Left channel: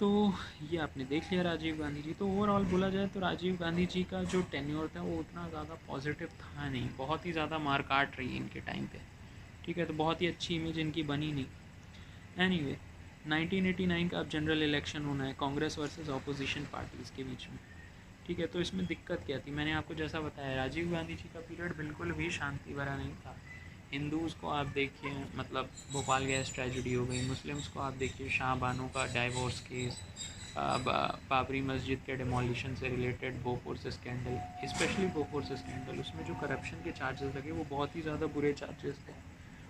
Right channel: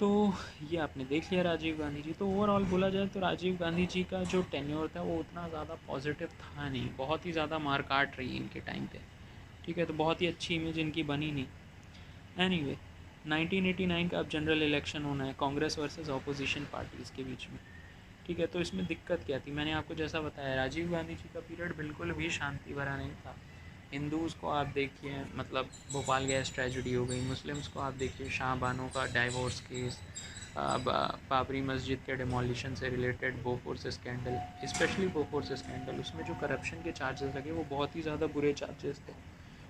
तो ये आपने देख लिया राजीव गांधी जी। तो ओवरऑल बोला जाए तो राजीव गांधी जी का जो टेन्योर था वो उतना ज़्यादा पॉजिटिव था नहीं, बहुत ही ज़्यादा मार काट रही इनके टाइम पे। ठीक है, तो बहुत ही अच्छी इमेज इनकी बनी नहीं। एनीवे 1989 का अब जनरल इलेक्शन होना है कांग्रेस वर्सेस ऑपोजिशन पार्टीज़ के बीच में। ठीक है, तो इसमें दिक्कत क्या थी, मैंने आपको जैसा बताया राजीव गांधी जी का पीरियड बिल्कुल भी शांति भरा नहीं था। हिंदूज़ को आप देखिए, मतलब भोपाल गैस ट्रेजिडी हो गई, मुस्लिम्स को आप देखिए शाह बानो का डाइवोर्स केस, बाबरी मस्जिद के डिमोलिशन से related Bofors scandal, specially Bofors scandal, उसमें जो करप्शन के चार्जेस लगे वो बहुत ही ज़्यादा बुरे चार्जेस थे।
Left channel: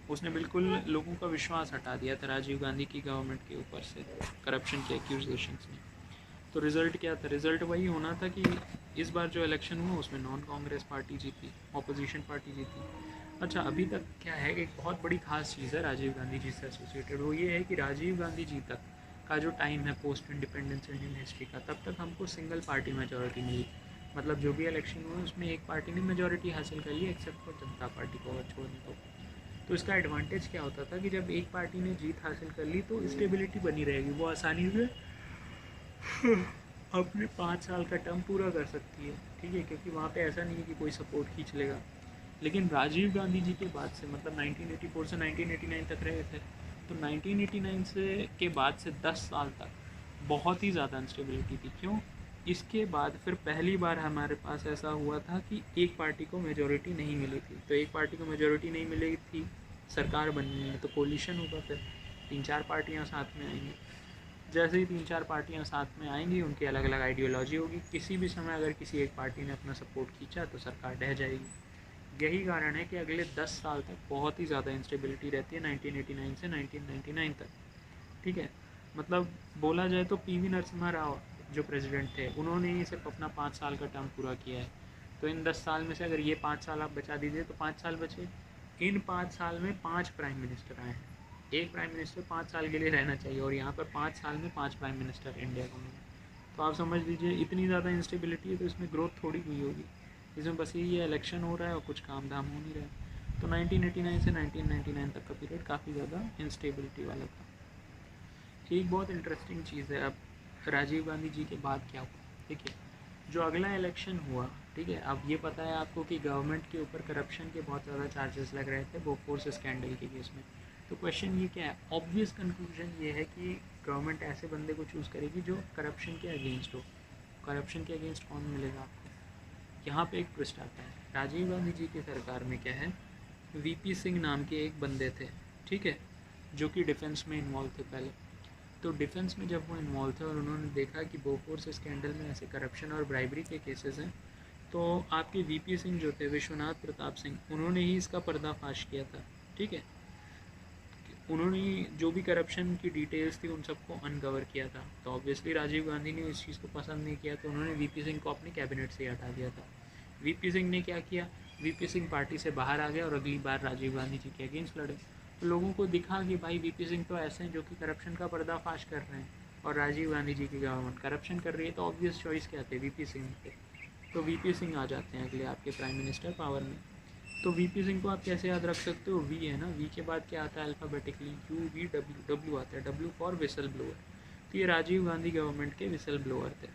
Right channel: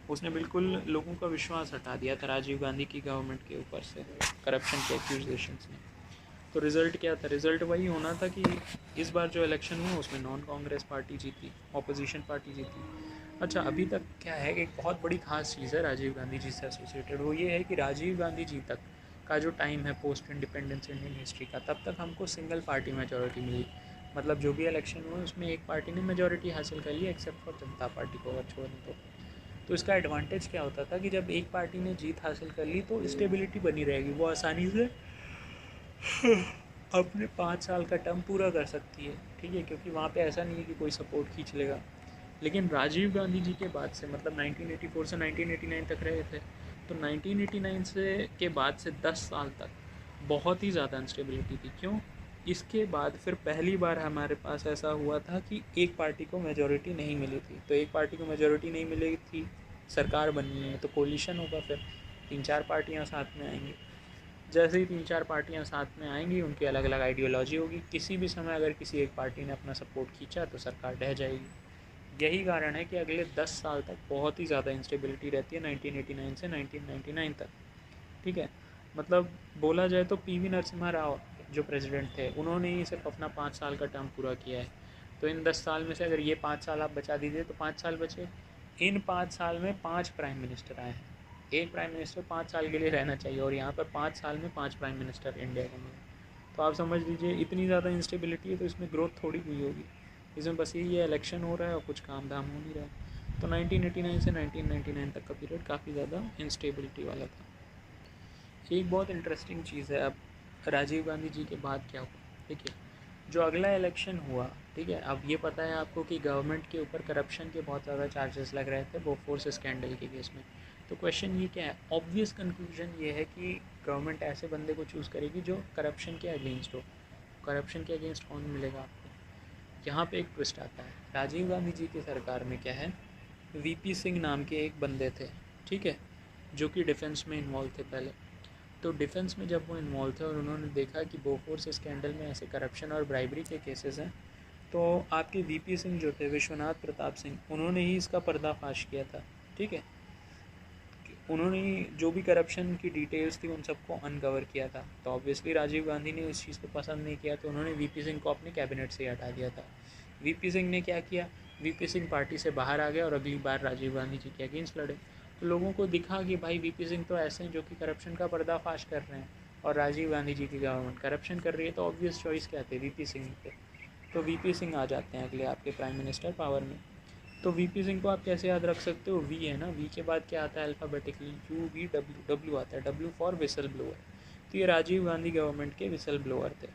उसने बिल्कुल लोगों का विश्वास हटा दिया था राजीव गांधी की गवर्नमेंट के ऊपर से करप्शन के एक्यूजेशंस ने। तो रिज़ल्ट क्या था, रिज़ल्ट वही होना था कि इस बार जो इलेक्शन हुआ उसमें नॉन कांग्रेस पार्टी जीती, ऑपोजिशन पार्टी जीती। अच्छा, अभी तक क्या है, एक बहुत बड़ी खास चीज़ है राजीव गांधी जी से एसोसिएटेड, वो ये है कि राजीव गांधी जी तक का जो टाइम है पोस्ट इंडिपेंडेंस इंडियन हिस्ट्री का, तब तक हमको सिंगल पार्टी मेजोरिटी मिली। मतलब जो भी इलेक्शन हुआ उसमें एक पार्टी ने मेजोरिटी हासिल कर ली, एक्सेप्ट फॉर जनता पार्टी को अगर छोड़ दें तो इसका एडवांटेज क्या होता था कि जब एक पार्टी ने जीत हासिल कर ली तो स्टेबिलिटी बनी रहेगी, वो आसानी से अपने 5 साल का टर्म पूरा कर सकती है। ठीक है, क्योंकि वहाँ पे ऐसा नहीं है कि कोई सपोर्ट खींच लेगा। लेकिन राजीव गांधी जी के बाद से, मतलब 1984 से 1989 तक रहे थे, तो 1989 से के बाद से 10 साल तक बहुत ही ज़्यादा अनस्टेबिलिटी थी। क्यों? इसके बाद फिर पहली बार हमारे पास ऐसा हुआ था कि एक पार्टी को मेजोरिटी नहीं मिली थी। तो एक पार्टी को मेजोरिटी नहीं मिली थी, सरकार बननी है तो कोलिशन होगा, फिर 3-4 पार्टियाँ साथ में आएंगी। जैसे ही 3-4 पार्टियाँ साथ में आएंगी उनकी अलग अलग आइडियोलॉजी होगी, किसी भी समय अगर किसी एक पार्टी ने अपना सपोर्ट खींचा तो सरकार ढह जाएगी। यही कारण है कि अगले 10 साल तक बहुत ही ज़्यादा इंस्टेबिलिटी रहती है 1989 से 1999 तक। ठीक है, मतलब बोला जाए तो पीवी नरसिम्हा राव जो प्रेसिडेंट थे उन्होंने ही सिर्फ अपना 5 साल का टर्म पूरा किया है। तो इन 10 साल में से अगर ये 5 साल आप बचा दीजिए तो 5 साल बचे। इन 5 साल में 5 प्राइम मिनिस्टर आए हैं। एक प्राइम मिनिस्टर 5 साल के लिए रहना चाहिए और यहाँ पर 5 साल में 5 प्राइम मिनिस्टर इंडिया को मिले। तो आप समझ लीजिए इतनी ज़्यादा इंस्टेबिलिटी है, तो इसमें ग्रोथ थोड़ी हुई होगी। इसमें बस यही है, इलेक्शन हो रहा है और कुछ काम धाम हो नहीं रहा है। तो 1989 से 1999 तक का पीरियड काफ़ी ज़्यादा इंस्टेबिलिटी वाला था। एक बहुत इंटरेस्टिंग चीज़ है, अब राजीव गांधी जी के बाद क्या हुआ। देखिए, जो अगला इलेक्शन हुआ, ठीक है, अब ये पता है आपको कि गवर्नमेंट के ऊपर करप्शन के बहुत ज़्यादा चार्जेस लग रहे थे बोफोर्स स्कैंडल के केस में। तो क्वेश्चन ये क्या है, ऑब्वियस कंक्लूजन ये है कि गवर्नमेंट ऐसे बंदे को चूज़ करेगी जो करप्शन के अगेंस्ट हो। करप्शन के अगेंस्ट कौन मिलेगा आपको? यहाँ पे एक ट्विस्ट आता है। राजीव गांधी जी की सरकार में क्या है, वीपी सिंह नाम के एक बंदे थे, ठीक है, जो कि डिफेंस में इन्वॉल्व थे पहले। तो डिफेंस में जब वो इन्वॉल्व थे और उन्होंने देखा कि बोफोर्स स्कैंडल में ऐसे करप्शन और ब्राइबरी के केसेस हैं, तो आपके वीपी सिंह जो थे, विश्वनाथ प्रताप सिंह, उन्होंने ही इसका पर्दाफाश किया था। ठीक है, उन्होंने जो भी करप्शन की डिटेल्स थी उन सबको अनकवर किया था। तो ऑब्वियसली राजीव गांधी ने इस चीज़ को पसंद नहीं किया, तो उन्होंने वीपी सिंह को अपने कैबिनेट से हटा दिया था। वीपी सिंह ने क्या किया, वीपी सिंह पार्टी से बाहर आ गए और अगली बार राजीव गांधी जी के अगेंस्ट लड़े। तो लोगों को दिखा कि भाई वीपी सिंह तो ऐसे हैं जो कि करप्शन का पर्दाफाश कर रहे हैं और राजीव गांधी जी की गवर्नमेंट करप्शन कर रही है, तो ऑब्वियस चॉइस क्या थे, वीपी सिंह थे। तो वीपी सिंह आ जाते हैं अगले आपके प्राइम मिनिस्टर पावर में। तो वीपी सिंह को आप कैसे याद रख सकते हो, वी है ना, वी के बाद क्या आता है alphabetically, you V W, W आता है, डब्ल्यू फॉर विसल ब्लोअर। तो ये राजीव गांधी गवर्नमेंट के विसल ब्लोअर थे।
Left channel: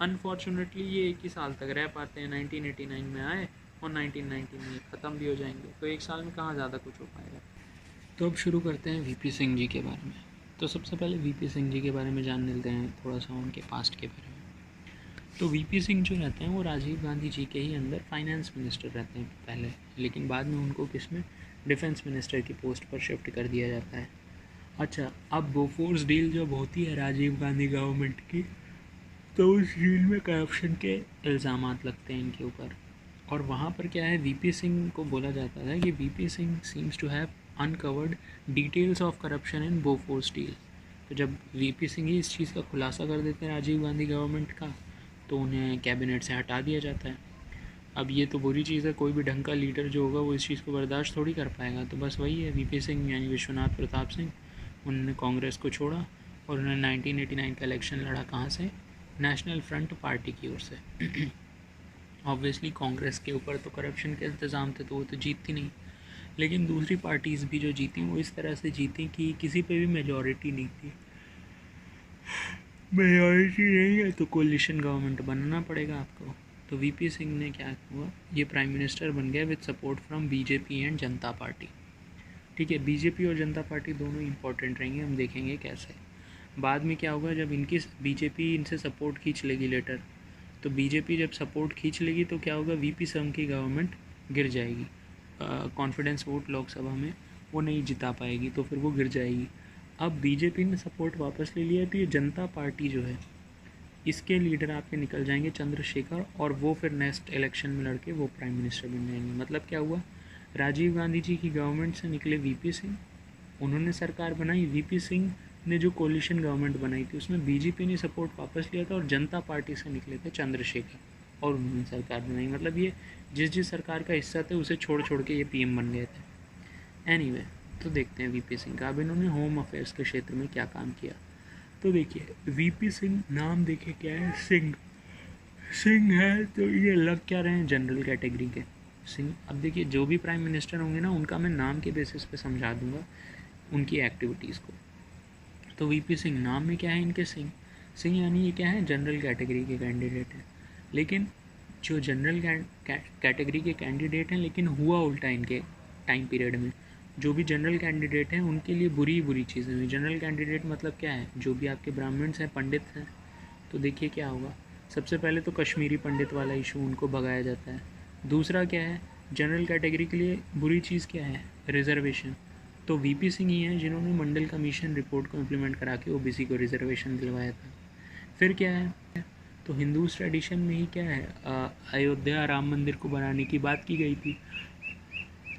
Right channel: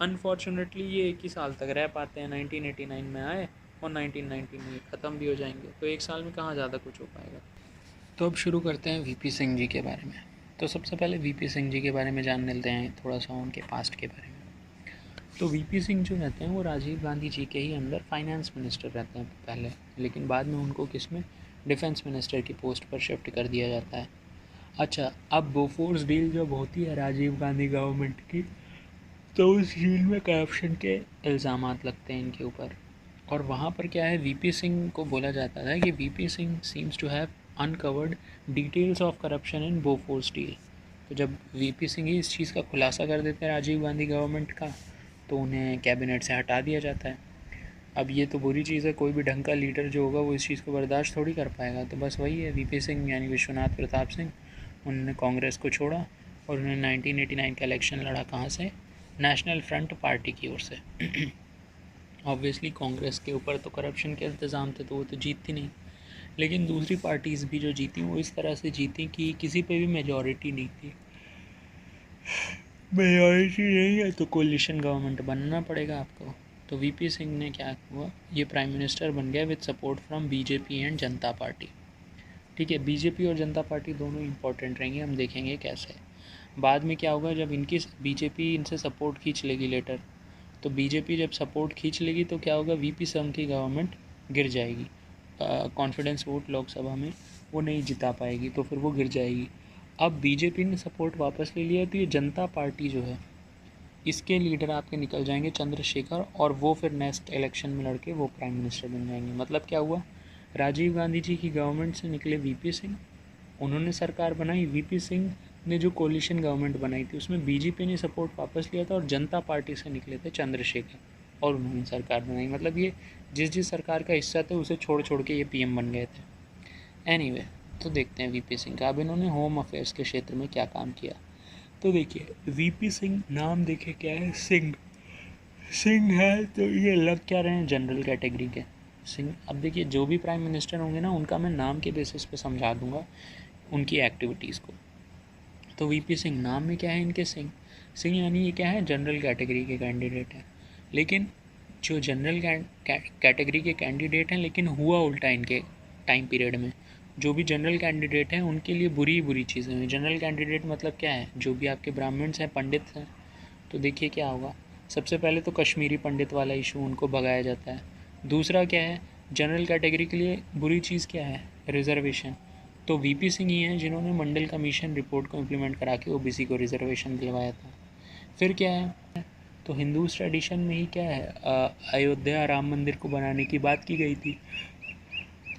अनफॉर्चुनेटली ये 1 ही साल तक रह पाते हैं, 1989 में आए और 1990 में ख़त्म भी हो जाएंगे। तो 1 साल में कहाँ ज़्यादा कुछ हो पाएगा। तो अब शुरू करते हैं वीपी सिंह जी के बारे में। तो सबसे पहले वीपी सिंह जी के बारे में जान लेते हैं थोड़ा सा उनके पास्ट के बारे में। तो वीपी सिंह जो रहते हैं वो राजीव गांधी जी के ही अंदर फाइनेंस मिनिस्टर रहते हैं पहले, लेकिन बाद में उनको किस में, डिफेंस मिनिस्टर की पोस्ट पर शिफ्ट कर दिया जाता है। अच्छा, अब बोफोर्स डील जब होती है राजीव गांधी गवर्नमेंट की, तो उस डील में करप्शन के इल्ज़ामात लगते हैं इनके ऊपर। और वहाँ पर क्या है, वीपी सिंह को बोला जाता है कि VP Singh seems to have uncovered details of corruption in Bofors deal. तो जब वीपी सिंह ही इस चीज़ का खुलासा कर देते हैं राजीव गांधी गवर्नमेंट का, तो उन्हें कैबिनेट से हटा दिया जाता है। अब ये तो बुरी चीज़ है, कोई भी ढंग का लीडर जो होगा वो इस चीज़ को बर्दाश्त थोड़ी कर पाएगा। तो बस वही है, वीपी सिंह यानी विश्वनाथ प्रताप सिंह, उन्होंने कांग्रेस को छोड़ा और उन्होंने 1989 का इलेक्शन लड़ा, कहाँ से, नेशनल फ्रंट पार्टी की ओर से। ऑब्वियसली कांग्रेस के ऊपर तो करप्शन के इंतज़ाम थे तो वो तो जीतती नहीं, लेकिन दूसरी पार्टीज़ भी जो जीती वो इस तरह से जीती कि किसी पे भी मेजॉरिटी नहीं थी। मेजॉरिटी नहीं है तो कोलिशन गवर्नमेंट बनाना पड़ेगा आपको। तो वीपी सिंह ने क्या हुआ, ये प्राइम मिनिस्टर बन गया with support from BJP and Janata party. ठीक है, बीजेपी और जनता पार्टी दोनों इंपॉर्टेंट रहेंगे, हम देखेंगे कैसे। बाद में क्या होगा, जब इनकी बीजेपी इनसे सपोर्ट खींच लेगी लेटर, तो बीजेपी जब सपोर्ट खींच लेगी तो क्या होगा, वीपी सिंह की गवर्नमेंट गिर जाएगी। कॉन्फिडेंस वोट लोकसभा में वो नहीं जिता पाएगी, तो फिर वो गिर जाएगी। अब बीजेपी ने सपोर्ट वापस ले लिया, तो ये जनता पार्टी जो है इसके लीडर आपके निकल जाएंगे चंद्रशेखर, और वो फिर नेक्स्ट इलेक्शन में लड़के वो प्राइम मिनिस्टर बन जाएंगे। मतलब क्या हुआ, राजीव गांधी जी की गवर्नमेंट से निकले वीपी सिंह, उन्होंने सरकार बनाई। वीपी सिंह ने जो कोलिशन गवर्नमेंट बनाई थी उसमें बीजेपी ने सपोर्ट वापस लिया था, और जनता पार्टी से निकले थे चंद्रशेखर, और उन्होंने सरकार बनाई। मतलब ये जिस सरकार का हिस्सा थे उसे छोड़ छोड़ के ये पीएम बन गए थे। एनीवे, तो देखते हैं वीपी सिंह का। अब इन्होंने होम अफेयर्स के क्षेत्र में क्या काम किया। तो देखिए, वीपी सिंह, नाम देखे क्या है, सिंह। सिंह है तो ये लग क्या रहे हैं, जनरल कैटेगरी के सिंह। अब देखिए, जो भी प्राइम मिनिस्टर होंगे ना, उनका मैं नाम के बेसिस पे समझा दूंगा उनकी एक्टिविटीज़ को। तो वीपी सिंह, नाम में क्या है इनके, सिंह। सिंह यानी ये क्या है, जनरल कैटेगरी के कैंडिडेट हैं। लेकिन जो जनरल कैटेगरी के कैंडिडेट हैं, लेकिन हुआ उल्टा इनके टाइम पीरियड में। जो भी जनरल कैंडिडेट हैं उनके लिए बुरी बुरी चीज़ें हुई। जनरल कैंडिडेट मतलब क्या है, जो भी आपके ब्राह्मण्स हैं, पंडित हैं, तो देखिए क्या होगा। सबसे पहले तो कश्मीरी पंडित वाला इशू, उनको भगाया जाता है। दूसरा क्या है, जनरल कैटेगरी के लिए बुरी चीज़ क्या है, रिजर्वेशन। तो वीपी सिंह ही हैं जिन्होंने मंडल कमीशन रिपोर्ट को इम्प्लीमेंट करा के ओबीसी को रिजर्वेशन दिलवाया था। फिर क्या है, तो हिंदू ट्रेडिशन में ही क्या है, अयोध्या राम मंदिर को बनाने की बात की गई थी।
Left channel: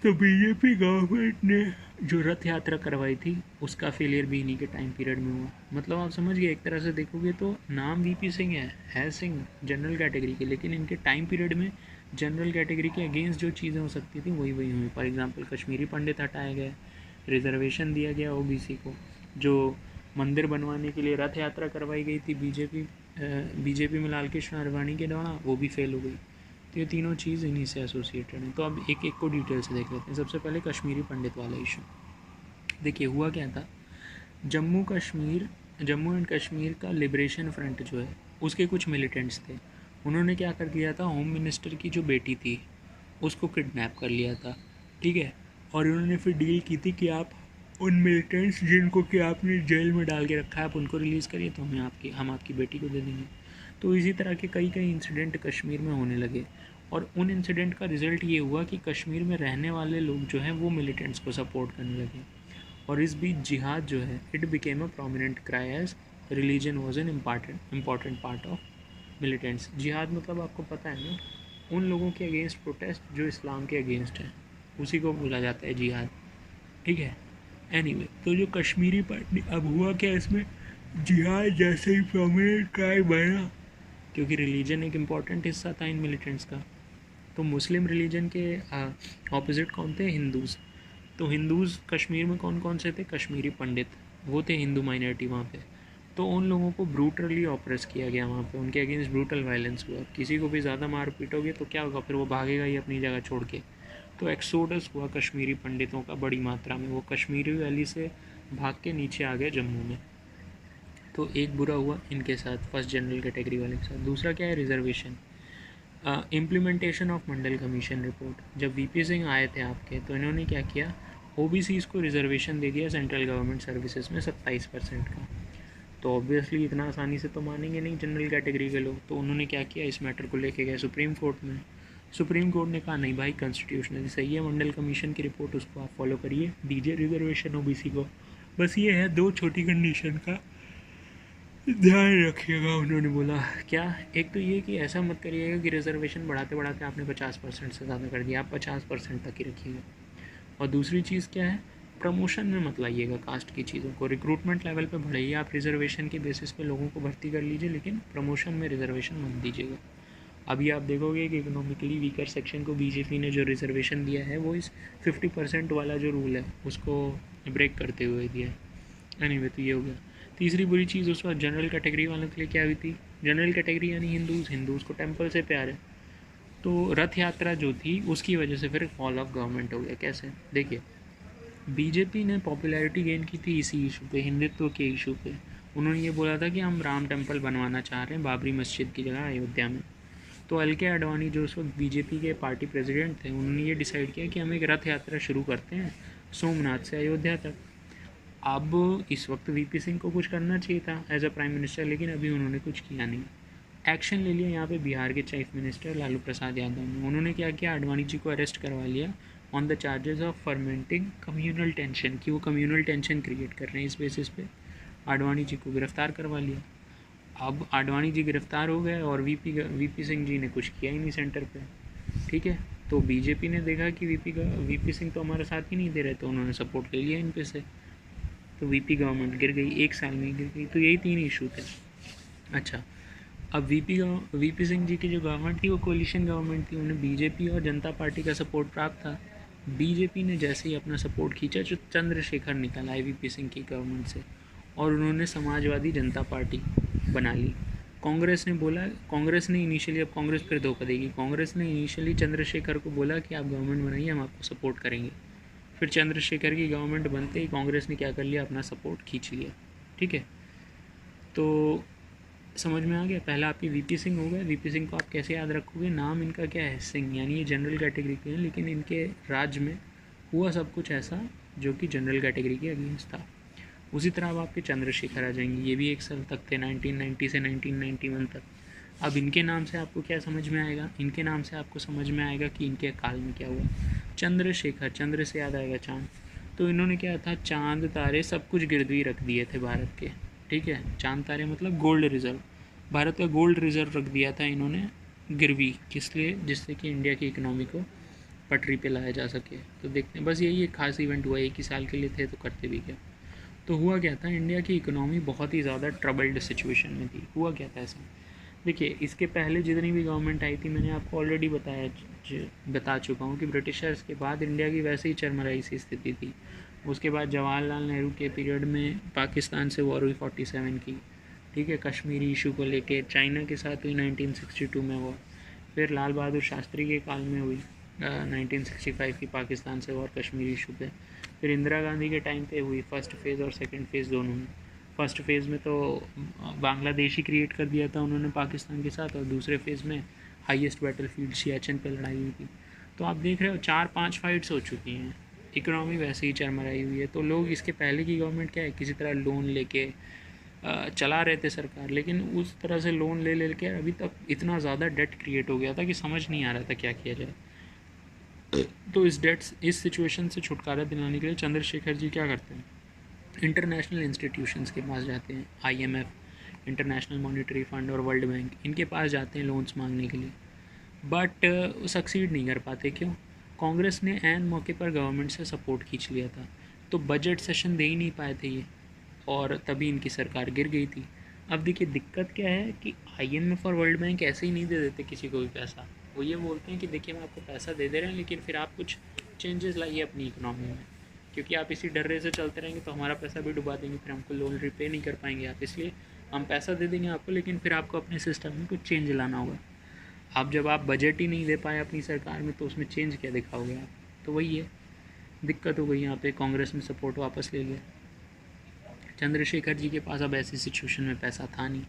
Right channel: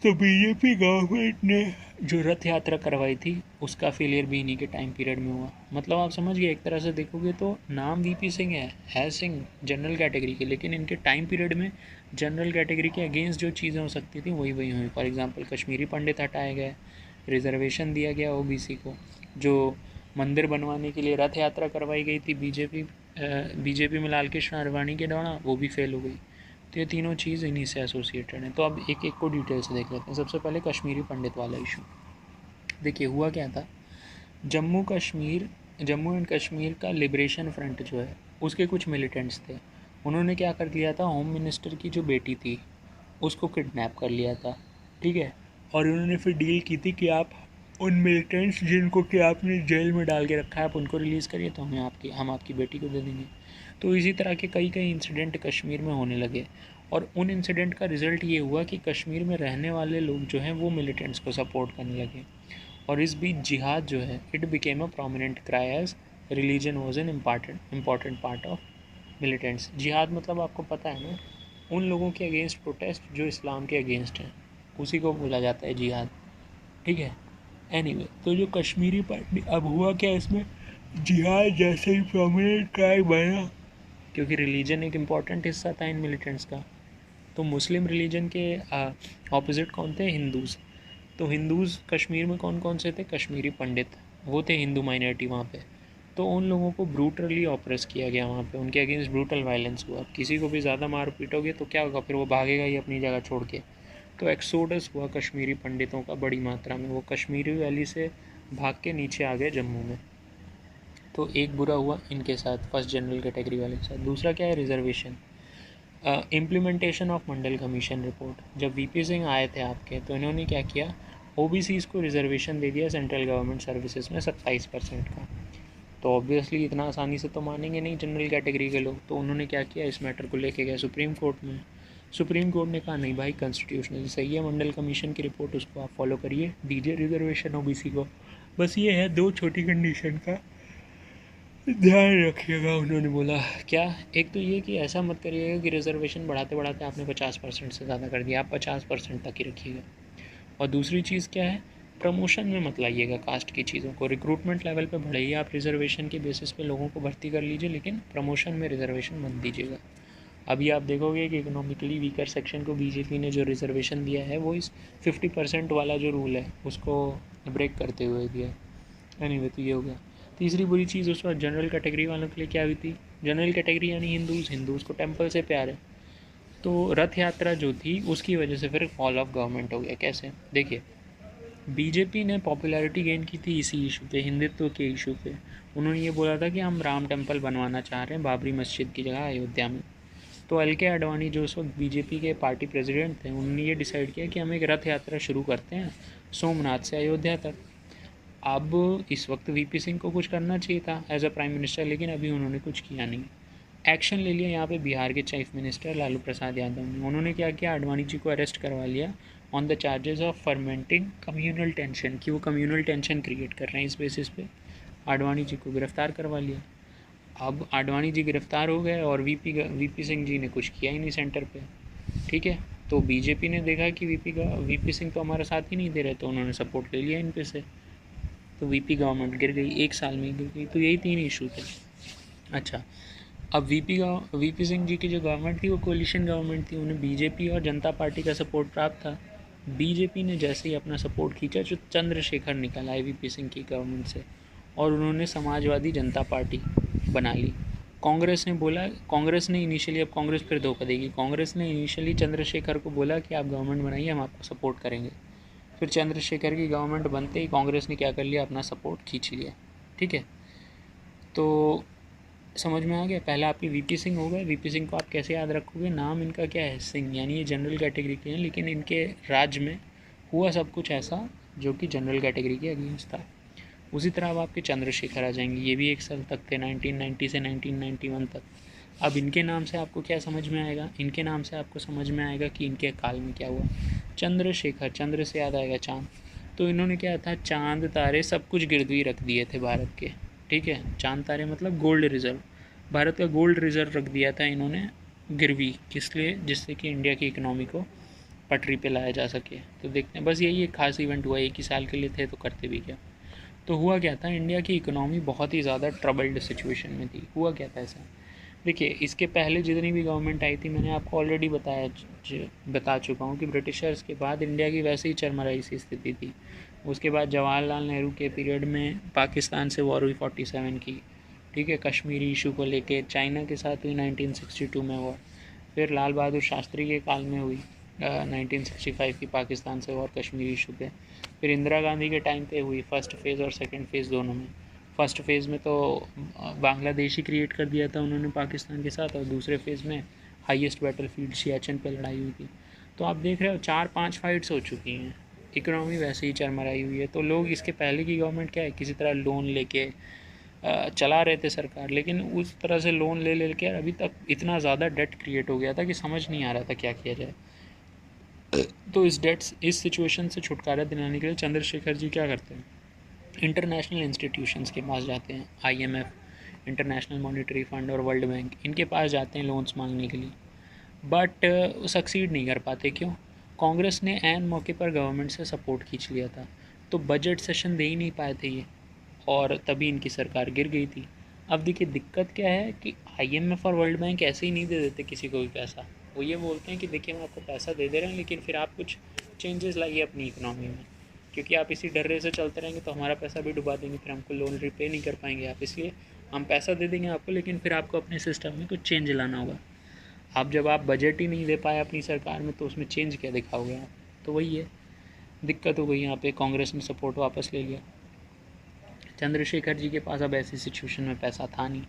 तो बीजेपी गवर्नमेंट ने जो रथ यात्रा करवाई थी उसका फेलियर भी इन्हीं के टाइम पीरियड में हुआ। मतलब आप समझ गए, एक तरह से देखोगे तो नाम वीपी सिंह है सिंह जनरल कैटेगरी के, लेकिन इनके टाइम पीरियड में जनरल कैटेगरी के अगेंस्ट जो चीज़ें हो सकती थी वही वही हुई। फॉर एग्जांपल, कश्मीरी पंडित हटाए गए, रिजर्वेशन दिया गया ओबीसी को, जो मंदिर बनवाने के लिए रथ यात्रा करवाई गई थी बीजेपी में लाल कृष्ण आडवाणी के द्वारा, वो भी फेल हो गई। तो ये तीनों चीज़ इन्हीं से एसोसिएटेड हैं। तो अब एक एक को डिटेल से देख लेते हैं। सबसे पहले कश्मीरी पंडित वाला इशू। देखिए हुआ क्या था, जम्मू एंड कश्मीर का लिबरेशन फ्रंट जो है उसके कुछ मिलिटेंट्स थे। उन्होंने क्या कर लिया था, होम मिनिस्टर की जो बेटी थी उसको किडनैप कर लिया था। ठीक है, और उन्होंने फिर डील की थी कि आप उन मिलिटेंट्स जिनको कि आपने जेल में डाल के रखा है, आप उनको रिलीज़ करिए तो हम आपकी बेटी को दे देंगे। तो इसी तरह के कई इंसिडेंट कश्मीर में होने लगे, और उन इंसिडेंट का रिज़ल्ट ये हुआ कि कश्मीर में रहने वाले लोग जो हैं वो मिलिटेंट्स को सपोर्ट करने लगे। और इस बीच जिहाद जो है, it became a prominent cry as religion was an important part of militants. जिहाद मतलब आपको पता है ना, उन लोगों के अगेंस्ट प्रोटेस्ट जो इस्लाम के अगेंस्ट हैं, उसी को बोला जाता है जिहाद। ठीक है, एनीवे, तो जो कश्मीरी पार्टी, अब हुआ क्या इसमें, जिहाद जैसे ही प्रोमिनेंट क्राई बना, क्योंकि रिलीजन एक इम्पॉर्टेंट हिस्सा था इन मिलिटेंट्स का। तो मुस्लिम रिलीजन के ऑपोजिट कौन थे, हिंदूज़। तो हिंदूज़ कश्मीर में कौन कौन से थे, कश्मीरी पंडित, वो थे हिंदू माइनॉरिटी वहाँ पे। तो उन लोगों को ब्रूटली ऑप्रेस किया गया वहाँ पे, उनके अगेंस्ट ब्रूटल वायलेंस हुआ। किसी को भी ज़्यादा मार पीटोगे तो क्या होगा, फिर वो भागेगा ही अपनी जगह छोड़ के। तो एक्सोडस हुआ कश्मीरी पंडितों का बड़ी मात्रा में, वो कश्मीरी वैली से भाग के नीचे आ गए जम्मू में। तो एक बुरा हुआ इनके साथ, फर्स्ट जनरल कैटेगरी वाले के साथ। दूसरा क्या है, reservation, implementation of Mandal commission report. जब वीपी सिंह आए थे आपके, तो इन्होंने क्या किया, ओबीसीज़ को रिजर्वेशन दे दिया सेंट्रल गवर्नमेंट सर्विसेज में 27% का। तो ऑब्वियसली इतना आसानी से तो मानेंगे नहीं जनरल कैटेगरी के लोग। तो उन्होंने क्या किया, इस मैटर को लेके गए सुप्रीम कोर्ट में। सुप्रीम कोर्ट ने कहा नहीं भाई, कॉन्स्टिट्यूशनली सही है मंडल कमीशन की रिपोर्ट, उसको आप फॉलो करिए, दीजिए रिजर्वेशन ओबीसी को। बस ये है, दो छोटी कंडीशन का ध्यान रखिएगा। उन्होंने बोला क्या, एक तो ये कि ऐसा मत करिएगा कि रिजर्वेशन बढ़ाते बढ़ाते आपने 50% से ज़्यादा कर दिया, आप 50% तक ही रखिएगा। और दूसरी चीज़ क्या है, प्रमोशन में मत लाइएगा कास्ट की चीज़ों को। रिक्रूटमेंट लेवल पे बढ़ाइए, आप रिजर्वेशन के बेसिस पे लोगों को भर्ती कर लीजिए, लेकिन प्रमोशन में रिजर्वेशन मत दीजिएगा। अभी आप देखोगे कि इकोनॉमिकली वीकर सेक्शन को बीजेपी ने जो रिजर्वेशन दिया है वो इस 50% वाला जो रूल है उसको ब्रेक करते हुए दिया है। एनीवे, तो ये हो गया। तीसरी बुरी चीज़ उस वक्त जनरल कैटेगरी वालों के लिए क्या हुई थी, जनरल कैटेगरी यानी हिंदूज़ को टेम्पल से प्यार है। तो रथ यात्रा जो थी उसकी वजह से फिर फॉल ऑफ गवर्नमेंट हो गया। कैसे, देखिए, बीजेपी ने पॉपुलैरिटी गेन की थी इसी इशू पे, हिंदुत्व के इशू पे, उन्होंने ये बोला था कि हम राम टेम्पल बनवाना चाह रहे हैं बाबरी मस्जिद की जगह अयोध्या में। तो एल.के. आडवाणी जो उस वक्त बीजेपी के पार्टी प्रेसिडेंट थे, उन्होंने ये डिसाइड किया कि हम एक रथ यात्रा शुरू करते हैं सोमनाथ से अयोध्या तक। अब इस वक्त वीपी सिंह को कुछ करना चाहिए था एज अ प्राइम मिनिस्टर, लेकिन अभी उन्होंने कुछ किया नहीं। एक्शन ले लिया यहाँ पे बिहार के चीफ मिनिस्टर लालू प्रसाद यादव ने। उन्होंने क्या किया, आडवाणी जी को अरेस्ट करवा लिया on the charges of fermenting communal tension, कि वो कम्युनल टेंशन क्रिएट कर रहे हैं। इस बेसिस पे आडवाणी जी को गिरफ्तार करवा लिया। अब आडवाणी जी गिरफ्तार हो गए और वीपी सिंह जी ने कुछ किया ही नहीं सेंटर पे। ठीक है, तो बीजेपी ने देखा कि वीपी सिंह तो हमारा साथ ही नहीं दे रहे, तो उन्होंने सपोर्ट ले लिया इन पे से। तो वीपी गवर्नमेंट गिर गई, 1 साल में गिर गई। तो यही 3 इशू थे। अच्छा, अब वीपी सिंह जी की जो गवर्नमेंट थी वो कोलिशन गवर्नमेंट थी, उन्हें बीजेपी और जनता पार्टी का सपोर्ट प्राप्त था। बीजेपी ने जैसे ही अपना सपोर्ट खींचा, जो चंद्रशेखर निकल आए वीपी सिंह की गवर्नमेंट से, और उन्होंने समाजवादी जनता पार्टी बना ली। कांग्रेस ने इनिशियली, अब कांग्रेस फिर धोखा देगी, कांग्रेस ने इनिशियली चंद्रशेखर को बोला कि आप गवर्नमेंट बनाइए, हम आपको सपोर्ट करेंगे। फिर चंद्रशेखर की गवर्नमेंट बनते ही कांग्रेस ने क्या कर लिया, अपना सपोर्ट खींच लिया। ठीक है, तो समझ में आ गया। पहला आपके वीपी सिंह हो गए। वीपी सिंह को आप कैसे याद रखोगे, नाम इनका क्या है, सिंह, यानी ये जनरल कैटेगरी के हैं, लेकिन इनके राज्य में हुआ सब कुछ ऐसा जो कि जनरल कैटेगरी के अगेंस्ट था। उसी तरह अब आपके चंद्रशेखर आ जाएंगे, ये भी 1 साल तक थे, 1990 से 1991 तक। अब इनके नाम से आपको क्या समझ में आएगा, इनके नाम से आपको समझ में आएगा कि इनके काल में क्या हुआ। चंद्रशेखर, चंद्र से याद आएगा चाँद, तो इन्होंने क्या था, चाँद तारे सब कुछ गिरवी रख दिए थे भारत के। ठीक है, चाँद तारे मतलब गोल्ड रिजर्व, भारत का गोल्ड रिजर्व रख दिया था इन्होंने गिरवी, किस लिए, जिससे कि इंडिया की इकोनॉमी को पटरी पे लाया जा सके। तो देखते हैं, बस यही एक खास इवेंट हुआ, 1 ही साल के लिए थे तो करते भी क्या। तो हुआ क्या था, इंडिया की इकोनॉमी बहुत ही ज़्यादा ट्रबल्ड सिचुएशन में थी। हुआ क्या था ऐसा, देखिए, इसके पहले जितनी भी गवर्नमेंट आई थी, मैंने आपको ऑलरेडी बता चुका हूँ कि ब्रिटिशर्स के बाद इंडिया की वैसे ही चरमराई सी स्थिति थी। उसके बाद जवाहरलाल नेहरू के पीरियड में पाकिस्तान से वॉर हुई 47 की। ठीक है, कश्मीरी इशू को लेके चाइना के साथ हुई 1962 में वॉर। फिर लाल बहादुर शास्त्री के काल में हुई 1965 की पाकिस्तान से वॉर कश्मीरी इशू पे। फिर इंदिरा गांधी के टाइम पे हुई फर्स्ट फेज़ और सेकंड फेज़ दोनों में। फर्स्ट फेज़ में तो बांग्लादेश ही क्रिएट कर दिया था उन्होंने पाकिस्तान के साथ, और दूसरे फेज़ में हाईएस्ट बैटलफील्ड सियाचिन पे लड़ाई हुई थी। तो आप देख रहे हो 4-5 फाइट्स हो चुकी हैं, इकोनॉमी वैसे ही चरमराई हुई है। तो लोग, इसके पहले की गवर्नमेंट क्या है, किसी तरह लोन लेके चला रहे थे सरकार, लेकिन उस तरह से लोन ले लेके अभी तक इतना ज़्यादा डेट क्रिएट हो गया था कि समझ नहीं आ रहा था क्या किया जाए। तो इस सिचुएशन से छुटकारा दिलाने के लिए चंद्रशेखर जी क्या करते हैं, इंटरनेशनल इंस्टीट्यूशंस के पास जाते हैं, IMF, इंटरनेशनल मॉनेटरी फंड और वर्ल्ड बैंक, इनके पास जाते हैं लोन्स मांगने के लिए। बट सक्सीड नहीं कर पाते। क्यों, कांग्रेस ने ऐन मौके पर गवर्नमेंट से सपोर्ट खींच लिया था, तो बजट सेशन दे ही नहीं पाए थे ये, और तभी इनकी सरकार गिर गई थी। अब देखिए, दिक्कत क्या है कि IMF और वर्ल्ड बैंक ऐसे ही नहीं दे देते किसी को भी पैसा। वो ये बोलते हैं कि देखिए, हम आपको पैसा दे रहे हैं, लेकिन फिर आप कुछ चेंजेस लाइए अपनी इकोनॉमी में, क्योंकि आप इसी डर से चलते रहेंगे तो हमारा पैसा भी डुबा देंगे, फिर हमको लोन रिपे नहीं कर पाएंगे आप, इसलिए हम पैसा दे देंगे आपको, लेकिन फिर आपको अपने सिस्टम में कुछ चेंज लाना होगा। आप जब आप बजट ही नहीं दे पाए अपनी सरकार में, तो उसमें चेंज क्या दिखाओगे आप। तो वही है, दिक्कत हो गई यहाँ पे, कांग्रेस ने सपोर्ट वापस ले लिया। चंद्रशेखर जी के पास अब ऐसी सिचुएशन में पैसा था नहीं।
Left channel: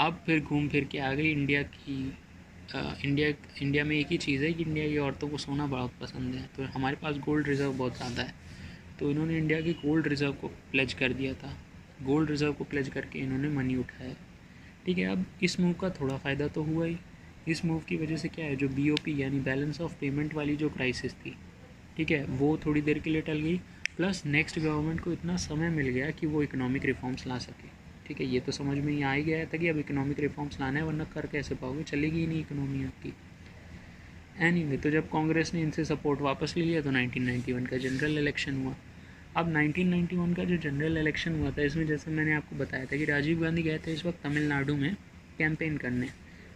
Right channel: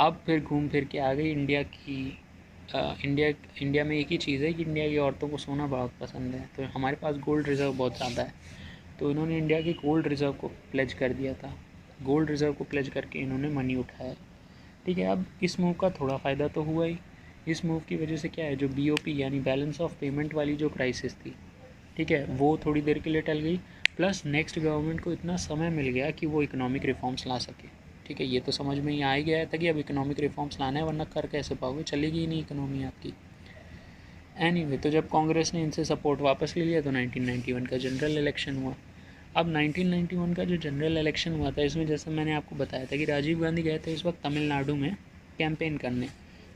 अब फिर घूम फिर के आ गई इंडिया में एक ही चीज़ है कि इंडिया की औरतों को सोना बहुत पसंद है, तो हमारे पास गोल्ड रिज़र्व बहुत ज़्यादा है। तो इन्होंने इंडिया के गोल्ड रिज़र्व को प्लेज कर दिया था, गोल्ड रिज़र्व को प्लेज करके इन्होंने मनी उठाया। ठीक है, अब इस मूव का थोड़ा फ़ायदा तो हुआ ही। इस मूव की वजह से क्या है, जो BOP यानी बैलेंस ऑफ पेमेंट वाली जो क्राइसिस थी, ठीक है, वो थोड़ी देर के लिए टल गई। प्लस नेक्स्ट गवर्नमेंट को इतना समय मिल गया कि वो इकोनॉमिक रिफॉर्म्स ला सके। ठीक है, ये तो समझ में ही आ ही गया था कि अब इकोनॉमिक रिफॉर्म्स लाना है, वरना कर कैसे पाओगे, चलेगी ही नहीं इकोनॉमी आपकी। एनीवे, तो जब कांग्रेस ने इनसे सपोर्ट वापस ले लिया तो 1991 का जनरल इलेक्शन हुआ। अब 1991 का जो जनरल इलेक्शन हुआ था, इसमें जैसे मैंने आपको बताया था कि राजीव गांधी गए थे इस वक्त तमिलनाडु में कैंपेन करने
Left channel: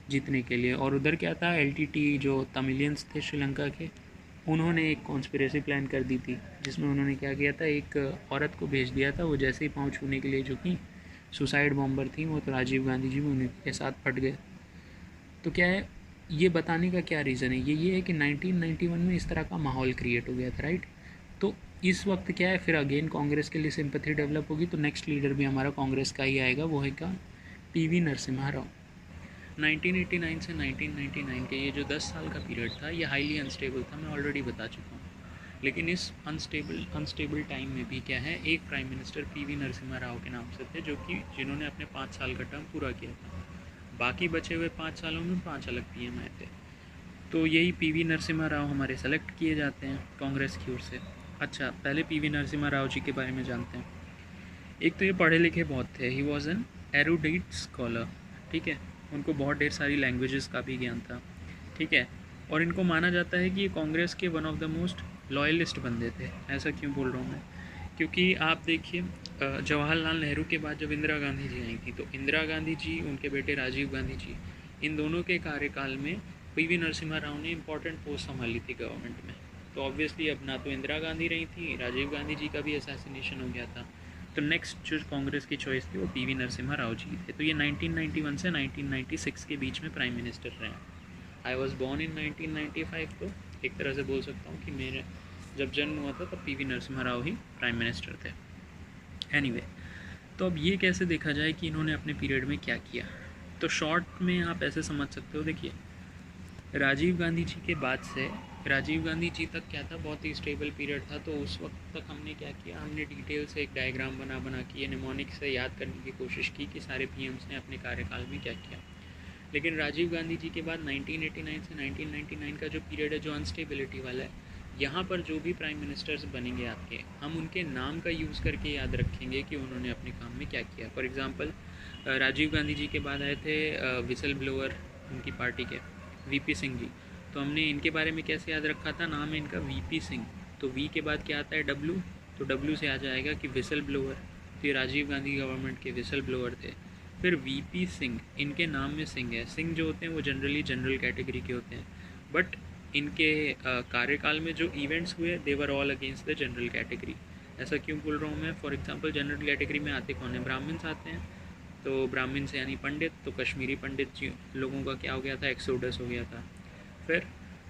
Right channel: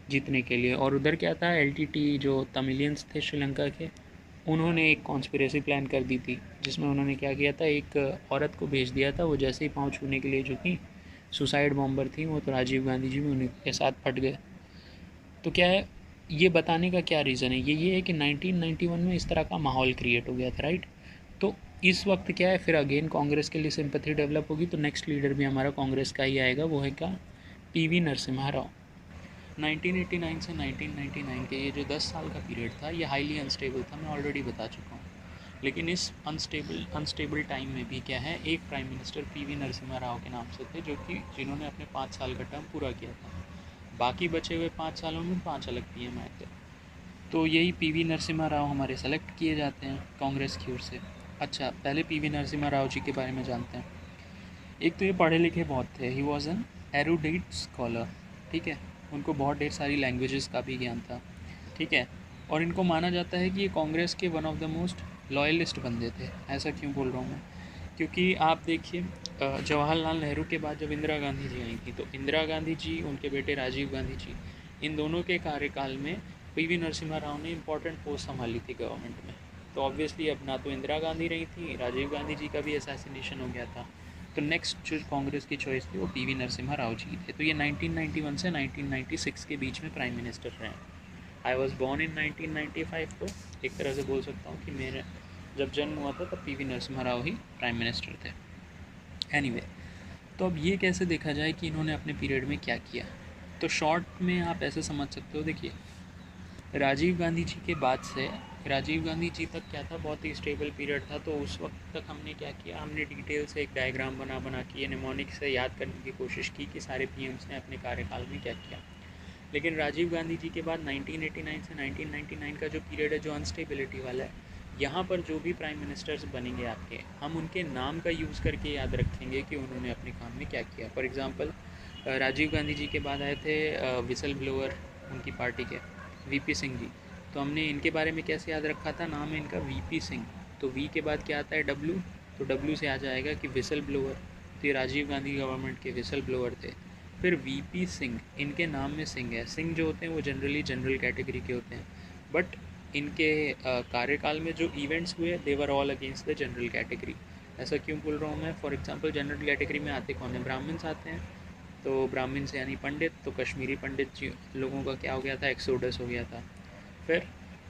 जीतने के लिए, और उधर क्या था, LTT जो तमिलियंस थे श्रीलंका के, उन्होंने एक कॉन्स्पिरेसी प्लान कर दी थी, जिसमें उन्होंने क्या किया था, एक औरत को भेज दिया था, वो जैसे ही पाँव छूने के लिए झुकी, सुसाइड बॉम्बर थी वो, तो राजीव गांधी जी भी उन्हीं के साथ फट गए। तो क्या है, ये बताने का क्या रीज़न है, ये है कि 1991 में इस तरह का माहौल क्रिएट हो गया था, राइट। तो इस वक्त क्या है, फिर अगेन कांग्रेस के लिए सिंपैथी डेवलप होगी, तो नेक्स्ट लीडर भी हमारा कांग्रेस का ही आएगा, वो है क्या, पीवी नरसिम्हा राव। 1989 से 1999 के ये जो 10 साल का पीरियड था, ये हाईली अनस्टेबल था, मैं ऑलरेडी बता चुका हूँ। लेकिन इस अनस्टेबल टाइम में भी क्या है, एक prime minister PV Narasimha Rao के नाम से थे, जो कि जिन्होंने अपने 5 साल का टर्म पूरा किया था। बाकी बचे हुए 5 सालों में 5 अलग पीएम आए थे। तो यही पीवी नरसिम्हा राव हमारे सेलेक्ट किए जाते हैं कांग्रेस की ओर से। अच्छा, पहले पीवी नरसिम्हा राव जी के बारे में जानते हैं। एक तो ये पढ़े लिखे बहुत थे, ही वॉज एन एरुडेट स्कॉलर, ठीक है, उनको बहुत ढेर सारी लैंग्वेजेस का भी ज्ञान था, ठीक है, और इनको माना जाता है कि ये कांग्रेस के one of the most loyalist बंदे थे। ऐसा क्यों बोल रहा हूँ मैं, क्योंकि आप देखिए जवाहरलाल नेहरू के बाद जब इंदिरा गांधी जी आई थी, तो इंदिरा गांधी जी, उनके बेटे राजीव गांधी जी, इन दोनों के कार्यकाल में पीवी नरसिम्हा राव ने इंपॉर्टेंट पोस्ट संभाली थी गवर्नमेंट में। तो ऑब्वियसली अब ना तो इंदिरा गांधी रही थी, राजीव गांधी जी का भी असैसिनेशन हो गया था, तो नेक्स्ट जो कांग्रेस की चॉइस थी वो पीवी नरसिम्हा राव जी थे। तो ये 1991 से 1996 के बीच में प्राइम मिनिस्टर रहे हैं। आई वॉज बॉर्न इन 1995, तो एक तरह से बोल सकता हूँ कि मेरे जब जन्म हुआ था तब पीवी नरसिम्हा राव ही प्राइम मिनिस्टर थे। एनीवे, तो अब ये कैसे देखा जाए कि इन्होंने अपने पीरियड में क्या किया, तो शॉर्ट में आप ऐसे समझ सकते हो। देखिए, राजीव गांधी जी के बाद से राजीव गांधी जी तक क्या था, बहुत ही स्टेबल पीरियड था। तो उस वक्त तक हमने क्या किया, हमने डिटेल से एक डायग्राम बना के ये निमोनिक से याद करने की कोशिश की कि सारे पीएम्स ने अपने कार्यकाल में क्या किया। लेकिन राजीव गांधी जी के बाद 1989 से 1999 का जो पीरियड है, जो अनस्टेबिलिटी वाला है, यहाँ पर जो भी प्राइम मिनिस्टर्स बनेंगे आपके, हम उनके नाम का यूज़ करके याद रखेंगे कि उन्होंने अपने काम में क्या किया। फॉर एग्ज़ाम्पल, राजीव गांधी जी के बाद आए थे विसल ब्लोअर उनकी पार्टी के, वीपी सिंह जी। तो हमने इनके बारे में कैसे याद रखा था, नाम है इनका वीपी सिंह, तो वी के बाद क्या आता है, डब्ल्यू, तो डब्ल्यू से आ जाएगा कि विसल ब्लोअर, तो ये राजीव गांधी गवर्नमेंट के विसल ब्लोअर थे। फिर वीपी सिंह, इनके नाम में सिंह है, सिंह जो होते हैं वो जनरली जनरल कैटेगरी के होते हैं, बट इनके कार्यकाल में जो इवेंट्स हुए they were all against the general category. ऐसा क्यों बोल रहा हूँ मैं, फॉर एग्जांपल जनरल कैटेगरी में आते कौन है, ब्राह्मण्स आते हैं, तो ब्राह्मण्स यानी पंडित, तो कश्मीरी पंडित जी लोगों का क्या हो गया था, एक्सोडस हो गया था। फिर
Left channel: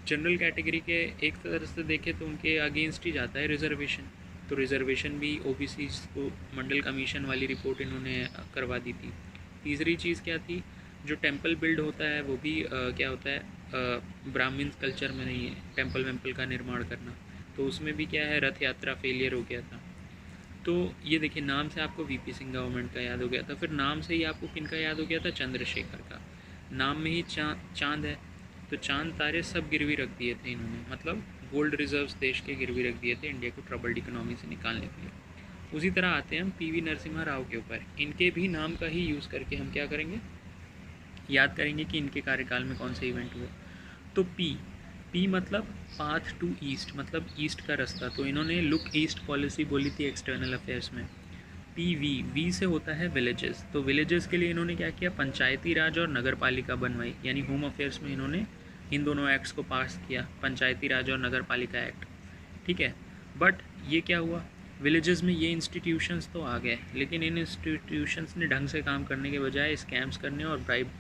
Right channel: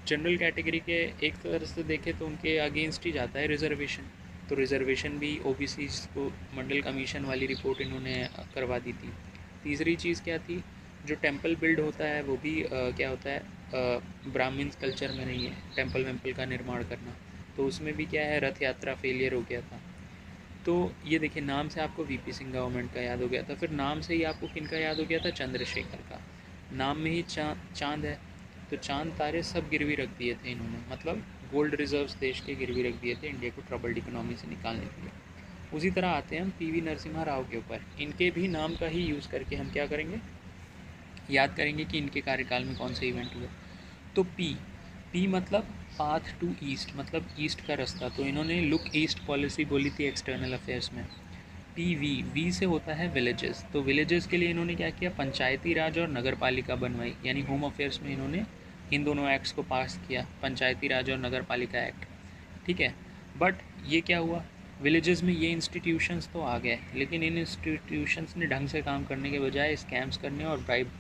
जनरल कैटेगरी के एक तरह से देखें तो उनके अगेंस्ट ही जाता है रिजर्वेशन, तो रिजर्वेशन भी ओबीसी को मंडल कमीशन वाली रिपोर्ट इन्होंने करवा दी थी। तीसरी चीज़ क्या थी, जो टेंपल बिल्ड होता है वो भी क्या होता है, ब्राह्मण्स कल्चर में नहीं है टेंपल वेम्पल का निर्माण करना, तो उसमें भी क्या है, रथ यात्रा फेलियर हो गया था। तो ये देखिए, नाम से आपको वीपी सिंह गवर्नमेंट का याद हो गया था। फिर नाम से ही आपको किन का याद हो गया था, चंद्रशेखर का, नाम में ही चांद है, तो चांद तारे सब गिरवी रख दिए थे इन्होंने, मतलब गोल्ड रिजर्व्स देश के गिरवी रख दिए थे इंडिया को ट्रबल्ड इकोनॉमी से निकालने के लिए। उसी तरह आते हैं हम पीवी नरसिम्हा राव के ऊपर, इनके भी नाम का ही यूज़ करके हम क्या करेंगे, याद करेंगे कि इनके कार्यकाल में कौन से इवेंट हुए। तो पी मतलब पाथ टू ईस्ट, मतलब ईस्ट का रास्ता, तो इन्होंने लुक ईस्ट पॉलिसी बोली थी एक्सटर्नल अफेयर्स में। वी से होता है विलेजेस, तो विलेजेस के लिए इन्होंने क्या किया, पंचायती राज और नगर पालिका बनवाई, यानी होम अफेयर्स में इन्होंने इन दोनों एक्ट्स को पास किया, पंचायती राज और नगर पालिका एक्ट, ठीक है। बट ये क्या हुआ, विलेजेस में ये इंस्टीट्यूशंस तो आ गए, लेकिन इन इंस्टीट्यूशंस ने ढंग से काम करने के बजाय स्कैम्स करने और ब्राइब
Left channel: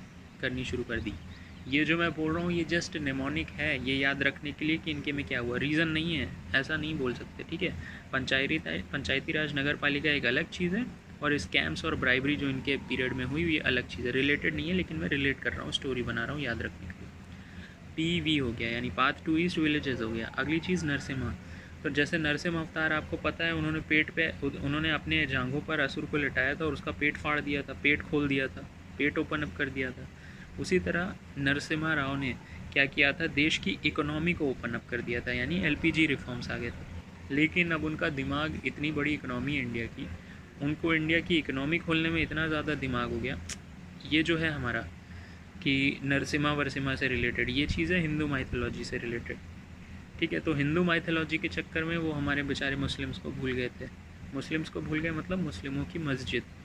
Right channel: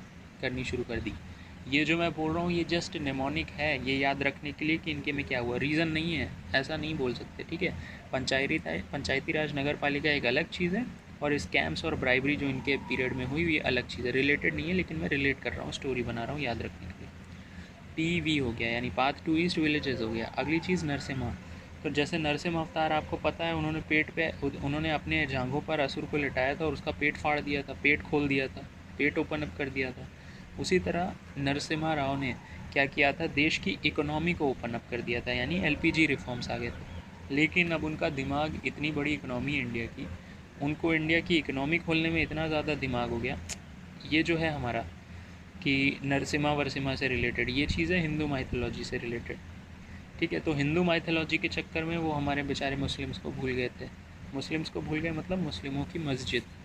करनी शुरू कर दी। ये जो मैं बोल रहा हूँ ये जस्ट नेमोनिक है, ये याद रखने के लिए कि इनके में क्या हुआ, रीज़न नहीं है, ऐसा नहीं बोल सकते, ठीक है। पंचायती राज नगर पालिका एक अलग चीज़ है, और स्कैम्स और ब्राइबरी जो इनके पीरियड में हुई ये अलग चीज़ है, रिलेटेड नहीं है, लेकिन मैं रिलेट कर रहा हूँ, स्टोरी बना रहा हूँ याद रखने के लिए। पीवी हो गया, यानी पाथ टू ईस्ट विलेजेस हो गया। अगली चीज़ नरसिम्हा, तो जैसे नरसिम्हा अवतार आपको पता है, उन्होंने अपने जांघों पर असुर को लिटाया था और उसका पेट फाड़ दिया था, पेट खोल दिया था, पेट ओपन अप कर दिया था। उसी तरह नरसिम्हा राव ने क्या किया था, देश की इकोनॉमी को ओपन अप कर दिया था, यानी एलपीजी रिफॉर्म्स आ गए थे। लेकिन अब उनका दिमाग, इतनी बड़ी इकोनॉमी इंडिया की, उनको इंडिया की इकोनॉमी खोलने में इतना ज़्यादा दिमाग हो गया। ये जो है हमारा कि नरसिम्हा वर्सिम्हा से रिलेटेड, ये चीज़ें हिंदू माइथोलॉजी से रिलेटेड, ठीक है। तो हिंदू माइथोलॉजी के चक्कर में वो हमारे बेचारे मुस्लिम्स को भूल गए थे। मुस्लिम्स को भूल गए मतलब मुस्लिमों की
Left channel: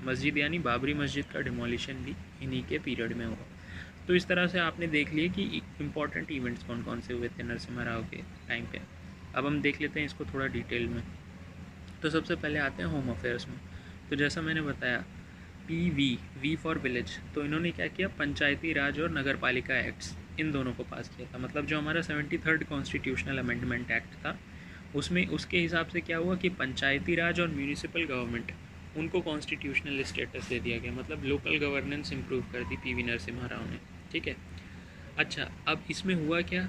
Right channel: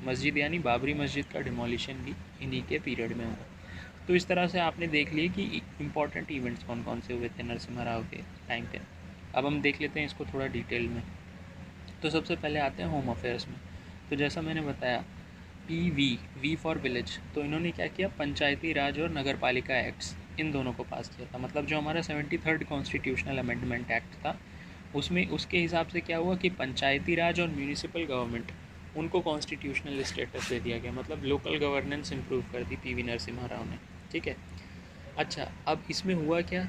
मस्जिद यानी बाबरी मस्जिद का डिमोलिशन भी इन्हीं के पीरियड में हुआ। तो इस तरह से आपने देख लिए कि इम्पॉर्टेंट इवेंट्स कौन कौन से हुए थे नरसिम्हा राव के टाइम पे। अब हम देख लेते हैं इसको थोड़ा डिटेल में। तो सबसे पहले आते हैं होम अफेयर्स में। तो जैसा मैंने बताया, वी फॉर विलेज, तो इन्होंने क्या किया, पंचायती राज और नगर पालिका एक्ट्स इन दोनों को पास किया था। मतलब जो हमारा 73rd कॉन्स्टिट्यूशनल अमेंडमेंट एक्ट था उसमें उसके हिसाब से क्या हुआ कि पंचायती राज और म्यूनिसिपल गवर्नमेंट उनको कॉन्स्टिट्यूशनल स्टेटस दे दिया गया, मतलब लोकल गवर्नेंस इंप्रूव कर दी पीवी नरसिम्हा राव ने। ठीक है, अच्छा अब इसमें हुआ क्या,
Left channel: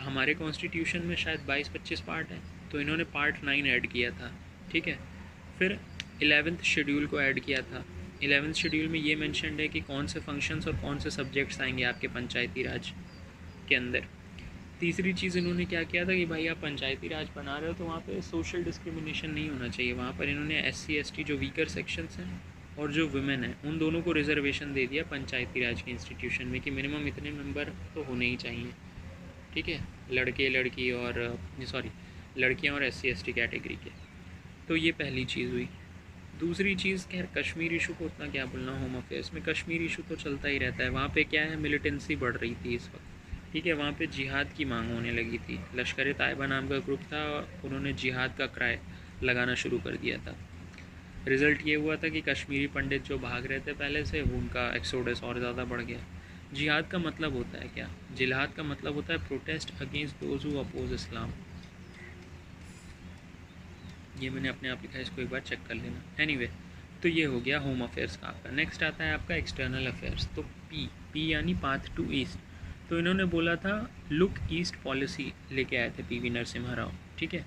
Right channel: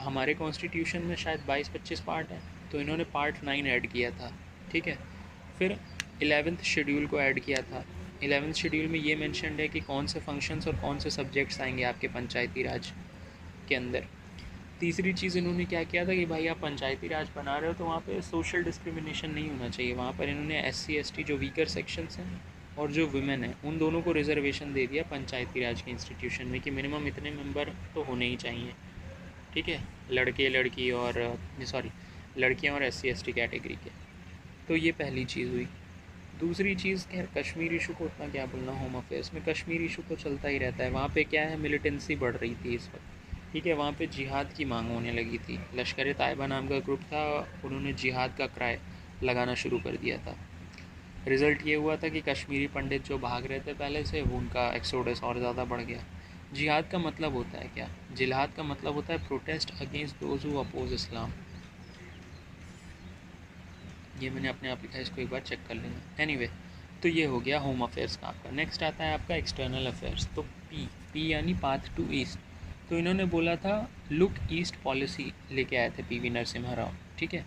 हमारे कॉन्स्टिट्यूशन में शायद 22-25 पार्ट हैं, तो इन्होंने पार्ट 9 ऐड किया था। ठीक है, फिर 11th शेड्यूल को ऐड किया था। 11th शेड्यूल में ये मेंशन्ड है कि कौन से फंक्शंस और कौन से सब्जेक्ट्स आएंगे आपके पंचायती राज के अंदर। तीसरी चीज़ इन्होंने क्या किया था कि भाई आप पंचायती राज बना रहे हो तो वहाँ पे सोशल डिस्क्रिमिनेशन नहीं होना चाहिए। वहाँ पर इन्होंने SC ST जो वीकर सेक्शंस हैं और जो वुमेन हैं उन दोनों को रिजर्वेशन दे दिया पंचायती राज के इंस्टीट्यूशन में कि मिनिमम इतने मेंबर तो होने ही चाहिए। ठीक है, लड़कियाँ और SC ST कैटेगरी के। तो ये पहली चीज़ हुई। दूसरी चीज़ खैर कश्मीर इशू को उतना क्या बोलना, होम अफेयर्स में कश्मीर इशू तो चलता ही रहता है। वहाँ पे क्या है, मिलिटेंसी बढ़ रही थी इस वक्त। ठीक है, वहाँ पे जिहाद की मांग होने लगी थी। लश्कर तायबा नाम का ग्रुप था, उन्होंने जिहाद का क्राय लगाना शुरू कर दिया था। रिज़ल्ट ये हुआ था कि कश्मीरी पंडित जो भाग रहे थे पहले से, वो उनका एक्सोडस और ज़्यादा बढ़ गया। जिहाद का मतलब होता है क्या, जिहाद का मतलब होता है protest against those who oppose Islam. ये मैंने अपने आप लिखा है, इसको एक बार चेक कर लेना। एनीवे, तो ये हो गया होम अफेयर्स का आपका। नेक्स्ट आता है आपका एक्सटर्नल अफेयर्स। तो पी यानी पाथ टू ईस्ट। तो इन्होंने बोला था लुक ईस्ट पॉलिसी लेके आए थे पीवी नरसिम्हा राव। ठीक है,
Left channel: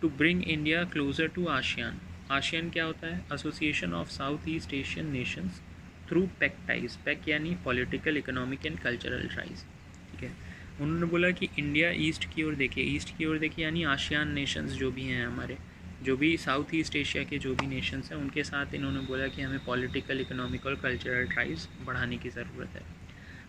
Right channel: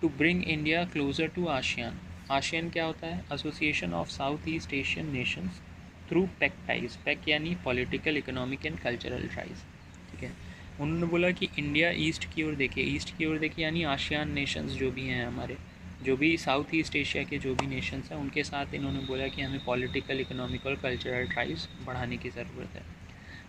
to bring India closer to ASEAN. ASEAN क्या होता है, association of South East Asian nations through pact ties. Pact यानी political, economic and cultural ties. ठीक है, उन्होंने बोला कि इंडिया ईस्ट की ओर देखे। ईस्ट की ओर देखे यानी आशियान नेशंस जो भी हैं हमारे, जो भी साउथ ईस्ट एशिया के जो भी नेशंस हैं उनके साथ इन्होंने बोला कि हमें पॉलिटिकल, इकोनॉमिक और कल्चरल टाइज बढ़ाने की ज़रूरत है।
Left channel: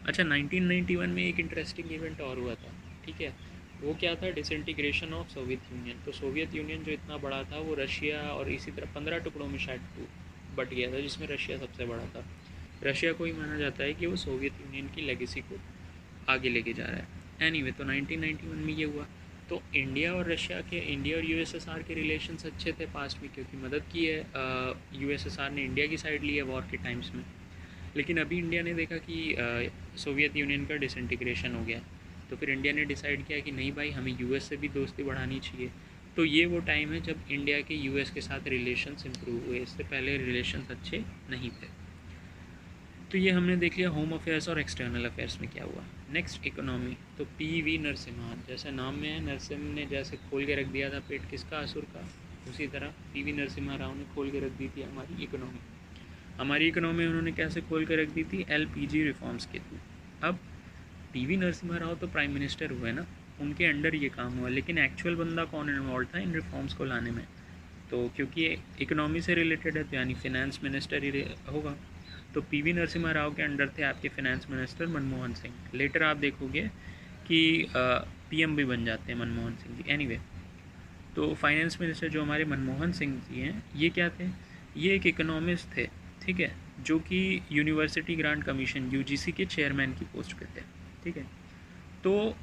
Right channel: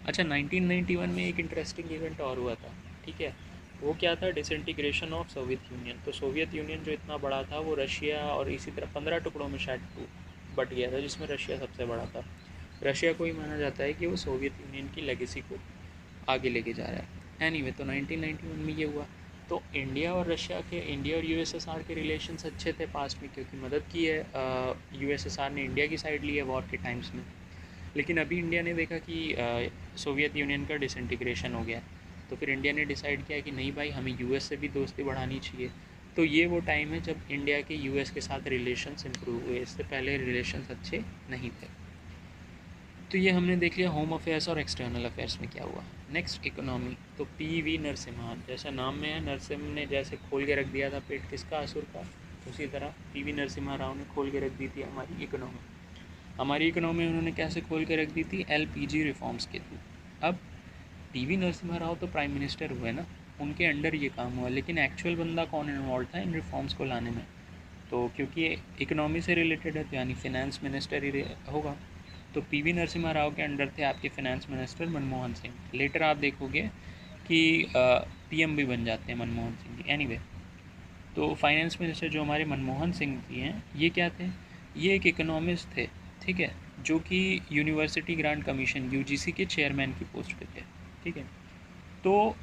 अच्छा, 1991 में एक इंटरेस्टिंग इवेंट और हुआ था। ठीक है, वो क्या था, डिसइंटीग्रेशन ऑफ सोवियत यूनियन। तो सोवियत यूनियन जो इतना बड़ा था वो रशिया और इसी तरह 15 टुकड़ों में शायद बट गया था, जिसमें रशिया सबसे बड़ा था। रशिया को ही माना जाता है कि वो सोवियत यूनियन की लेगेसी को आगे लेके जा रहा है। एनीवे, तो 1991 में ये हुआ। तो इंडिया और USSR के रिलेशंस अच्छे थे पास्ट में, क्योंकि मदद की है USSR ने इंडिया की साइड ली है वॉर के टाइम्स में। लेकिन अभी इंडिया ने देखा कि सोवियत यूनियन का डिसइंटीग्रेशन हो गया, तो फिर इंडिया ने डिसाइड किया कि नहीं भाई, हमें US से भी दोस्ती बढ़ानी चाहिए। तो ये वो टाइम है जब इंडिया के US के साथ रिलेशंस इंप्रूव हुए, इससे पहले रिलेशंस अच्छे नहीं थे। तो ये हमने देख लिया होम अफेयर्स और एक्सटर्नल अफेयर्स में क्या हुआ। Next economy. तो PV नरसिम्हा, जैसे नाम में है, नरसिम्ह ने जैसे खोल के रख दिया था पेट किसका, असुर का, उसी तरह PV नरसिम्हा राव ने खोल के रख दी थी हमारी इकोनॉमी। हमारी इकोनॉमी उन्होंने कैसे खोल के रख दी थी, LPG रिफॉर्म्स के थ्रू। अब PV नरसिम्हा राव तो प्राइम मिनिस्टर हुए ना, उनके अंडर ये काम हुआ, लेकिन एक्चुअल बंदा कौन इन्वॉल्व था इन रिफॉर्म्स को लाने में, तो क्योंकि इकोनॉमी से रिलेटेड है तो यानी फिनेंस मिनिस्टर ही होगा। तो PV नरसिम्हा राव के अंडर थे आपके finance minister Manmohan Singh. Later आप देखोगे कि PM भी बन जाते हैं मनमोहन सिंह जी। एनीवे, तो फाइनेंस मिनिस्टर जो हमारे मनमोहन सिंह जी हैं, ये क्या थे, ये एक इकोनॉमिस्ट थे। ठीक है, जो कि यूनिवर्सिटी ग्रांट कमीशन UGC के चेयरमैन की पोस्ट पे थे। ठीक है, तो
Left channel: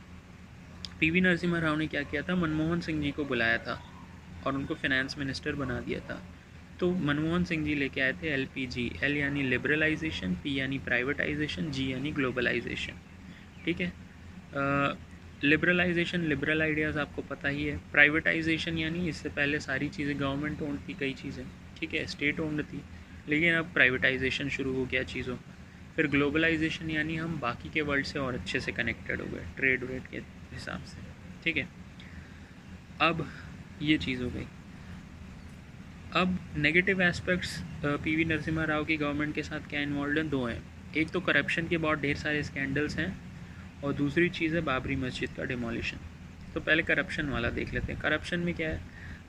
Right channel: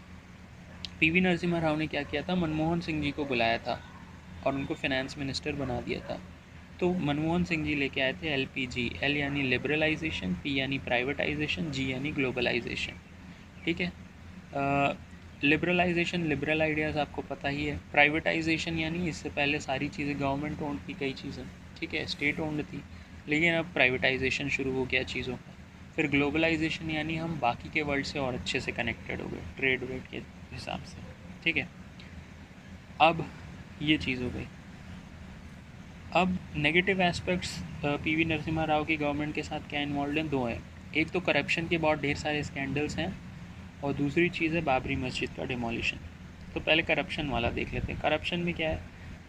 PV नरसिम्हा राव ने क्या किया था, मनमोहन सिंह जी को बुलाया था और उनको फाइनेंस मिनिस्टर बना दिया था। तो मनमोहन सिंह जी लेके आए थे LPG। L यानी लिबरलाइजेशन, P यानी प्राइवेटाइजेशन, G यानी ग्लोबलाइजेशन। ठीक है, लिबरलाइजेशन, लिबरल आइडियाज़ आपको पता ही है। प्राइवेटाइजेशन यानी इससे पहले सारी चीज़ें गवर्नमेंट ओन्ड थी, कई चीज़ें, ठीक है, स्टेट ओन्ड थी, लेकिन अब प्राइवेटाइजेशन शुरू हो गया चीज़ों का। फिर ग्लोबलाइजेशन यानी हम बाकी के वर्ल्ड से और अच्छे से कनेक्टेड हो गए ट्रेड वेड के हिसाब से। ठीक है, अब ये चीज़ हो गई। अब negative aspects PV Narasimha Rao की गवर्नमेंट के साथ क्या इन्वॉल्व हैं, दो हैं। एक तो करप्शन के बहुत ढेर सारे स्कैंडल्स हैं, और दूसरी चीज़ है बाबरी मस्जिद का डिमोलिशन। तो पहले करप्शन वाला देख लेते हैं। करप्शन में क्या है,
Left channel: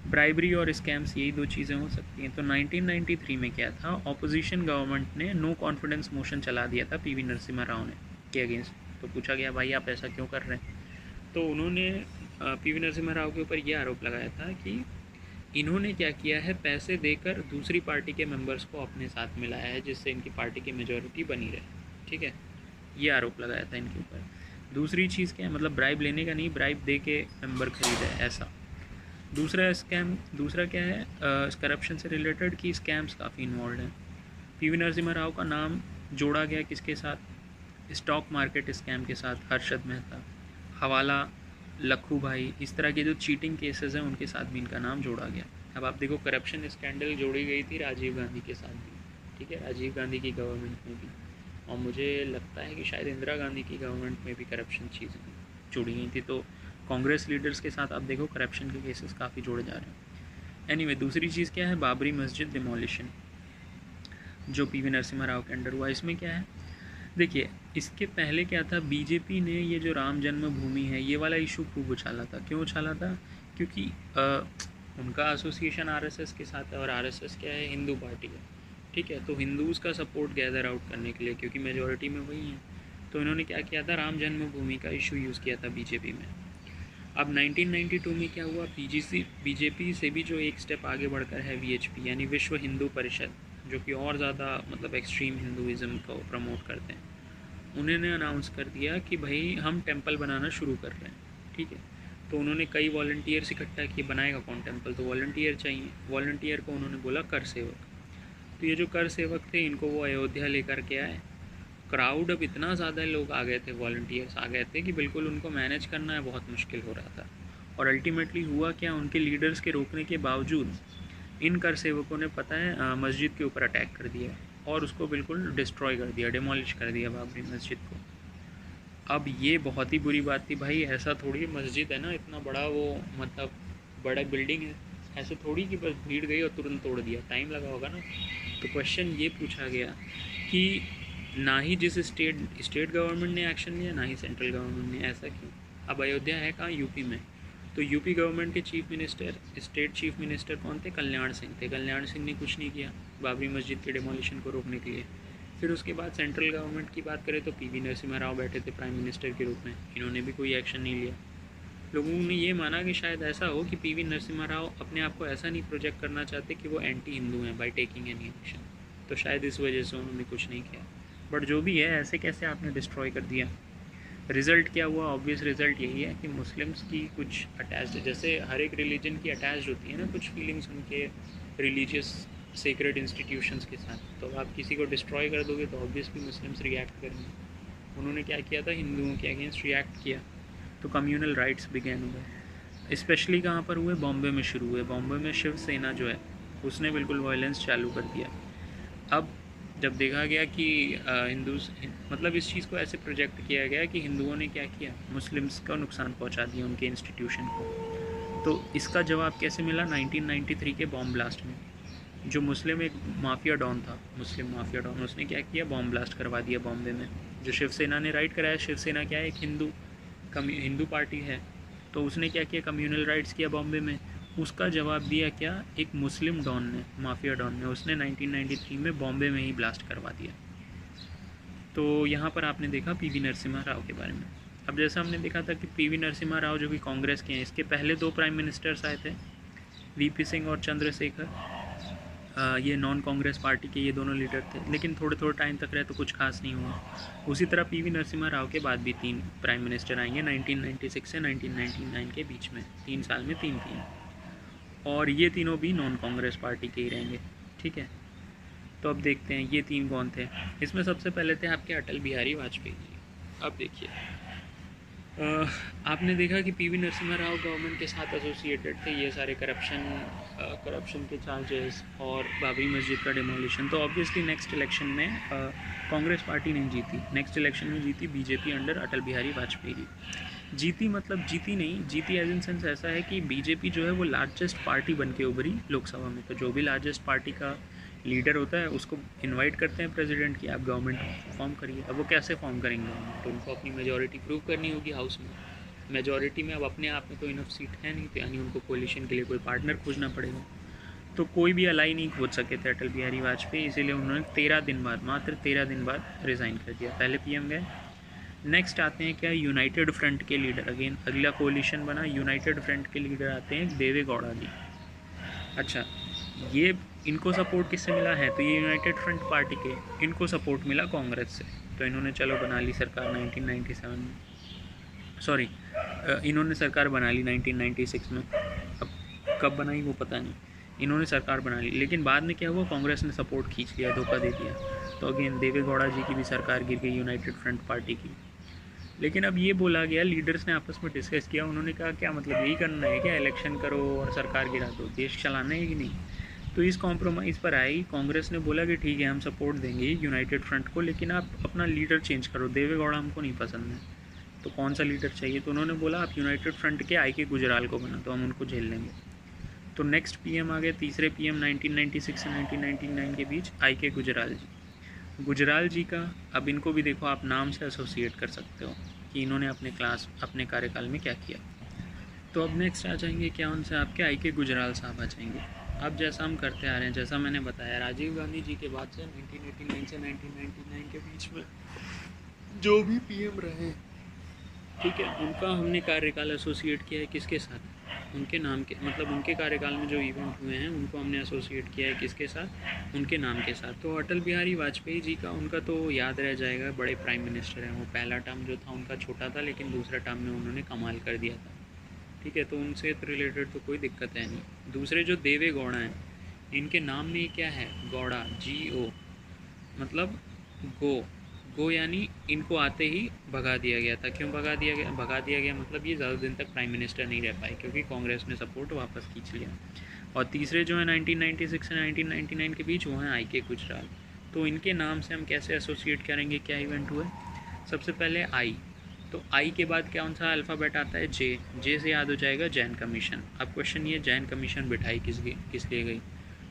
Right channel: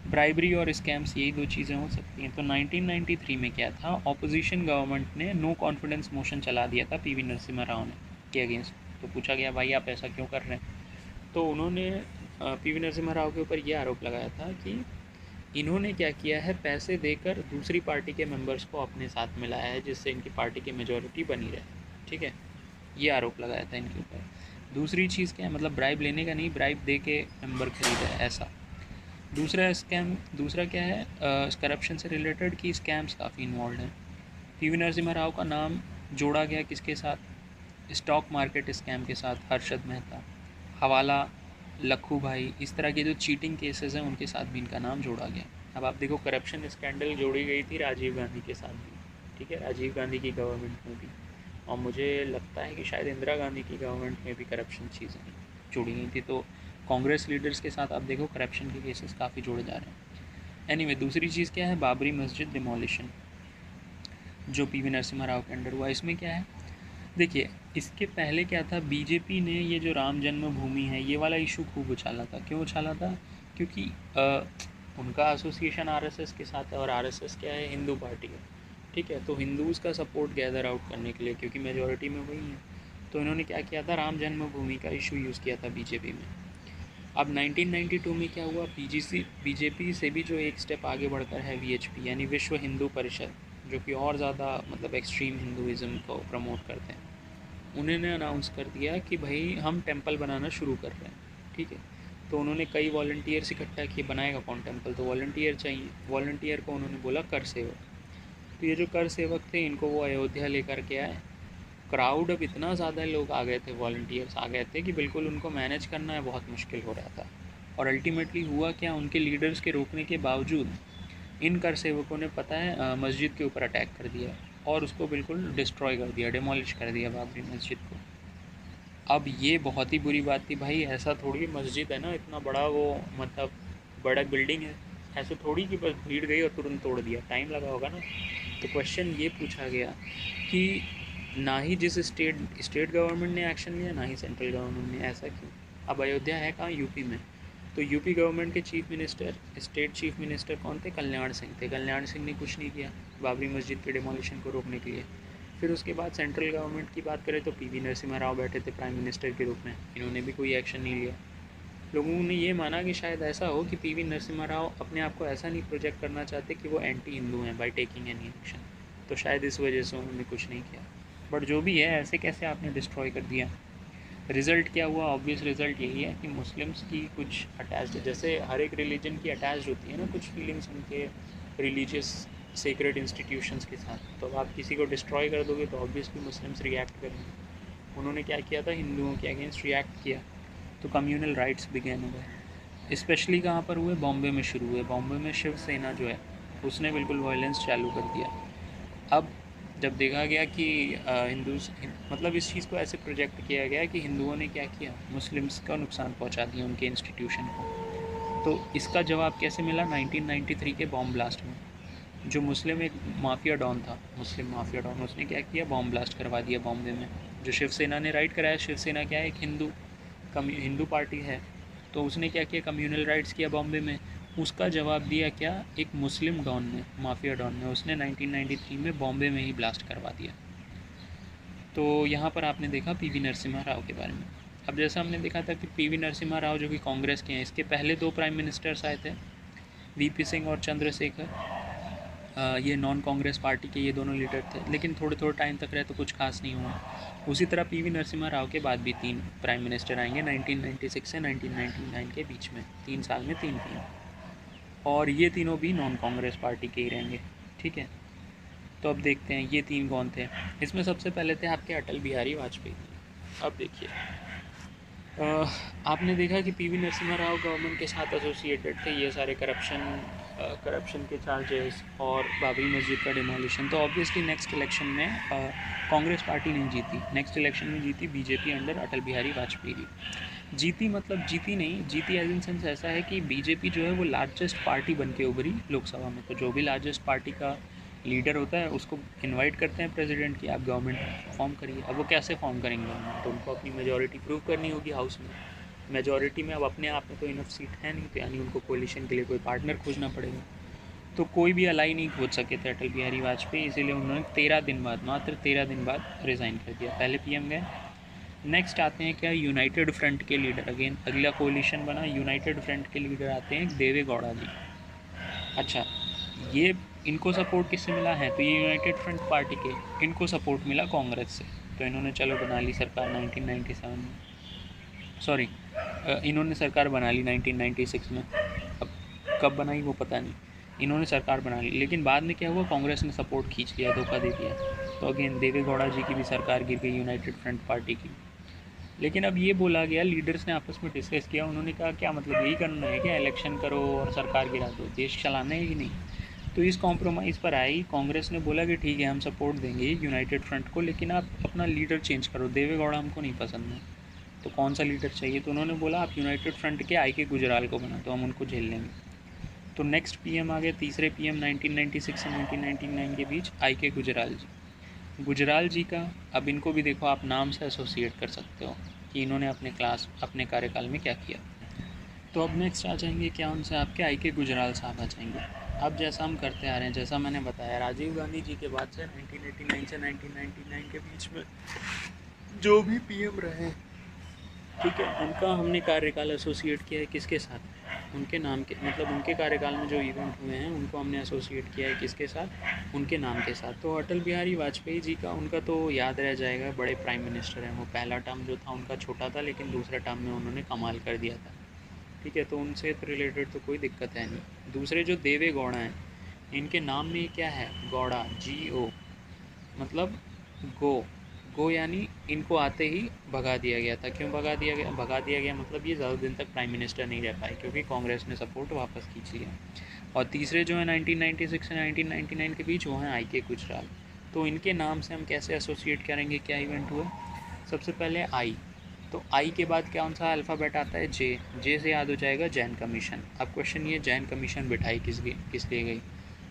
ब्राइबरी और स्कैम्स, यही दो चीज़ें हो सकती हैं। तो 1993 में क्या था, ऑपोजिशन गवर्नमेंट ने नो कॉन्फिडेंस मोशन चला दिया था PV नरसिम्हा राव ने के अगेंस्ट। तो पूछा गया भाई आप ऐसा क्यों कर रहे हैं, तो उन्होंने PV नरसिम्हा राव के ऊपर ये आरोप लगाया था कि इन्होंने क्या किया है, पैसे देकर दूसरी पार्टी के मेंबर्स को अपने साथ मिलाया है, जिससे इनकी पार्टी की मेजॉरिटी बनी रहे। ठीक है, ये आरोप लगाया था इनके ऊपर। दूसरी चीज़ क्या है, मतलब ब्राइब लेने का नहीं, ब्राइब दे के मेंबर खरीदा है ऐसा। दूसरा क्या है, करप्शन से रिलेटेड की स्कैम्स काफ़ी इन्वॉल्व हैं। PV नरसिम्हा राव का नाम जोड़ा गया किसके साथ, स्टॉक मार्केट स्कैम के साथ, हर्षद मेहता। हवाला लखू भाई, इस तरह के जो चीटिंग केसेस हैं उनके साथ भी इनका नाम जोड़ा गया। अब आप देखो, करप्शन स्कैंडल जोड़ी गई थी राजीव गांधी के साथ भी, ठीक है, राजीव गांधी की गवर्नमेंट में भी, और मुझे लगता है कि शायद इंदिरा गांधी की गवर्नमेंट में भी करप्शन चीज़ें जुड़ी गई थी। तो कांग्रेस लीडर्स के साथ आप देखो करप्शन के केसेस काफ़ी जोड़े जा रहे हैं। एनीवे, दूसरी चीज़ क्या है, बाबरी मस्जिद डिमोलिशन जो पीवी नरसिम्हा राव के अंडर हुआ। इसमें क्या है, देखिए, इसके पहले क्या था, बीजेपी ने ये जो राम जन्मभूमि है ये वाला इशू खूब उछाला था। क्यों उछाला था? क्योंकि उनका एसोसिएशन आरएसएस के साथ है, और आरएसएस क्या है, हिंदू पार्टी है, ठीक है। तो हिंदूज़ का सपोर्ट गैदर आउट करने के लिए, क्योंकि मेजॉरिटी में वही है, तो इन्होंने क्या किया था, राम जन्मभूमि का इशू यूज़ किया था बीजेपी में। अब 1992 में क्या हुआ, बीजेपी से भी जो एक स्टेप आगे बढ़कर है वीएचपी यानी विश्व हिंदू परिषद, जो कि और ज़्यादा मतलब एक्सट्रीम हिंदुज़म को प्रमोट करते हैं, उन्होंने अनाउंस कर दिया कि भाई हम टेंपल बनाना शुरू कर रहे हैं, ठीक है। तो उन्होंने कई वॉलंटियर्स इकट्ठा किए, बनाएगा कौन टेंपल, तो वॉलंटियर चाहिए। वॉलंटियर को उन्होंने बोला कर सेवक। तो ये जो कर सेवक थे, इनको वो अयोध्या लेकर के आए। क्राउड अब इतना ज़्यादा लोग आ गए थे, वॉलंटियर्स आ गए थे कि बिल्कुल उनको मैनेज करना है बहुत मुश्किल हो रहा था। और अल्टीमेटली हुआ क्या, उनके लीडर्स के रोकने के बावजूद इन कर सेवकों ने, पता है, मस्जिद के ऊपर अटैक कर दिया और उसको बिल्कुल डिस्ट्रॉय कर दिया, डिमोलिश कर दिया बाबरी मस्जिद को। अब ये बहुत ही बुरी बात थी भाई, ऐसा थोड़ी मस्जिद है ना, इतना बड़ा वो मतलब बड़ा बिल्डिंग है, ऐसे थोड़ी कि बस भीड़ गई और तुरंत तोड़ दिया, टाइम लगा होगा ना। तो क्वेश्चन ये पूछा गया कि ना ही जिस स्टेट गवर्नमेंट ने एक्शन लिया, ना ही सेंट्रल गवर्नमेंट ने, ऐसा क्यों? अब अयोध्या है कहाँ, यूपी में। तो यूपी गवर्नमेंट के chief minister, state chief minister कौन थे, कल्याण सिंह थे। कल्याण सिंह ने कुछ नहीं किया बाबरी मस्जिद के डिमोलिशन को रोकने के लिए। फिर उसके बाद सेंट्रल गवर्नमेंट की बात करें तो पीवी नरसिम्हा राव बैठे थे प्राइम मिनिस्टर के रूप में, इन्होंने भी कोई एक्शन नहीं लिया। लोगों ने ये माना कि शायद ऐसा हो कि पीवी नरसिम्हा राव अपने आप को ऐसा नहीं प्रोजेक्ट करना चाहते कि वो एंटी हिंदू हैं बाय टेकिंग एनी एक्शन, तो शायद इस वजह से उन्होंने कुछ नहीं किया। बट जो भी है, ऐसे कैसे आपने डिस्ट्रॉय कर दिया। रिज़ल्ट क्या हुआ, ऑब्वियस रिज़ल्ट यही है कि मुस्लिम्स की कुछ अटैच्ड, जैसे हर एक रिलीजन की अटैच होती है ना कुछ फीलिंग्स उनके रिलीजियस सेक्रेड इंस्टीट्यूशंस के साथ, तो आप किसी को डिस्ट्रॉय कर दोगे तो ऑब्वियसली मुस्लिम्स रिएक्ट करेंगे। उन्होंने क्या किया था, हिंदुओं के अगेंस्ट रिएक्ट किया, तो कम्युनल राइट्स बिगेन हुए। स्पेशली कहाँ पर हुए, बॉम्बे में शुरू हुए। बॉम्बे में शिवसेना जो है उसने बिल्कुल वायलेंस चालू कर दिया। अब जब देखा गया कि हिंदूज, मतलब इस चीज़ को ऐसे प्रोजेक्ट किया गया कि हिंदुओं ने क्या किया, मुस्लिम्स का नुकसान पहुंचा दिया उनके इंस्टीट्यूशन को। तो इसका जवाब कैसे मिला, 1993 के बॉम्ब ब्लास्ट में। जो मुस्लिम एक माफिया डॉन था, मुस्लिम माफिया डॉन, उसने क्या किया, बॉम्ब ब्लास्ट करवा दिया बॉम्बे में। जो शिवसेना ने राइट कराया, शिवसेना क्या है, एक हिंदू पार्टी है, तो उसने क्या किया, कम्युनल राइट्स किया बॉम्बे में। उसका जवाब दिया क्या, एक मुस्लिम डॉन ने, माफिया डॉन ने, उसने 1993 में बॉम्बे में ही ब्लास्ट करवा दिया। तो यहाँ पर आपने देखा पीवी नरसिम्हा राव के बारे में। अब जैसा हमने देखा था कि पीवी नरसिम्हा राव जो कि कांग्रेस के हैं, इसके पहले 2 प्राइम मिनिस्टर्स आए थे, वीपी सिंह और चंद्रशेखर। ये नॉन कांग्रेस पार्टी के ये दोनों लीडर थे, लेकिन थोड़े टाइम तक रहे तो कुछ खास नहीं हुआ। उसी तरह पीवी नरसिम्हा राव के बाद भी 3 प्राइम मिनिस्टर आएंगे 1996 से 1999 के बीच में, 3 साल में 3, और ये तीनों भी नॉन कांग्रेस पार्टी के ही रहेंगे, ठीक है। तो अब देखते हैं ये 3 कौन थे। इसमें सबसे पहले थे आपके अटल बिहारी वाजपेयी जी। अब देखिए, आपने देखा कि पीवी नरसिम्हा राव गवर्नमेंट के साथ एसोसिएटेड थे, ये सारे करप्शन के चार्जेस और बाबरी मस्जिद का डिमोलिशन। तो ऑब्वियसली नेक्स्ट इलेक्शन में कांग्रेस पार्टी नहीं जीती, नेक्स्ट इलेक्शन में जीती बीजेपी अंडर अटल बिहारी वाजपेयी। जीती मतलब जीती नहीं, जीती एज इन सेंस ऐसा है कि बीजेपी जो है वो लार्जेस्ट पार्टी बन के उभरी लोकसभा में। तो जो भी लार्जेस्ट पार्टी का लीडर होता है उसको इनवाइट करते हैं प्रेसिडेंट की, आप गवर्नमेंट फॉर्म करिए। अब वो कैसे फॉर्म करेंगे, तो उनको अपनी मेजॉरिटी प्रूव करनी होगी हाउस में। मेजॉरिटी में अब अपने आप में कोई इनफ सीट है नहीं, तो यानी उनको कोलिशन के लिए कोई पार्टनर खोजना पड़ेगा। तो कोई भी अलाई नहीं खोज सके थे अटल बिहारी वाजपेयी, इसीलिए उन्होंने 13 दिन बाद, मात्र 13 दिन बाद रिज़ाइन कर दिया। पहले पीएम गए। नेक्स्ट आते हैं क्या, यूनाइटेड फ्रंट के लीडर, अगेन अगला कोलिशन बना, यूनाइटेड फ्रंट के लीडर आते हैं देवे गौड़ा जी। अच्छा, ये इनको सपोर्ट किससे मिला है, तो ये यूनाइटेड फ्रंट पार्टी के, इनको सपोर्ट मिला कांग्रेस से। तो इन्होंने चलो बना ली सरकार 1997 में, सॉरी इन्होंने सरकार बना ली 1996 में। अब कब बनाई वो पता नहीं, इन्होंने सरकार बना ली, लेकिन बाद में क्या हुआ, कांग्रेस ने सपोर्ट खींच लिया, धोखा दे दिया। तो अगेन देवे गौड़ा जी की भी सरकार गिर गई यूनाइटेड फ्रंट पार्टी की। लेकिन अब ये बोला गया, लीडर्स ने आपस में डिस्कस किया, उन्होंने कहा क्या मतलब यही करना है क्या, इलेक्शन करो और सरकार गिरा दो, देश चलाना है कि नहीं। तो इस कॉम्प्रोमाइज़ पर आई। कांग्रेस ने बोला कि ठीक है हम सपोर्ट देंगे यूनाइटेड फ्रंट को, लेकिन आप अपना लीडर चेंज करो, देवे गौड़ा हमको नहीं पसंद है। तो कौन सा लीडर चाहिए, तो उन्होंने बोला आप यूनाइटेड फ्रंट के आई के गुजराल को बना दो, हम उनको झेल लेंगे। तो नेक्स्ट पीएम आ गए, तीसरे पीएम 1996 से 1999 के बीच आई के गुजराल जी। गुजराल जी का अब इनको भी देखो आप नाम से एसोसिएट कर सकते हो कि इन्होंने अपने कार्यकाल में क्या किया। तो अब नेक्स्ट आ जाएंगे क्या, उनसे आपके आई के गुजराल साहब आ जाएंगे। अब जैसा हम करते आ रहे हैं, जैसा मैंने बताया, राजीव गांधी जी के बाद से 1989 से 1999 के बीच में जो भी पीएम रहे, ठीक है, उनका हमने कार्यकाल एसोसिएट किया है किसके साथ, उनके नाम के, मतलब उनके कार्यकाल में जो इवेंट हुए हैं उनको हमने एसोसिएट किया है किसके साथ, उनके नाम के साथ। तो अटल बिहारी वाजपेयी जी का, उनका तो याद रह जाएगा, बड़े प्राइम मिनिस्टर हैं वो। पहला टर्म जो था उनका छोटा था, लेकिन दूसरे टर्म में उन्होंने कमाल कर दिया था, ठीक है। तो उनसे तो रिलेटेड तो कोई दिक्कत है नहीं। दूसरे जो देवे गौड़ा हैं, इनके नाम में क्या है, गौड़ा, GO, मतलब गो। गो यानी इनको आते ही भगा दिया गया था। क्यों भगा दिया गया, मतलब ये ज़्यादा दिन तक प्राइम मिनिस्टर नहीं रह पाए, क्योंकि कांग्रेस ने सपोर्ट वापस खींच लिया। और तीसरे जो है 1996 से 1999 के बीच, वो हैं आई के गुजराल। तो इनके नाम से हम कैसे एसोसिएट करेंगे, क्या इवेंट हुआ। सबसे पहले आई, तो आई के बाद कौन सा अल्फ़ाबेट आता है, जे से याद हो जाएगा जैन कमीशन। अब क्वेश्चन ये, जैन कमीशन बिठाई किस लिए गई,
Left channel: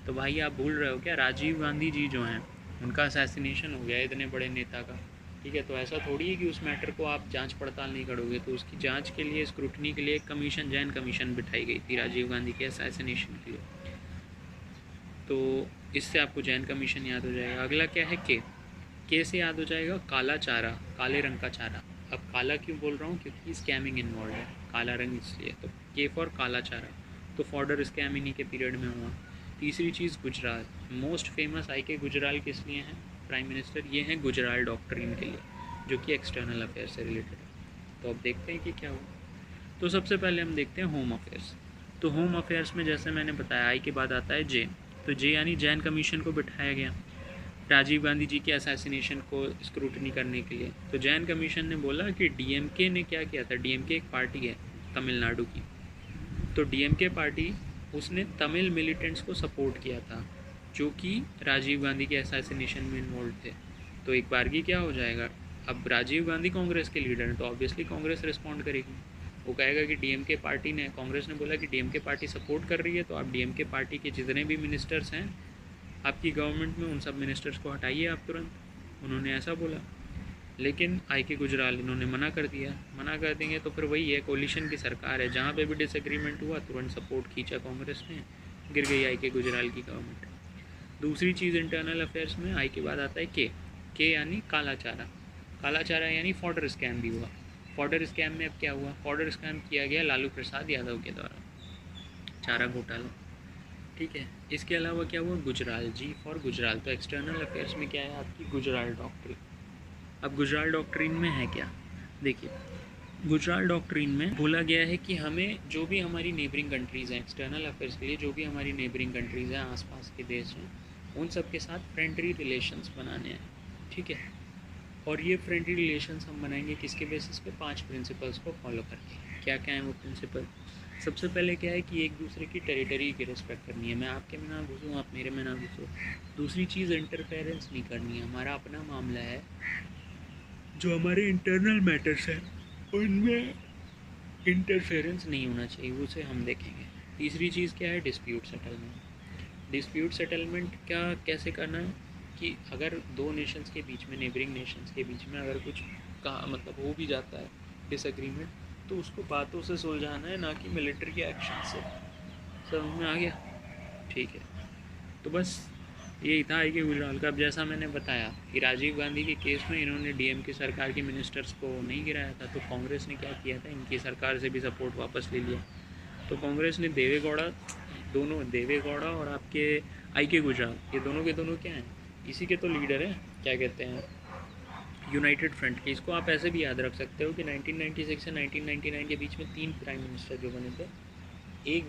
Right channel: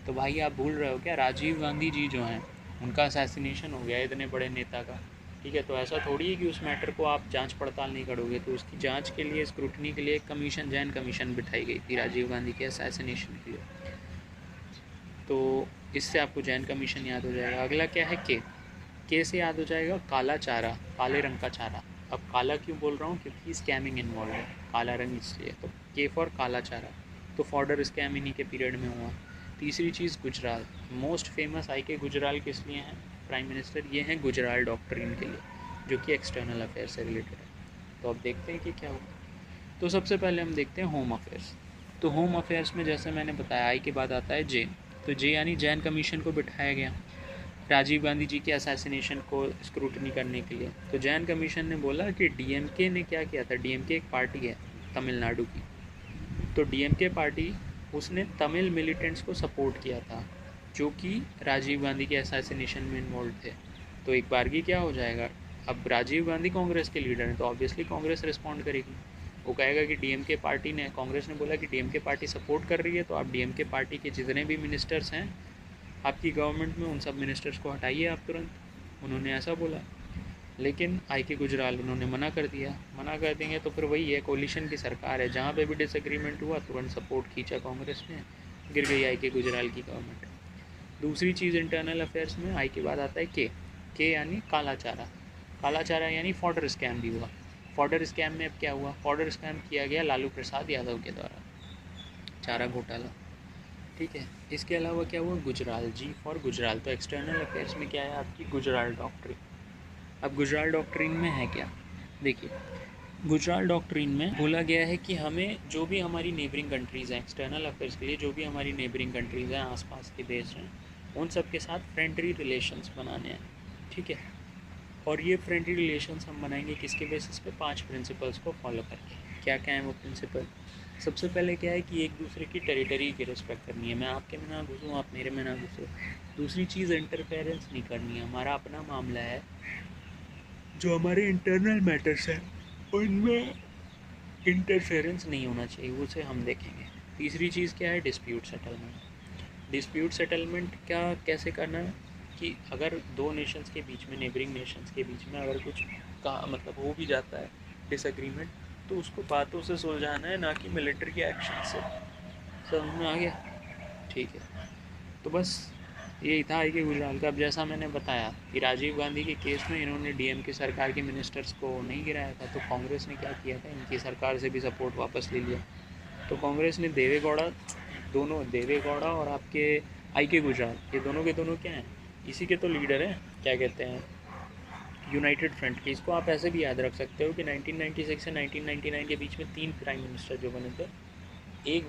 तो भाई आप भूल रहे हो क्या, राजीव गांधी जी जो हैं उनका असैसिनेशन हो गया इतने बड़े नेता का, ठीक है। तो ऐसा थोड़ी है कि उस मैटर को आप जांच पड़ताल नहीं करोगे, तो उसकी जांच के लिए, स्क्रूटनी के लिए एक कमीशन, जैन कमीशन बिठाई गई थी राजीव गांधी के असैसिनेशन के लिए। तो इससे आपको जैन कमीशन याद हो जाएगा। अगला क्या है, के से याद हो जाएगा काला चारा, काले रंग का चारा। अब काला क्यों बोल रहा हूँ, क्योंकि स्कैमिंग इन्वॉल्व है, काला रंग इसलिए। तो के फॉर काला चारा, तो फॉर्डर स्कैम इन्हीं के पीरियड में हुआ। तीसरी चीज़ गुजराल, मोस्ट फेमस आई के गुजराल किस लिए हैं प्राइम मिनिस्टर, ये हैं गुजराल डॉक्ट्रिन के लिए, जो कि एक्सटर्नल अफेयर से रिलेटेड है। तो अब देखते हैं कि क्या हुआ। तो सबसे पहले हम देखते हैं होम अफेयर्स। तो होम अफेयर्स में जैसे मैंने बताया, आई के बाद आता है जे। तो जे यानी जैन कमीशन को बिठाया गया राजीव गांधी जी के असैसिनेशन को स्क्रूटनी करने के लिए। तो जैन कमीशन ने बोला कि डीएमके ने क्या किया था, डीएमके एक पार्टी है तमिलनाडु की, तो डीएमके पार्टी, उसने तमिल मिलिटेंट्स को सपोर्ट किया था जो कि राजीव गांधी के असैसिनेशन में इन्वॉल्व थे। तो एक बारगी क्या हो जाएगा, अब राजीव गांधी कांग्रेस के लीडर हैं, तो ऑब्वियसली कांग्रेस रिस्पॉन्ड करेगी। वो कहेगा कि डीएमके पार्टी ने, कांग्रेस ने बोला कि डीएमके पार्टी सपोर्ट कर रही है, तो आप डीएमके पार्टी के जितने भी मिनिस्टर्स हैं आपकी गवर्नमेंट में, उन सब मिनिस्टर्स को हटाइए आप तुरंत। उन्होंने ऐसा बोला। लेकिन आई के गुजराल इन्होंने मना कर दिया। मना कर देंगे तो फिर वही है, कोलिशन की सरकार है, जहाँ पे भी डिसएग्रीमेंट हुआ तुरंत सपोर्ट खींचा कांग्रेस ने, गिर गई आई के गुजराल की गवर्नमेंट। दूसरी चीज़ इंटरनल अफेयर्स में आई के बाद आता है के यानी काला चारा। काला चारा यानी फॉर्डर स्कैम भी हुआ। फॉर्डर स्कैम में अब क्या हुआ, फॉर्डर स्कैम किया गया लालू प्रसाद यादव के द्वारा, चारा घोटाला, ठीक है। इसके अलावा क्या हुआ, गुजराल, जी फॉर गुजराल। तो एक्सटर्नल अफेयर्स में क्या है आपकी, गुजराल डॉक्ट्रिन। अब गुजराल डॉक्ट्रिन में है क्या, देखिए, गुजराल डॉक्ट्रिन में बोला गया है कि हमें जो भी हमारी नेबरिंग कंट्रीज़ हैं, एक्सटर्नल अफेयर्स के लिए जो भी हमारी नेबरिंग कंट्रीज़ हैं, आसपास के देश हैं, उन सब के साथ फ्रेंडली रिलेशंस बनाने हैं, ठीक है। और ये फ्रेंडली रिलेशंस हम बनाएंगे किसके बेसिस पे, 5 प्रिंसिपल्स को फॉलो करके। क्या क्या है वो प्रिंसिपल, सबसे पहले क्या है कि एक दूसरे की टेरिटरी की रिस्पेक्ट करनी है, मैं आपके में ना घुसूँ, आप मेरे में ना घुसो। दूसरी चीज़, इंटरफेरेंस नहीं करनी है, हमारा अपना मामला है, जो हमारे इंटरनल मैटर्स हैं उनमें इंटरफेरेंस नहीं होना चाहिए, उसे हम देखेंगे। तीसरी चीज़ क्या है, डिस्प्यूट सेटलमेंट। डिस्प्यूट सेटलमेंट क्या, कैसे करना, कि अगर दो नेशंस के बीच में, नेबरिंग नेशंस के बीच में अगर कुछ का मतलब हो भी जाता है डिसएग्रीमेंट, तो उसको बातों से सुलझाना है, ना कि मिलिट्री के एक्शन से। समझ में आ गया, ठीक है। तो बस यही था आई के गुजराल का। अब जैसा मैंने बताया कि राजीव गांधी के केस में इन्होंने डीएमके सरकार के मिनिस्टर्स को नहीं गिराया था, तो कांग्रेस ने क्या किया था, इनकी सरकार से भी सपोर्ट वापस ले लिया। तो कांग्रेस ने देवे गौड़ा, दोनों देवे गौड़ा और आपके आई के गुजराल, ये दोनों के दोनों क्या हैं, इसी के तो लीडर हैं, क्या कहते हैं, यूनाइटेड फ्रंट के। इसको आप ऐसे भी याद रख सकते हो कि 1996 से 1999 के बीच में 3 प्राइम मिनिस्टर जो बने थे, एक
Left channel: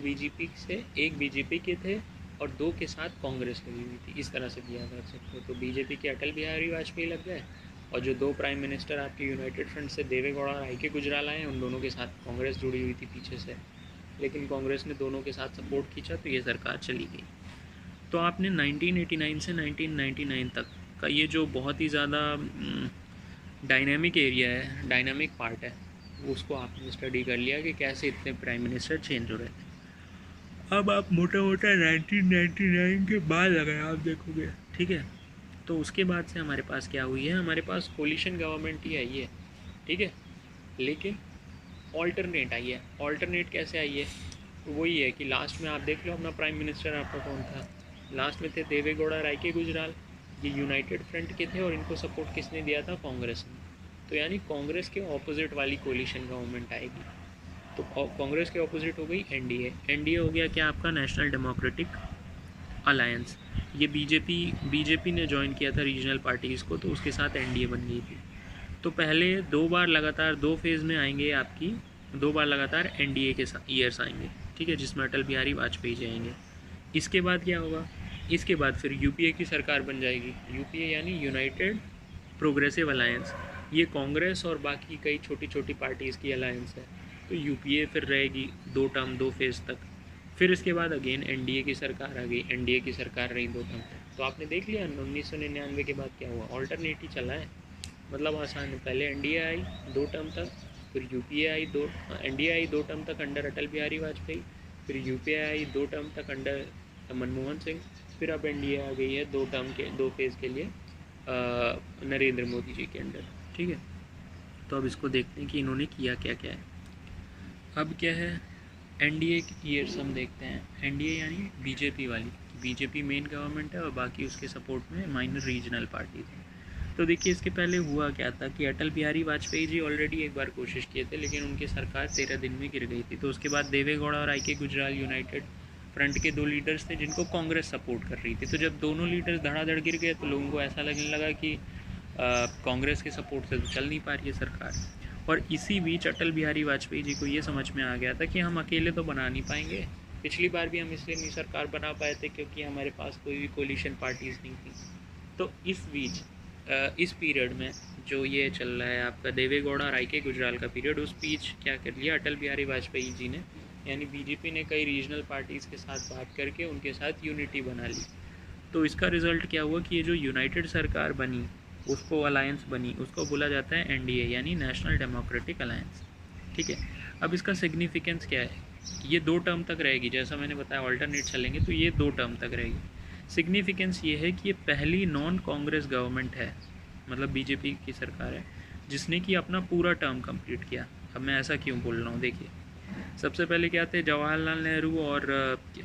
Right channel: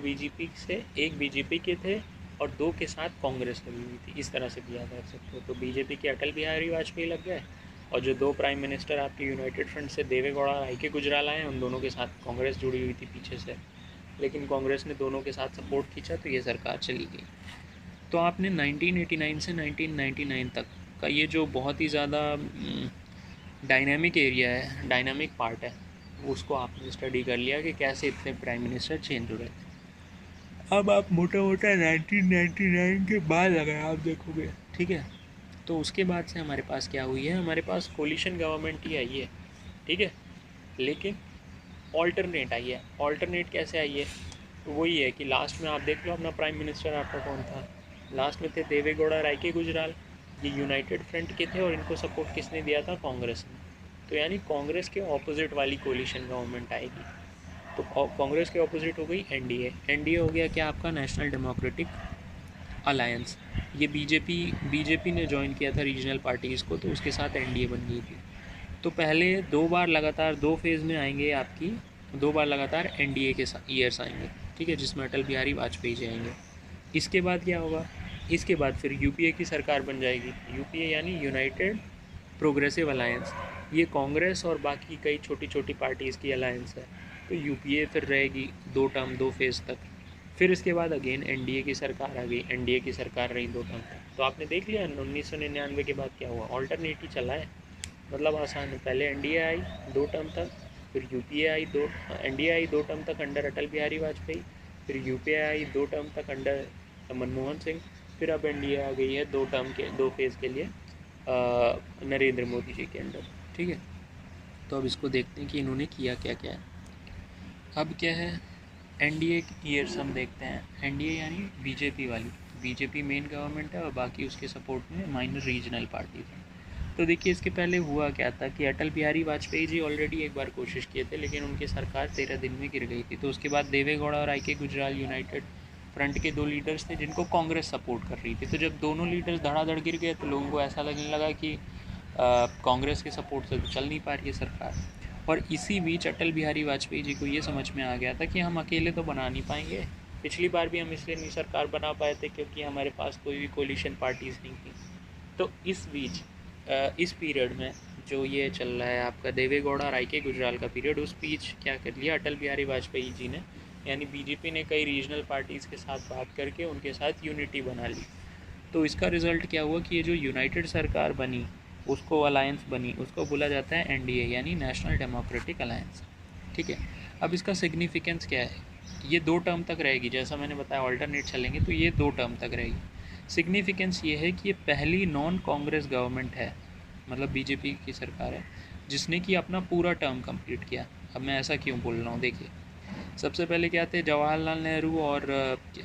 बीजेपी के थे और 2 के साथ कांग्रेस लगी हुई थी, इस तरह से भी याद रख सकते हो। तो बीजेपी के अटल बिहारी वाजपेयी लग गए और जो 2 प्राइम मिनिस्टर आपके यूनाइटेड फ्रंट से देवे गौड़ा और आई के गुजराल आए, उन दोनों के साथ कांग्रेस जुड़ी हुई थी पीछे से, लेकिन कांग्रेस ने दोनों के साथ सपोर्ट खींचा तो ये सरकार चली गई। तो आपने 1989 से 1999 तक का ये जो बहुत ही ज़्यादा डायनामिक एरिया है, डायनामिक पार्ट है, उसको आपने स्टडी कर लिया कि कैसे इतने प्राइम मिनिस्टर चेंज हो रहे हैं। अब आप मोटा मोटा 1999 के बाद अगर आप देखोगे, ठीक है, तो उसके बाद से हमारे पास क्या हुई है, हमारे पास कोलिशन गवर्नमेंट ही आई है, ठीक है, लेकिन ऑल्टरनेट आई है। ऑल्टरनेट कैसे आई है? तो वही है कि लास्ट में आप देख लो अपना प्राइम मिनिस्टर आपका कौन था, लास्ट में थे देवे गौड़ा, राय के गुजराल, ये यूनाइटेड फ्रंट के थे और इनको सपोर्ट किसने दिया था? कांग्रेस ने। तो यानी कांग्रेस के ऑपोजिट वाली कोलिशन गवर्नमेंट आएगी। तो कांग्रेस के ऑपोजिट हो गई एनडीए। एनडीए हो गया क्या आपका? National democratic alliance. ये बीजेपी ने ज्वाइन किया था रीजनल पार्टीज़ को, तो उसके साथ एनडीए बन गई थी। तो पहले 2 बार लगातार 2 फेज़ में आएंगे आपकी, 2 बार लगातार एनडीए के ईयर्स आएंगे, ठीक है, जिसमें अटल बिहारी वाजपेयी जी आएंगे। इसके बाद क्या होगा? इसके बाद फिर यूपीए की सरकार बन जाएगी। यूपीए यानी यूनाइटेड प्रोग्रेसिव अलायंस। ये कांग्रेस और बाकी कई छोटी छोटी पार्टीज़ की अलायंस है। तो यूपीए फिर रहेगी 2 टर्म 2 फेज़ तक। फिर इसके बाद अगेन एनडीए की सरकार आ गई, एनडीए की सरकार रही 2 टर्म तक। तो आपने देख लिया 1999 के बाद क्या हुआ, ऑल्टरनेट ही चला है, मतलब आसान है। पहले एनडीए आई 2 टर्म तक, फिर यूपीए आई एनडीए आई 2 टर्म तक अंडर अटल बिहारी वाजपेयी, फिर यूपीए आई 2 टर्म तक अंडर मनमोहन सिंह, फिर अब एनडीए आ गई है 2 टर्म के 2 फेज़ के लिए नरेंद्र मोदी जी के अंडर, ठीक है। तो अब इसको देखते हैं कि इन्होंने किया क्या क्या है। अब क्या है, एनडीए की ईयर्स हम देखते हैं। एनडीए यानी बीजेपी वाली, बीजेपी मेन गवर्नमेंट है और बाकी उसके सपोर्ट में माइनर रीजनल पार्टीज हैं। तो देखिए इसके पहले हुआ क्या था कि अटल बिहारी वाजपेयी जी ऑलरेडी एक बार कोशिश किए थे, लेकिन उनकी सरकार 13 दिन में गिर गई थी। तो उसके बाद देवे गौड़ा और आई के गुजराल यूनाइटेड फ्रंट के 2 लीडर्स थे जिनको कांग्रेस सपोर्ट कर रही थी। तो जब दोनों लीडर्स धड़ाधड़ गिर गए तो लोगों को ऐसा लगने लगा कि कांग्रेस के सपोर्ट से तो चल नहीं पा रही है सरकार। और इसी बीच अटल बिहारी वाजपेयी जी को ये समझ में आ गया था कि हम अकेले तो बना नहीं पाएंगे। पिछली बार भी हम इसलिए नहीं सरकार बना पाए थे क्योंकि हमारे पास कोई भी कोलिशन पार्टीज़ नहीं थी। तो इस बीच इस पीरियड में जो ये चल रहा है आपका देवे गौड़ा राय के गुजराल का पीरियड, उस बीच क्या कर लिया अटल बिहारी वाजपेयी जी ने, यानी बीजेपी ने कई रीजनल पार्टीज़ के साथ बात करके उनके साथ यूनिटी बना ली। तो इसका रिज़ल्ट क्या हुआ कि ये जो यूनाइटेड सरकार बनी, उसको अलायंस बनी, उसको बोला जाता है एनडीए यानी नेशनल डेमोक्रेटिक अलायंस, ठीक है। अब इसका सिग्निफिकेंस क्या है? ये 2 टर्म तक रहेगी, जैसा मैंने बताया ऑल्टरनेट चलेंगे तो ये 2 टर्म तक रहेगी। सिग्निफिकेंस ये है कि ये पहली नॉन कांग्रेस गवर्नमेंट है, मतलब बीजेपी की सरकार है, जिसने कि अपना पूरा टर्म कंप्लीट किया। अब मैं ऐसा क्यों बोल रहा हूँ, देखिए सबसे पहले क्या थे, जवाहरलाल नेहरू और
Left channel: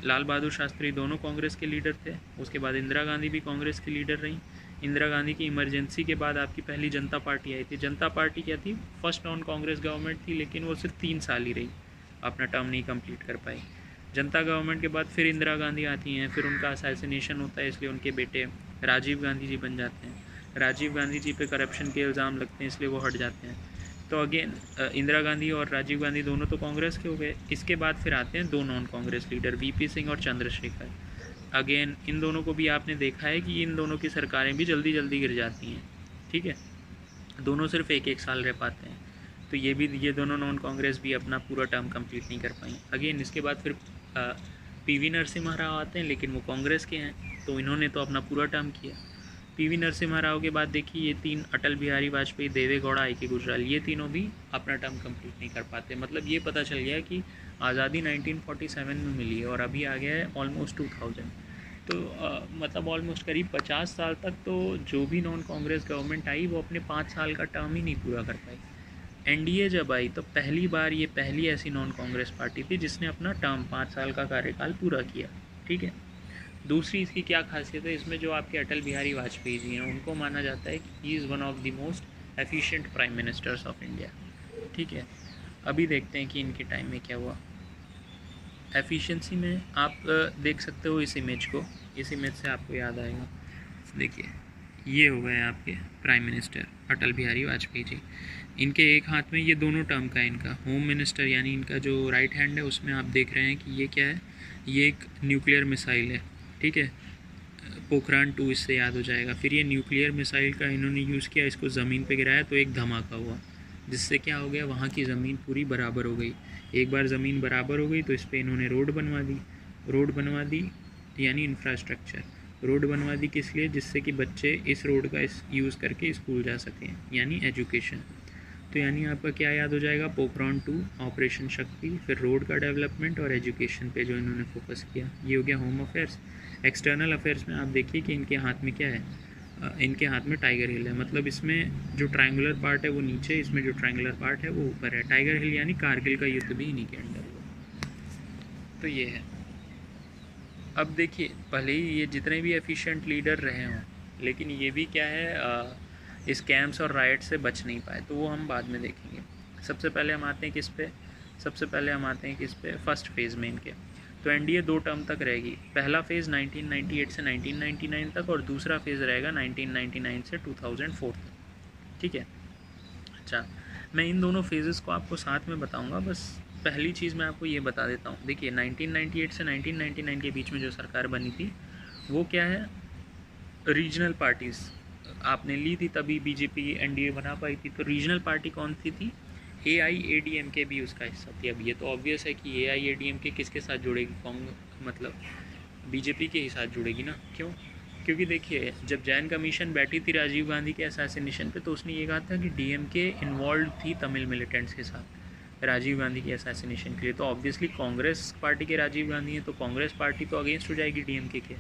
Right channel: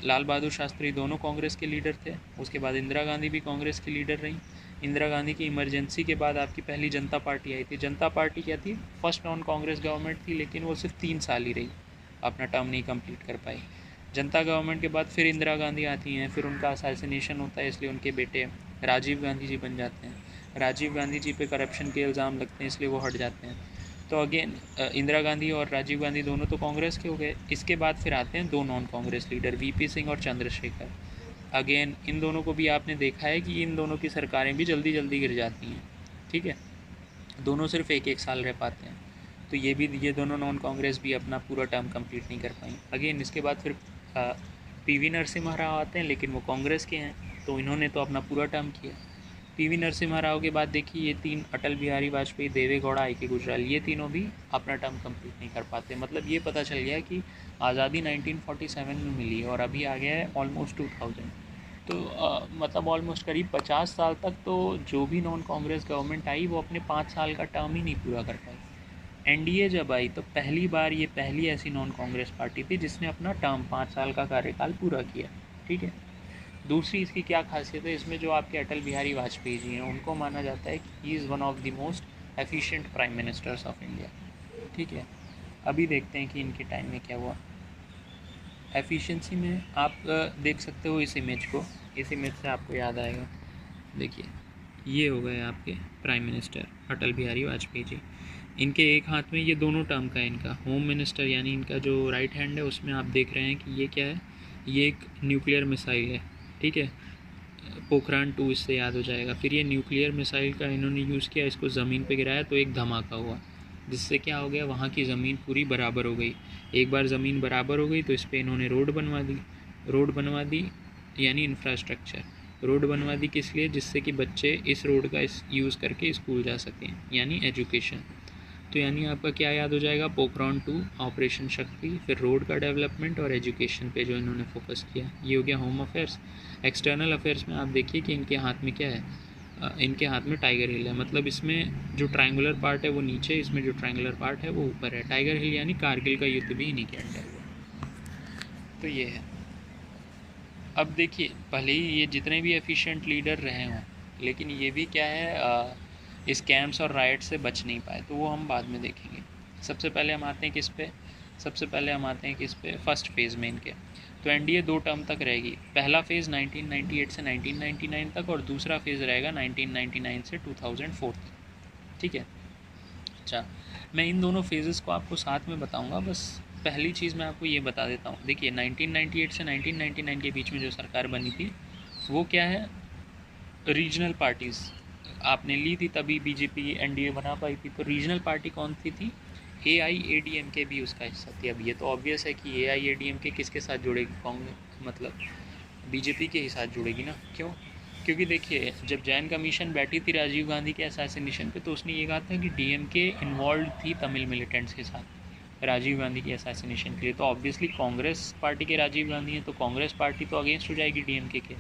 लाल बहादुर शास्त्री दोनों कांग्रेस के लीडर थे। उसके बाद इंदिरा गांधी भी कांग्रेस की लीडर रहीं। इंदिरा गांधी की इमरजेंसी के बाद आपकी पहली जनता पार्टी आई थी। जनता पार्टी क्या थी? फर्स्ट नॉन कांग्रेस गवर्नमेंट थी, लेकिन वो सिर्फ 3 साल ही रही, अपना टर्म नहीं कंप्लीट कर पाई। जनता गवर्नमेंट के बाद फिर इंदिरा गांधी आती हैं, फिर उनका असैसिनेशन होता है, इसलिए उनके बेटे राजीव गांधी जी बन जाते हैं। राजीव गांधी जी पे करप्शन के इल्ज़ाम लगते हैं, इसलिए वो हट जाते हैं। तो अगेन इंदिरा गांधी और राजीव गांधी दोनों तो कांग्रेस के हो गए। इसके बाद फिर आते हैं 2 non Congress leader, VP Singh और चंद्रशेखर। अगेन इन दोनों को भी आपने देखा है कि इन दोनों की सरकारें भी जल्दी जल्दी गिर जाती हैं, ठीक है, दोनों सिर्फ 1-1 साल रह पाते हैं। तो ये दोनों नॉन कांग्रेस भी अपना पूरा टर्म कंप्लीट नहीं कर पाई। अगेन इसके बाद फिर पीवी नरसिम्हा राव आते हैं, लेकिन वो कांग्रेस के हैं, तो इन्होंने तो अपना पूरा टर्म किया। पीवी नरसिम्हा राव के बाद देखिए ये 3 अटल बिहारी वाजपेयी, देवे गौड़ा, आई के गुजराल, ये तीनों भी अपना टर्म कंप्लीट नहीं कर पाते। मतलब ये पता चल गया कि आज़ादी 1947 में मिली है और अभी आ गया है ऑलमोस्ट 2000। तो मतलब ऑलमोस्ट करीब 50 साल तक तो जो भी नॉन कांग्रेस गवर्नमेंट आई वो अपने 5 साल का टर्म ही नहीं पूरा कर पाई। एनडीए जब आई तो पहली बार ये पहली ऐसी नॉन कांग्रेस पार्टी थी जिसने अपना टर्म 5 साल का कार्यकाल पूरा किया, ठीक है। दूसरी इसकी क्या खासियत है, इसमें जो आपके अटल बिहारी वाजपेयी जी हैं उनको माना जाता है कि he is one of the most efficient prime ministers of India, ठीक है। अभी देखते हैं कि इनके टाइम में क्या हुआ। एफिशिएंसी में आप देख सकते हो इस इमेज को, इस इमेज से आपको याद आएगा। देखिए ये हो गए आपके प्राइम मिनिस्टर अटल बिहारी वाजपेयी जी। इनके एक हाथ में ये दोनों टर्म का इनका होम मिनिस्टर यानी इनका जो राइट हैंड है उसमें आप देख रहे हैं कि ये क्या है, ये एक न्यूक्लियर मिसाइल है, ठीक है, पोखरान 2 इससे याद हो जाएगा। फिर ये न्यूक्लियर मिसाइल का इन्होंने यूज़ किया, इसको ज़मीन पे गिराया तो एक धमाका हुआ, जिससे क्या हो गया, वहाँ की ज़मीन पूरी बराबर हो गई। एक बार ज़मीन बराबर हो गई तो इस पर इन्होंने रोड बनवा दी यानी इंफ्रास्ट्रक्चर। रोड बनवा दी किस लिए, जिससे कि बच्चे इस रोड का यूज़ करके स्कूल जा सकें, यानी एजुकेशन। तो यानी आपका क्या याद हो जाएगा, पोखरान 2, ऑपरेशन शक्ति, फिर रोड का डेवलपमेंट और एजुकेशन पे जो इन्होंने फोकस किया। ये हो गया होम अफेयर्स। एक्सटर्नल अफेयर्स में आप देखिए कि इनके हाथ में क्या है, इनके हाथ में टाइगर हिल है। मतलब इसमें जो ट्रायंगुलर पार्ट है वो नीचे, इसमें जो ट्रायंगुलर पार्ट है वो ऊपर है। टाइगर हिल यानी कारगिल का युद्ध भी इन्हीं के अंडर हुआ। तो ये है। अब देखिए, भले ही ये जितने भी एफिशिएंट लीडर रहे हों, लेकिन ये भी क्या है, इस कैंप्स और राइट से बच नहीं पाए, तो वो हम बाद में देखेंगे। सबसे पहले हम आते हैं किस पे, फर्स्ट फेज़ में इनके। तो एनडीए 2 टर्म तक रहेगी। पहला फेज़ 1998 से 1999 तक और दूसरा फेज़ रहेगा 1999 से 2004 तक। ठीक है। अच्छा, मैं इन दोनों फेजेस को आपको साथ में बताऊंगा। बस पहली चीज़ मैं आपको ये बता देता हूँ। देखिए, 1998 से 1999 के बीच में जो सरकार बनी थी वो क्या है, रीजनल पार्टीज़ आपने ली थी, तभी बीजेपी एनडीए बना पाई थी। तो रीजनल पार्टी कौन सी थी, AIADMK भी उसका हिस्सा थी। अब ये तो ऑब्वियस है कि AIADMK किसके साथ जुड़ेगी, कांग्रेस मतलब बीजेपी के ही साथ जुड़ेगी ना। क्यों? क्योंकि देखिए, जब जैन कमीशन बैठी थी राजीव गांधी के असैसिनेशन पे, तो उसने ये कहा था कि DMK इन्वॉल्व थी तमिल मिलिटेंट्स के साथ राजीव गांधी के असैसिनेशन के लिए। तो ऑब्वियसली कांग्रेस पार्टी के राजीव गांधी हैं, तो कांग्रेस पार्टी तो अगेंस्ट हो जाएगी DMK के।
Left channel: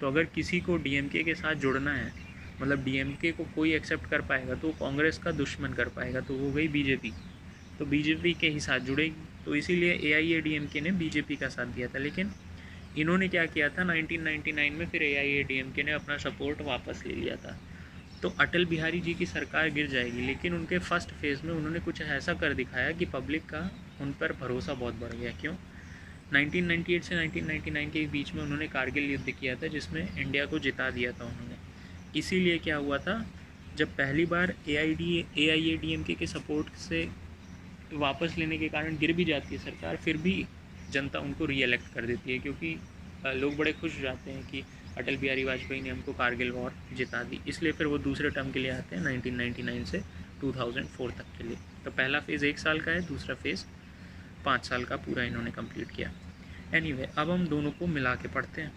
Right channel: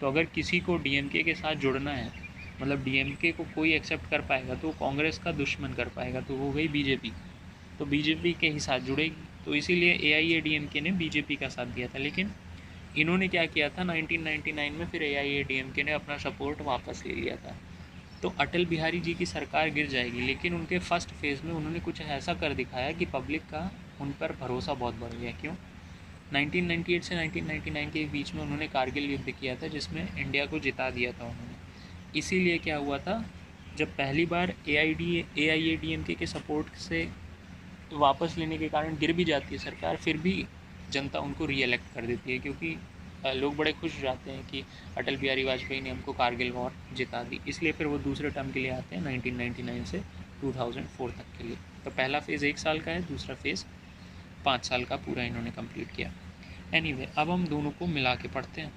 तो अगर किसी को DMK के साथ जुड़ना है, मतलब DMK को कोई एक्सेप्ट कर पाएगा तो कांग्रेस का दुश्मन कर पाएगा, तो वो गई बीजेपी। तो बीजेपी के ही साथ जुड़ेगी। तो इसीलिए AIADMK ने बीजेपी का साथ दिया था। लेकिन इन्होंने क्या किया था 1999 में, फिर AIADMK ने अपना सपोर्ट वापस ले लिया था। तो अटल बिहारी जी की सरकार गिर जाएगी, लेकिन उनके फर्स्ट फेज़ में उन्होंने कुछ ऐसा कर दिखाया कि पब्लिक का उन पर भरोसा बहुत बढ़ गया। क्यों? 1998 से 1999 के बीच में उन्होंने कारगिल युद्ध किया था, जिसमें इंडिया को जिता दिया था उन्होंने। इसीलिए क्या हुआ था, जब पहली बार AIADMK के सपोर्ट से वापस लेने के कारण गिर भी जाती है सरकार, फिर भी जनता उनको रीएलेक्ट कर देती है, क्योंकि लोग बड़े खुश हो जाते हैं कि अटल बिहारी वाजपेयी ने हमको कारगिल वॉर जिता दी। इसलिए फिर वो दूसरे टर्म के लिए आते हैं 1999 से 2004 तक के लिए। तो पहला फेज़ 1 साल का है, दूसरा फेज़ 5 साल का पूरा इन्होंने कंप्लीट किया। एनीवे, अब हम दोनों को मिला के पढ़ते हैं।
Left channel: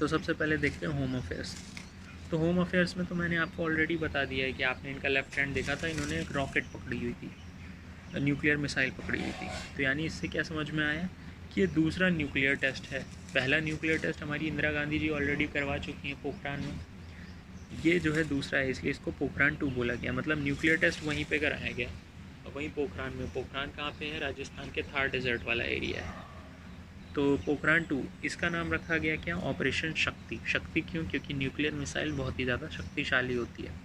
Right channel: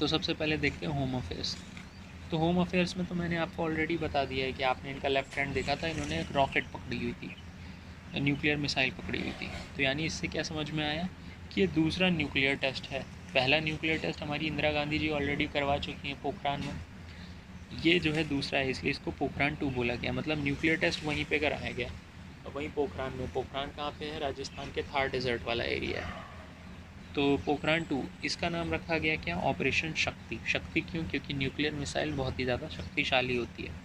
तो सबसे पहले देखते हैं होम अफेयर्स। तो होम अफेयर्स में तो मैंने आपको ऑलरेडी बता दिया है कि आपने इनका लेफ्ट हैंड देखा था, इन्होंने एक रॉकेट पकड़ी हुई थी, न्यूक्लियर मिसाइल पकड़ी हुई थी। तो यानी इससे क्या समझ में आया कि ये दूसरा न्यूक्लियर टेस्ट है। पहला न्यूक्लियर टेस्ट हमारी इंदिरा गांधी जी ऑलरेडी करवा चुकी हैं पोखरान में, ये जो है दूसरा है, इसलिए इसको पोखरान 2 बोला गया। मतलब न्यूक्लियर टेस्ट वहीं पे कराया गया, और वहीं पोखरान में। पोखरान कहाँ पे है, राजस्थान के थार डेजर्ट वाला एरिया है। तो पोखरान 2, इसका नाम रखा गया क्या, ऑपरेशन शक्ति। शक्ति क्यों? क्योंकि न्यूक्लियर मिसाइल बहुत ही ज़्यादा शक्तिशाली होती है।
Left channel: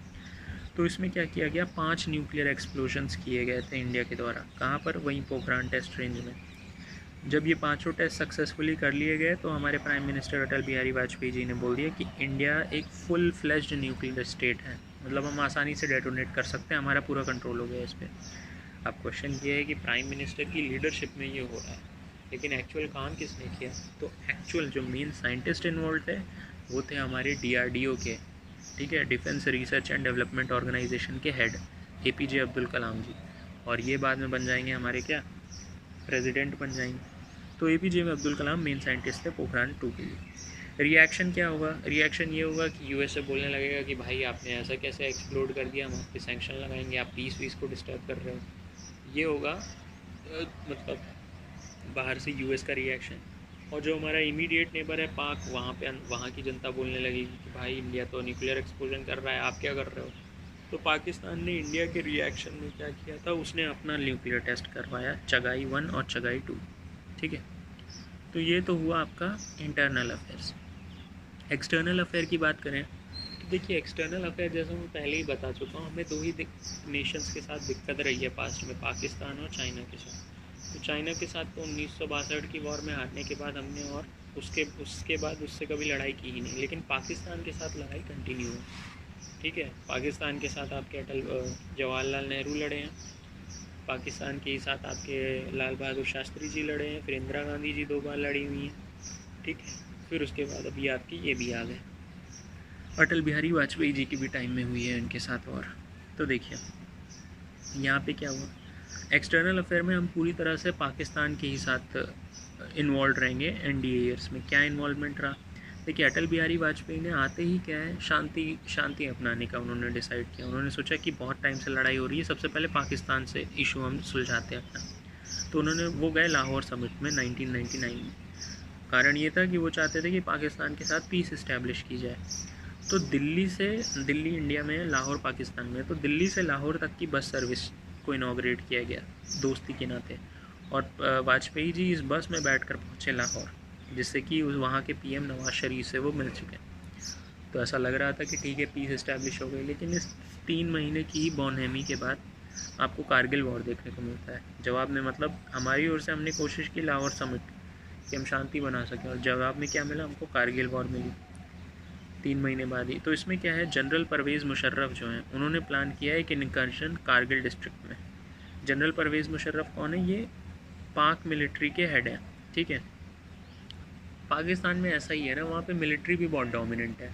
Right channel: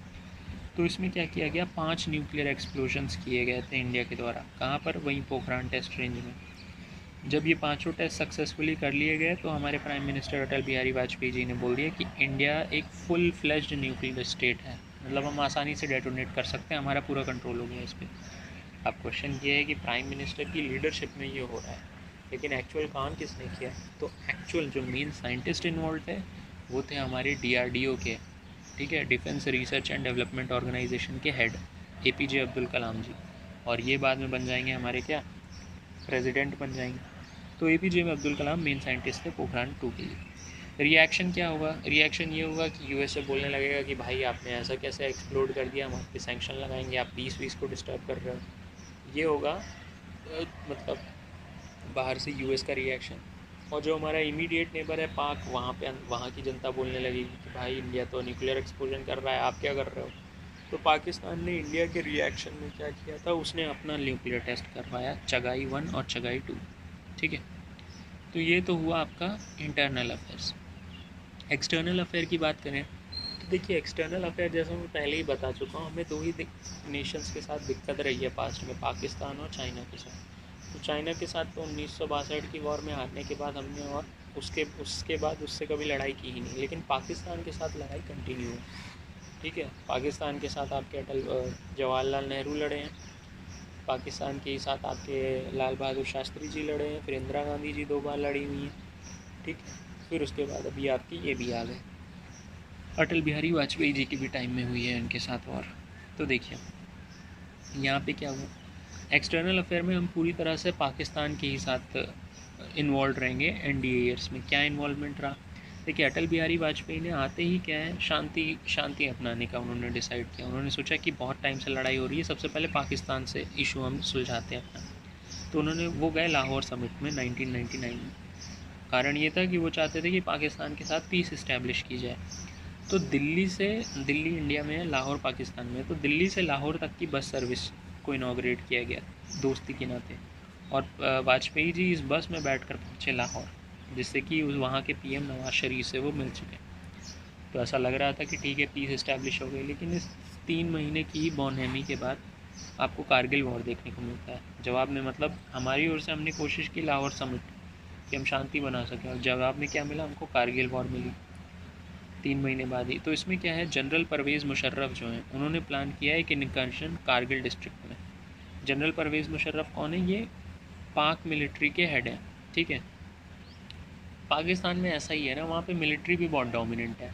तो इसमें क्या किया गया, 5 न्यूक्लियर एक्सप्लोजन्स किए गए थे इंडिया के द्वारा। कहाँ पर, वहीं पोखरान टेस्ट रेंज में। जब ये 5 टेस्ट सक्सेसफुली कर लिए गए, तो हमारे प्राइम मिनिस्टर अटल बिहारी वाजपेयी जी ने बोल दिया कि इंडिया एक फुल फ्लेज्ड न्यूक्लियर स्टेट है। मतलब हम आसानी से डेटोनेट कर सकते हैं, हमारा पूरा कंट्रोल हो गया इस पर। अब क्वेश्चन ये है कि प्राइम मिनिस्टर की लीडरशिप में ये हो रहा है, लेकिन एक्चुअल काम किसने किया? तो एक्चुअल जो मेन साइंटिस्ट इन्वॉल्व थे वो थे हमारे DRDO के, ठीक है, defence research and development organisation के हेड APJ अब्दुल कलाम जी। और ये बाद में बन जाएंगे हमारे क्या, प्रेसिडेंट बन जाएंगे। तो APJ में अब्दुल कलाम मेन साइंटिस्ट थे पोखरान 2 के लिए। रिएक्शन क्या होगा? रिएक्शन ये होगा कि USA बोलने लगेगा कि भाई आपने ऐसा कैसे एक्सप्लोड कर दिया, हम आप पे सैंक्शन लगाएंगे, आप पीस को डिस्टर्ब कर रहे हो। ये होगा मतलब बाहर से US का रिएक्शन। और जो हमारा इमीडिएट नेबर है पाक, वहाँ की जनता बोलने लगेगी कि भाई इंडिया तो न्यूक्लियर एक्सप्लोजन कर रहा है, आप क्या कर रहे हो। तो पाकिस्तान ने इंडिया के रिएक्शन में क्या किया था, उसने अपना न्यूक्लियर टेस्ट करवाया, चगाई 1 और चगाई 2। ठीक है, तो ये तो हुआ आपका इंटरनल अफेयर्स। एक्सटर्नल अफेयर की बात करें तो देखिए, एक्सटर्नल अफेयर जैसे मैं पहले ही बता चुका हूँ, हमें 2 ही नेशंस के साथ दिक्कत रही है पास्ट में, पाकिस्तान और चाइना के साथ। तो चाइना के साथ तो 1962 की वॉर में हारने के बाद हमने, और उसके बाद उससे कभी लड़ाई की ही नहीं। लेकिन पाकिस्तान के साथ लड़ाई कंटिन्यू है। ठीक है, पाकिस्तान के साथ आपके जवाहरलाल नेहरू लड़े हैं, पाकिस्तान के साथ आपके लाल बहादुर शास्त्री जी लड़े हैं, फिर इंदिरा गांधी जी 2 बार लड़ी हुई हैं। ठीक है, फिर उसके बाद अभी आपकी ये भी आ गए। अटल बिहारी वाजपेयी जी की भी टाइम में हुई है इनके साथ। और तो देखिए यहाँ पे क्या हुआ, एक्सटर्नल अफेयर में हम पूरी तरह से पाकिस्तान के ही साथ इन्वॉल्व रहेंगे NDA ईयर्स में। क्या इन्वॉल्वमेंट रहा, देखिए अटल बिहारी वाजपेयी ने आते ही क्या है, शांति अपनाने का उन्होंने डिसाइड किया। उन्होंने सोचा कि बहुत टाइम से लड़ाई हो रही है, सबसे पहले पाकिस्तान से इशू हम सुलझाते हैं अपना। तो उन्होंने वो गए लाहौर समिट में 1999 में। कारण ये था कि वो चाहते थे कि पाकिस्तान के साथ पीस इस्टेब्लिश की जाए। तो दिल्ली इंडिया में है, लाहौर पाकिस्तान में, तो दिल्ली से लाहौर तक की बस सर्विस को इनाग्रेट किया गया दोस्ती के नाते। और वाजपेयी जी इस बस में बैठकर पहुँचे लाहौर, जिससे कि वहाँ के PM नवाज शरीफ से वो मिल चुके। तो ऐसा लग रहा था कि ठीक है पीस इस्टेब्लिश हो गई। लेकिन इस 3 महीने की बौनहमी के बाद आपको कारगिल वॉर देखने को मिलता है जवाब में। मतलब हमारी ओर से हमने कोशिश की लाहौर समिट कि हम शांति बना सकें, और जवाब में क्या मिला हमको, कारगिल वॉर मिली 3 महीने बाद ही। तो इसमें क्या है, जनरल परवेज़ मुशर्रफ जो हैं उन्होंने प्लान किया है कि इनकर्शन कारगिल डिस्ट्रिक्ट में। जनरल परवेज़ मुशर्रफ कौन है, ये पाक मिलिट्री के हेड हैं, ठीक है। पाकिस्तान में ऐसा ही है ना, वहाँ पे मिलिट्री भी बहुत डोमिनेंट है।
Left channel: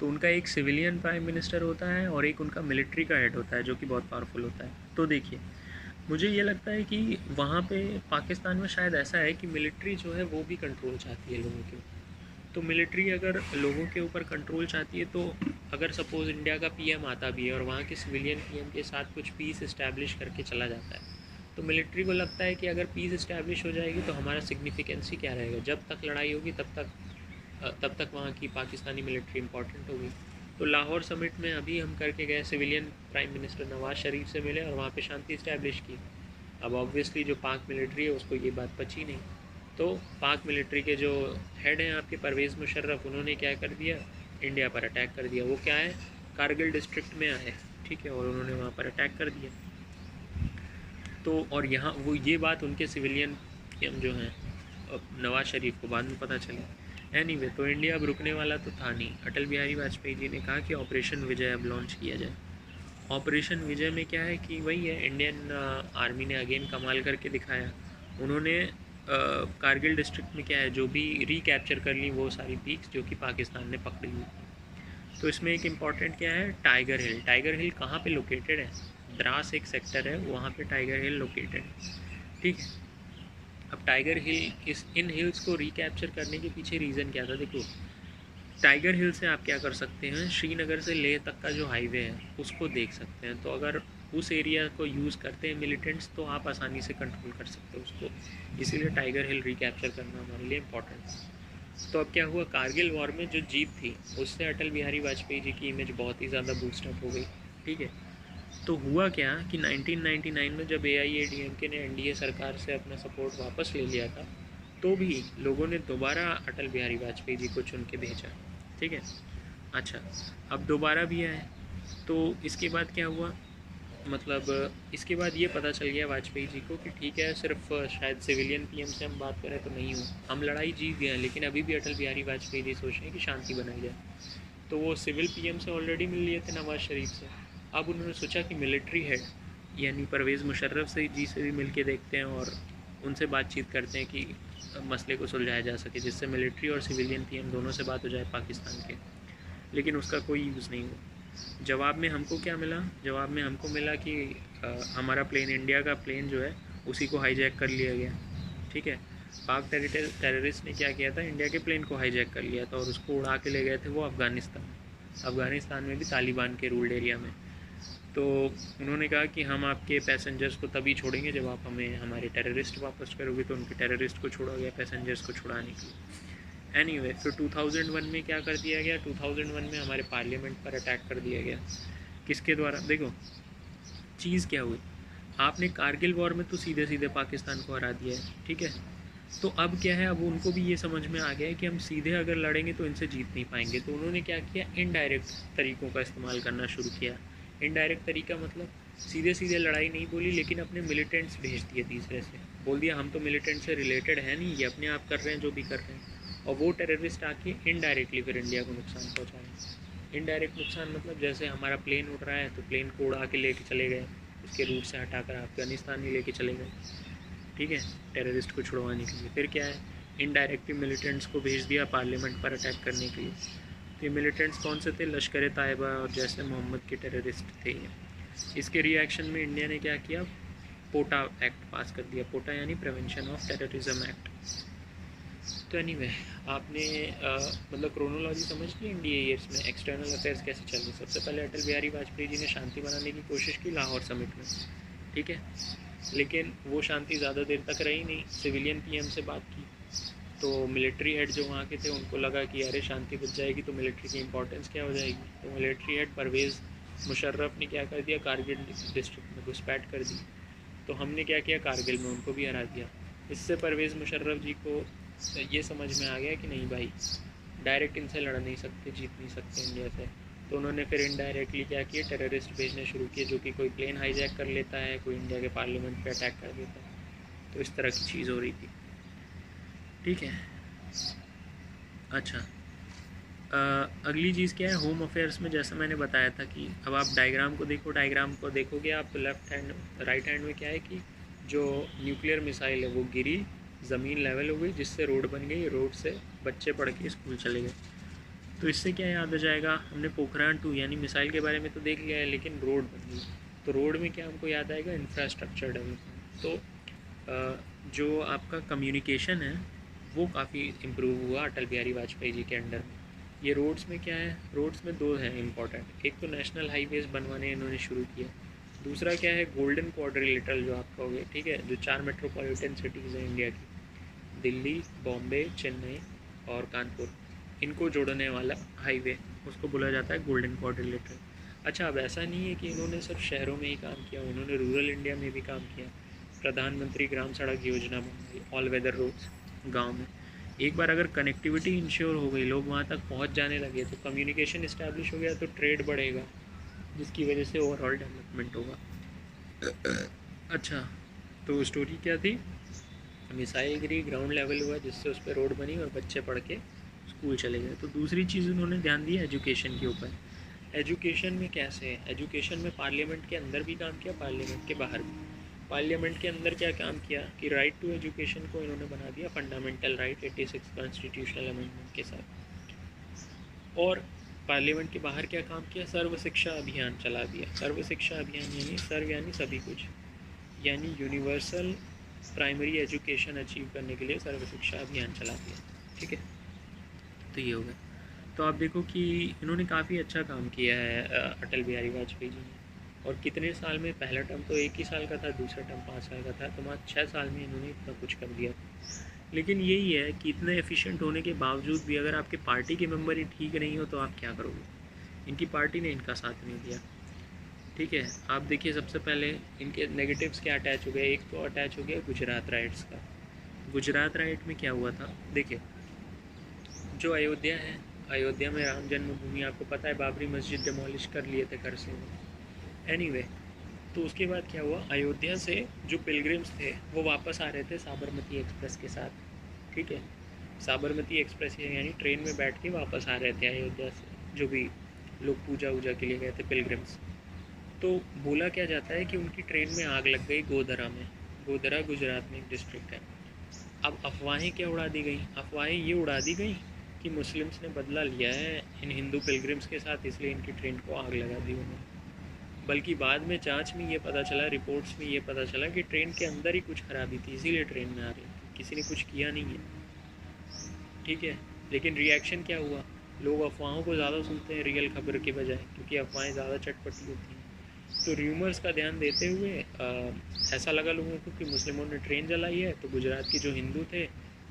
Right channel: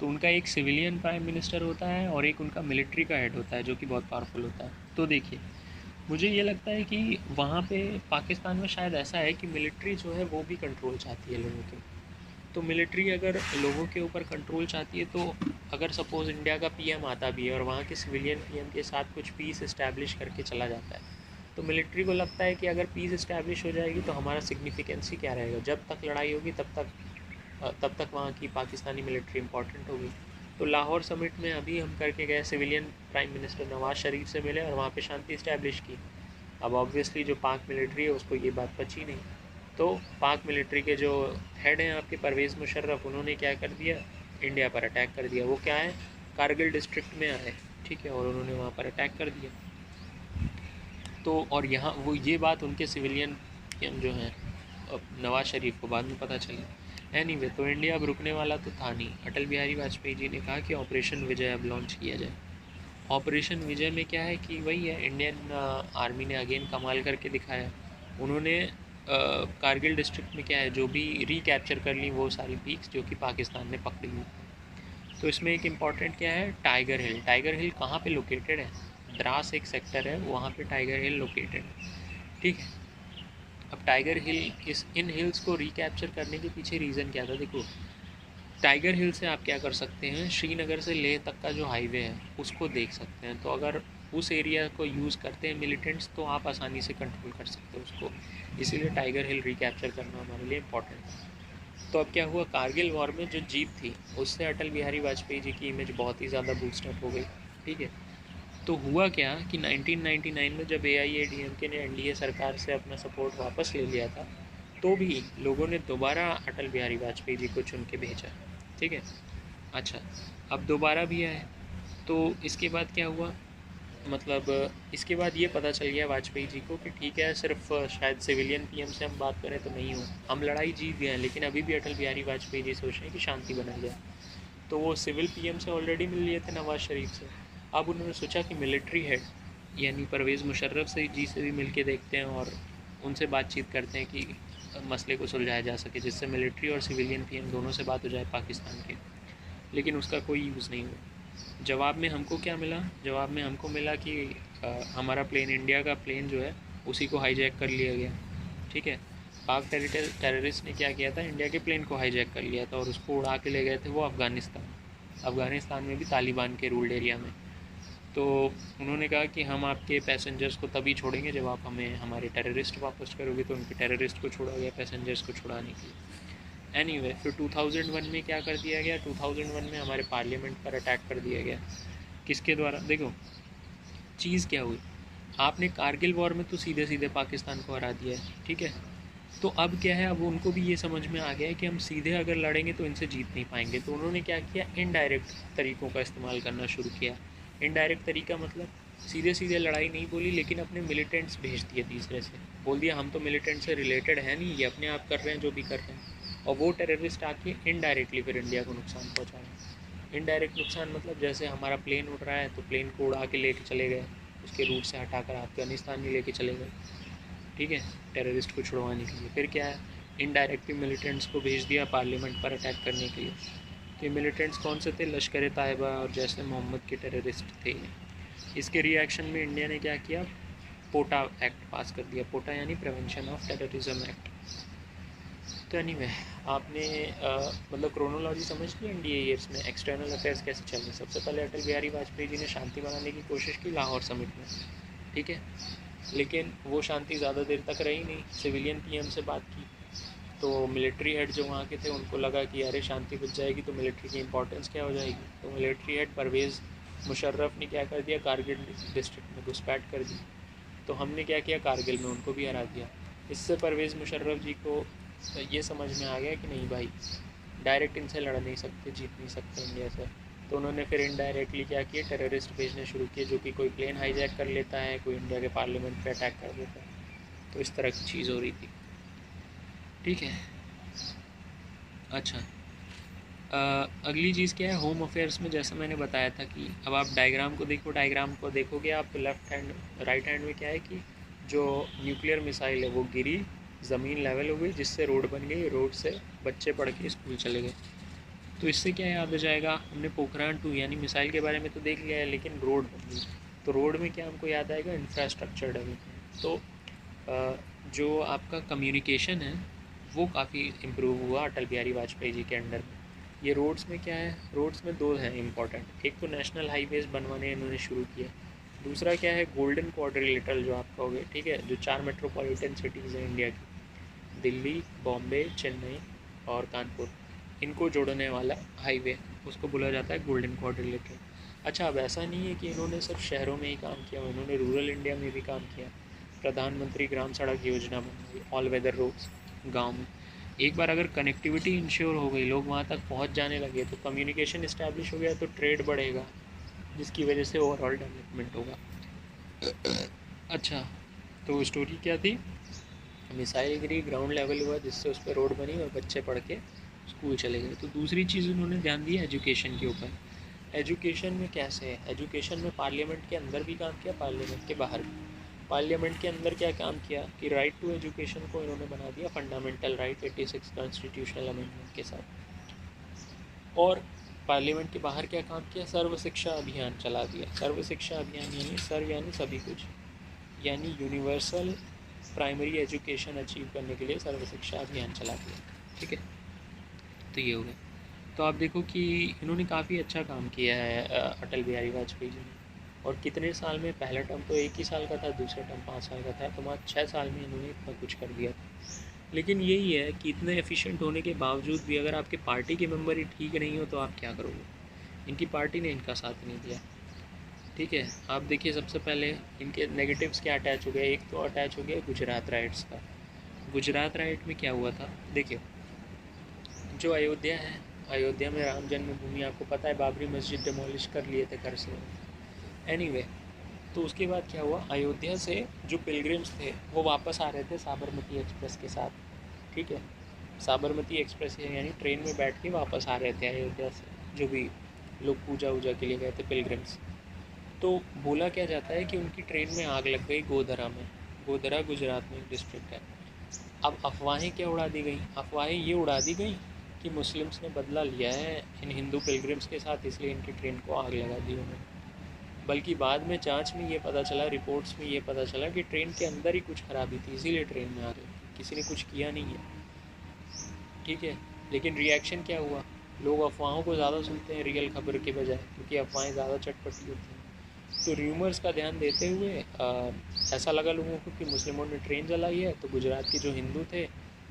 तो उनका एक सिविलियन प्राइम मिनिस्टर होता है और एक उनका मिलिट्री का हेड होता है जो कि बहुत पावरफुल होता है। तो देखिए मुझे ये लगता है कि वहाँ पे पाकिस्तान में शायद ऐसा है कि मिलिट्री जो है वो भी कंट्रोल चाहती है लोगों के। तो मिलिट्री अगर लोगों के ऊपर कंट्रोल चाहती है, तो अगर सपोज़ इंडिया का PM आता भी है और वहाँ के सिविलियन PM के साथ कुछ पीस इस्टेब्लिश करके चला जाता है, तो मिलिट्री को लगता है कि अगर पीस इस्टेब्लिश हो जाएगी तो हमारा सिग्निफिकेंस ही क्या रहेगा। जब तक लड़ाई होगी तब तक वहाँ की पाकिस्तानी मिलिट्री इंपॉर्टेंट होगी। तो लाहौर समिट में अभी हम करके गए, civilian prime minister Nawaz Sharif से मिले और वहाँ पे शांति इस्टेब्लिश की। अब ऑब्वियसली जो पाक मिलिट्री है उसको ये बात पची नहीं। तो पाक मिलिट्री के जो हेड हैं आपके परवेज़ मुशर्रफ, उन्होंने क्या कर दिया, इंडिया पर अटैक कर दिया। वो क्या है, कारगिल डिस्ट्रिक्ट में आए, ठीक है, और उन्होंने वहाँ पर अटैक कर दिया। तो और यहाँ वो ये बात उनके सिविलियन जो हैं नवाज शरीफ को बाद में पता चली। एनीवे तो इंडिया अब रुकने वाला तो था नहीं। अटल बिहारी वाजपेयी जी ने कहा कि ऑपरेशन विजय अब लॉन्च किया जाए। ऑपरेशन विजय में क्या है कि वही है, इंडियन आर्मी ने अगेन कमाल करके दिखाया। उन्होंने कारगिल डिस्ट्रिक्ट में क्या है, जो भी रिकैप्चर कर ली वो सारी पीक्स जो कि पाकिस्तान ने पकड़ी हुई। तो इसमें एक इम्पॉर्टेंट क्या है, टाइगर हिल। टाइगर हिल कहाँ पे लोकेटेड है, द्रास एक सेक्टर है वहाँ पे टाइगर हिल लोकेटेड है, ठीक है। अब टाइगर हिल इन हिल्स को रिकैप्चर करने के पीछे रीज़न क्या था, देखो टाइगर हिल से आप क्या कर सकते हैं, श्रीनगर से लेह तक का जो हाईवे है उसको देख सकते हैं। तो अगर उस एरिया को यूज़ करते हैं मिलिटेंट्स तो आप आसानी से कंट्रोल कर सकते हो उसको। इसीलिए टाइगर हिल रिकैप्चर करना हमारे लिए इम्पोर्टेंट है। तो अब क्या हुआ, कारगिल वॉर में जो जीत थी उससे अटल बिहारी वाजपेयी जी की इमेज बहुत ही ज़्यादा बूस्टअप हो गई, ठीक है। तो हुआ क्या कि 1999 में जब AIADMK ने NDA सरकार से अपना सपोर्ट वापस ले लिया था, तो भी लोगों ने दोबारा अटल बिहारी वाजपेयी जी को चुन के भेजा, ठीक है। अच्छा, अब दोबारा भी आए तो इसके बाद क्या हुआ, मतलब इसके बाद ये पता चल गया वाजपेयी जी को कि ठीक है सिर्फ शायद सिविलियन PM से हम बात करें तो नहीं हो, हम लड़ाई जीत गए हैं, लेकिन अभी भी अटल बिहारी वाजपेयी जी सोच रहे हैं कि शांति बनाई जाए। तो वो सिविल PM से ऑलरेडी मिल लिए थे नवाज शरीफ से। अब उन्होंने सोचा कि मिलिट्री हेड यानी परवेज़ मुशर्रफ जी से भी मिल के देखते हैं और उनसे बातचीत करते हैं कि मसले को सुलझाया जा सके, जिससे मिलिट्री और सिविलियन PM दोनों से बात हो जाए पाकिस्तान के। लेकिन उसका कोई यूज़ नहीं हुआ। जवाब में हमको क्या मिला, जवाब में हमको मिला कि हमारा प्लेन, इंडिया का प्लेन जो है उसी को हाईजैक कर लिया गया, ठीक है। पाक टेररिस्ट ने क्या किया था, इंडिया के प्लेन को हाईजैक कर लिया था और उसको उड़ा के ले गए थे वो अफ़गानिस्तान में भी तालिबान के रूल्ड एरिया में। तो उन्होंने कहा कि हम आपके पैसेंजर्स को तभी छोड़ेंगे जब आप हमें हमारे टेररिस्ट वापस करोगे। तो उनके टेररिस्ट को छोड़ा गया पैसेंजर्स को छुड़ाने के लिए। एनीवे तो 2001 में क्या कर दिया गया, 2001 में हमारे पार्लियामेंट पर अटैक कर दिया गया। किसके द्वारा, देखो चीज़ क्या हुई, आपने कारगिल वॉर में तो सीधे सीधे पाकिस्तान को हरा दिया है, ठीक है। तो अब क्या है, अब उनको भी ये समझ में आ गया है कि हम सीधे अगर लड़ेंगे तो इनसे जीत नहीं पाएंगे। तो उन्होंने क्या किया, इनडायरेक्ट तरीक़ों का इस्तेमाल करना शुरू किया। इनडायरेक्ट तरीका मतलब सीधे सीधे लड़ाई नहीं बोली, लेकिन अपने मिलिटेंट्स भेज दिए तीसरे से, बोल दिया हम तो मिलिटेंट से रिलेटेड है नहीं, ये अपने आप कर रहे हैं जो भी कर रहे हैं। और वो टेररिस्ट आके इनडायरेक्टली फिर इंडिया को नुकसान पहुँचाया। इनडायरेक्ट नुकसान मतलब जैसे हमारा प्लेन उड़ रहा है तो प्लेन को उड़ा के लेके चले गए, उसके रूट से हटाकर अफगानिस्तान में लेके चले गए, ठीक है, टेररिस्ट को छुड़वाने के लिए। फिर क्या है, इनडायरेक्टली मिलिटेंट्स को भेज दिया पार्लियामेंट पर अटैक करने के लिए, ये मिलिटेंट्स कौन से थे? लश्कर तैयबा और जैसे मोहम्मद के टेररिस्ट थे। इसके रिएक्शन में इंडिया ने क्या किया? पोटा एक्ट पास कर दिया। पोटा यानी प्रिवेंशन ऑफ टेररिज्म एक्ट। तो एनीवे आपने मतलब क्रोनोलॉजी समझ ली इंडिया ईयर्स में एक्सटर्नल अफेयर्स कैसे चल रहे। सबसे पहले अटल बिहारी वाजपेयी जी ने शांति बनाने की कोशिश की लाहौर समिट में, ठीक है, लेकिन वो शांति ज़्यादा देर तक रही नहीं। सिविलियन पीएम से बात की तो मिलिट्री हेड जो वहाँ के थे उनको लगा कि अरे शांति बच जाएगी तो मिलिट्री की इंपॉर्टेंस क्या हो जाएगी। तो मिलिट्री हेड परवेज़ मुशर्रफ ने क्या कर दिया? कारगिल डिस्ट्रिक्ट में घुसपैठ कर दी। तो हमने क्या किया? कारगिल में उनको भी हरा दिया। इससे परवेज़ मुशर्रफ जी को ये समझ में आ गया कि नहीं भाई, डायरेक्ट इनसे लड़ नहीं सकते, जीत नहीं सकते इंडिया से। तो उन्होंने फिर इनडायरेक्टली क्या किए? टेररिस्ट भेजने शुरू किए, जो कि कोई प्लेन हाईजैक कर लेता है, कोई इंडिया के पार्लियामेंट पे अटैक कर देता है। तो इस तरह की चीज़ हो रही थी, ठीक है। अच्छा, अगली चीज़ क्या है? होम अफेयर्स में जैसा मैंने बताया था कि अब आप डायग्राम को देखो, डायग्राम को देखोगे आप तो लेफ़्ट हैंड राइट हैंड में क्या है कि जो न्यूक्लियर मिसाइल है वो गिरी, ज़मीन लेवल हो गई, जिससे रोड बन गई, रोड से बच्चे पढ़ के स्कूल चले गए। तो इससे क्या याद आ जाएगा? हमने पोखरान 2 यानी मिसाइल के बारे में तो देख लिया है, लेकिन रोड बन गई। तो रोड में क्या हमको याद आएगा? Infrastructure development. तो जो आपका कम्युनिकेशन है वो काफ़ी इम्प्रूव हुआ अटल बिहारी वाजपेयी जी के अंडर में। ये रोड्स में क्या है? रोड्स में दो हैं इम्पॉर्टेंट। एक तो नेशनल हाईवेज़ बनवाने इन्होंने शुरू किए, दूसरा क्या है? गोल्डन क्वाड्रिलेटरल जो आप कहोगे, ठीक है, जो 4 मेट्रोपॉलिटन सिटीज़ हैं इंडिया की, दिल्ली, बॉम्बे, चेन्नई और कानपुर, इनको जोड़ने वाला हाईवे, उसको बोला जाता है गोल्डन क्वाड्रिलेटरल। अच्छा, अब ऐसा नहीं है कि इन्होंने सिर्फ शहरों में ही काम किया, इन्होंने रूरल इंडिया में भी काम किया। प्रधानमंत्री ग्राम सड़क योजना बनाई, ऑल वेदर रोड्स गांव में। एक बार अगर कनेक्टिविटी इंश्योर हो गई, लोग वहाँ तक पहुँच जाने लगे, तो कम्युनिकेशन इस्टेब्लिश हो गया, तो ट्रेड बढ़ेगा, जिसकी वजह से ओवरऑल डेवलपमेंट होगा। अच्छा, तो स्टोरी क्या थी? मिसाइल गिरी, ग्राउंड लेवल हुआ, जिससे उस पर रोड बनी और बच्चे पढ़ के स्कूल चले गए। तो दूसरी चीज़ उन्होंने ध्यान दिया एजुकेशन के ऊपर। एजुकेशन में कैसे है? एजुकेशन में पार्लियामेंट के अंदर भी काम किया, पार्लियामेंट के बाहर भी। पार्लियामेंट के अंदर क्या काम किया कि राइट टू एजुकेशन को इन्होंने बना दिया फंडामेंटल राइट 86 कॉन्स्टिट्यूशनल अमेंडमेंट के साथ। और पार्लियामेंट के बाहर क्या काम किया? सर्व शिक्षा अभियान चला दिया। सर्व शिक्षा अभियान यानी सर्व यानी सभी कुछ, यानी यूनिवर्सल प्राइमरी एजुकेशन अचीव करने के लिए सर्व शिक्षा अभियान चला दिया, ठीक है। तो ये हो गया। तो आप देखो कि इन्होंने काफ़ी अच्छा काम किया है अटल बिहारी वाजपेयी जी ने। और कितने साल में? पहला टर्म तो 1 ही साल का था, दूसरा टर्म 5 साल का था, तो मात्र 6 साल में इन्होंने इतना कुछ कर दिया था। लेकिन यही है कि इतने एफिशिएंट होने के बावजूद भी अगर आपके पार्टी के मेंबर ही ठीक नहीं हो तो आप क्या करोगे? इनकी पार्टी ने इनका साथ नहीं दिया, ठीक है। आप देखिए सबसे पहले इनके नेगेटिव्स क्या अटैच हो गया। एक तो अटैच हो गया गुजरात राइट्स का। गुजरात राइट में क्या हुआ था? देखिए, जो अयोध्या है, अयोध्या में राम जन्मभूमि, आपको पता है बाबरी मस्जिद डिमोलिश कर लिए थे कर से। एनीवे, तो उसके बाद क्या हुआ? अयोध्या से जो पिलग्रिम्स थे वो वापस आ रहे थे साबरमती एक्सप्रेस के साथ, ठीक है। साबरमती एक्सप्रेस यानी ट्रेन में बैठ के वापस आ रहे थे अयोध्या से, जो भी लोग पूजा वूजा के लिए गए थे पिलग्रिम्स। तो बोला क्या जाता है कि उनकी ट्रेन में आग लग गई गोधरा में। गोधरा गुजरात में एक डिस्ट्रिक्ट है। अब अफवाहें क्या उड़ा दी गई? अफवाहें ये उड़ा दी गई कि मुस्लिम्स ने बदला लिया है इन हिंदू पिलग्रिम्स के साथ, इसलिए इनकी ट्रेन को आग लगा दी उन्होंने। बल्कि बाद में जांच में ये पता चला, रिपोर्ट्स में ये पता चला कि ट्रेन के अंदर ही कुछ खराबी थी, इसीलिए ट्रेन में आग लगी, किसी ने कुछ किया नहीं है, ठीक है। लेकिन रिएक्शन क्या हुआ? लोग अफवाहों को ज़्यादा सुनते हैं रियल खबर के बजाय, क्योंकि अफवाहें ज़्यादा चटपटी होती हैं। तो र्यूमर्स का ध्यान देते हुए ऐसा लगा लोगों को कि मुस्लिमों ने ट्रेन जलाई है, तो गुजरात के जो हिंदू थे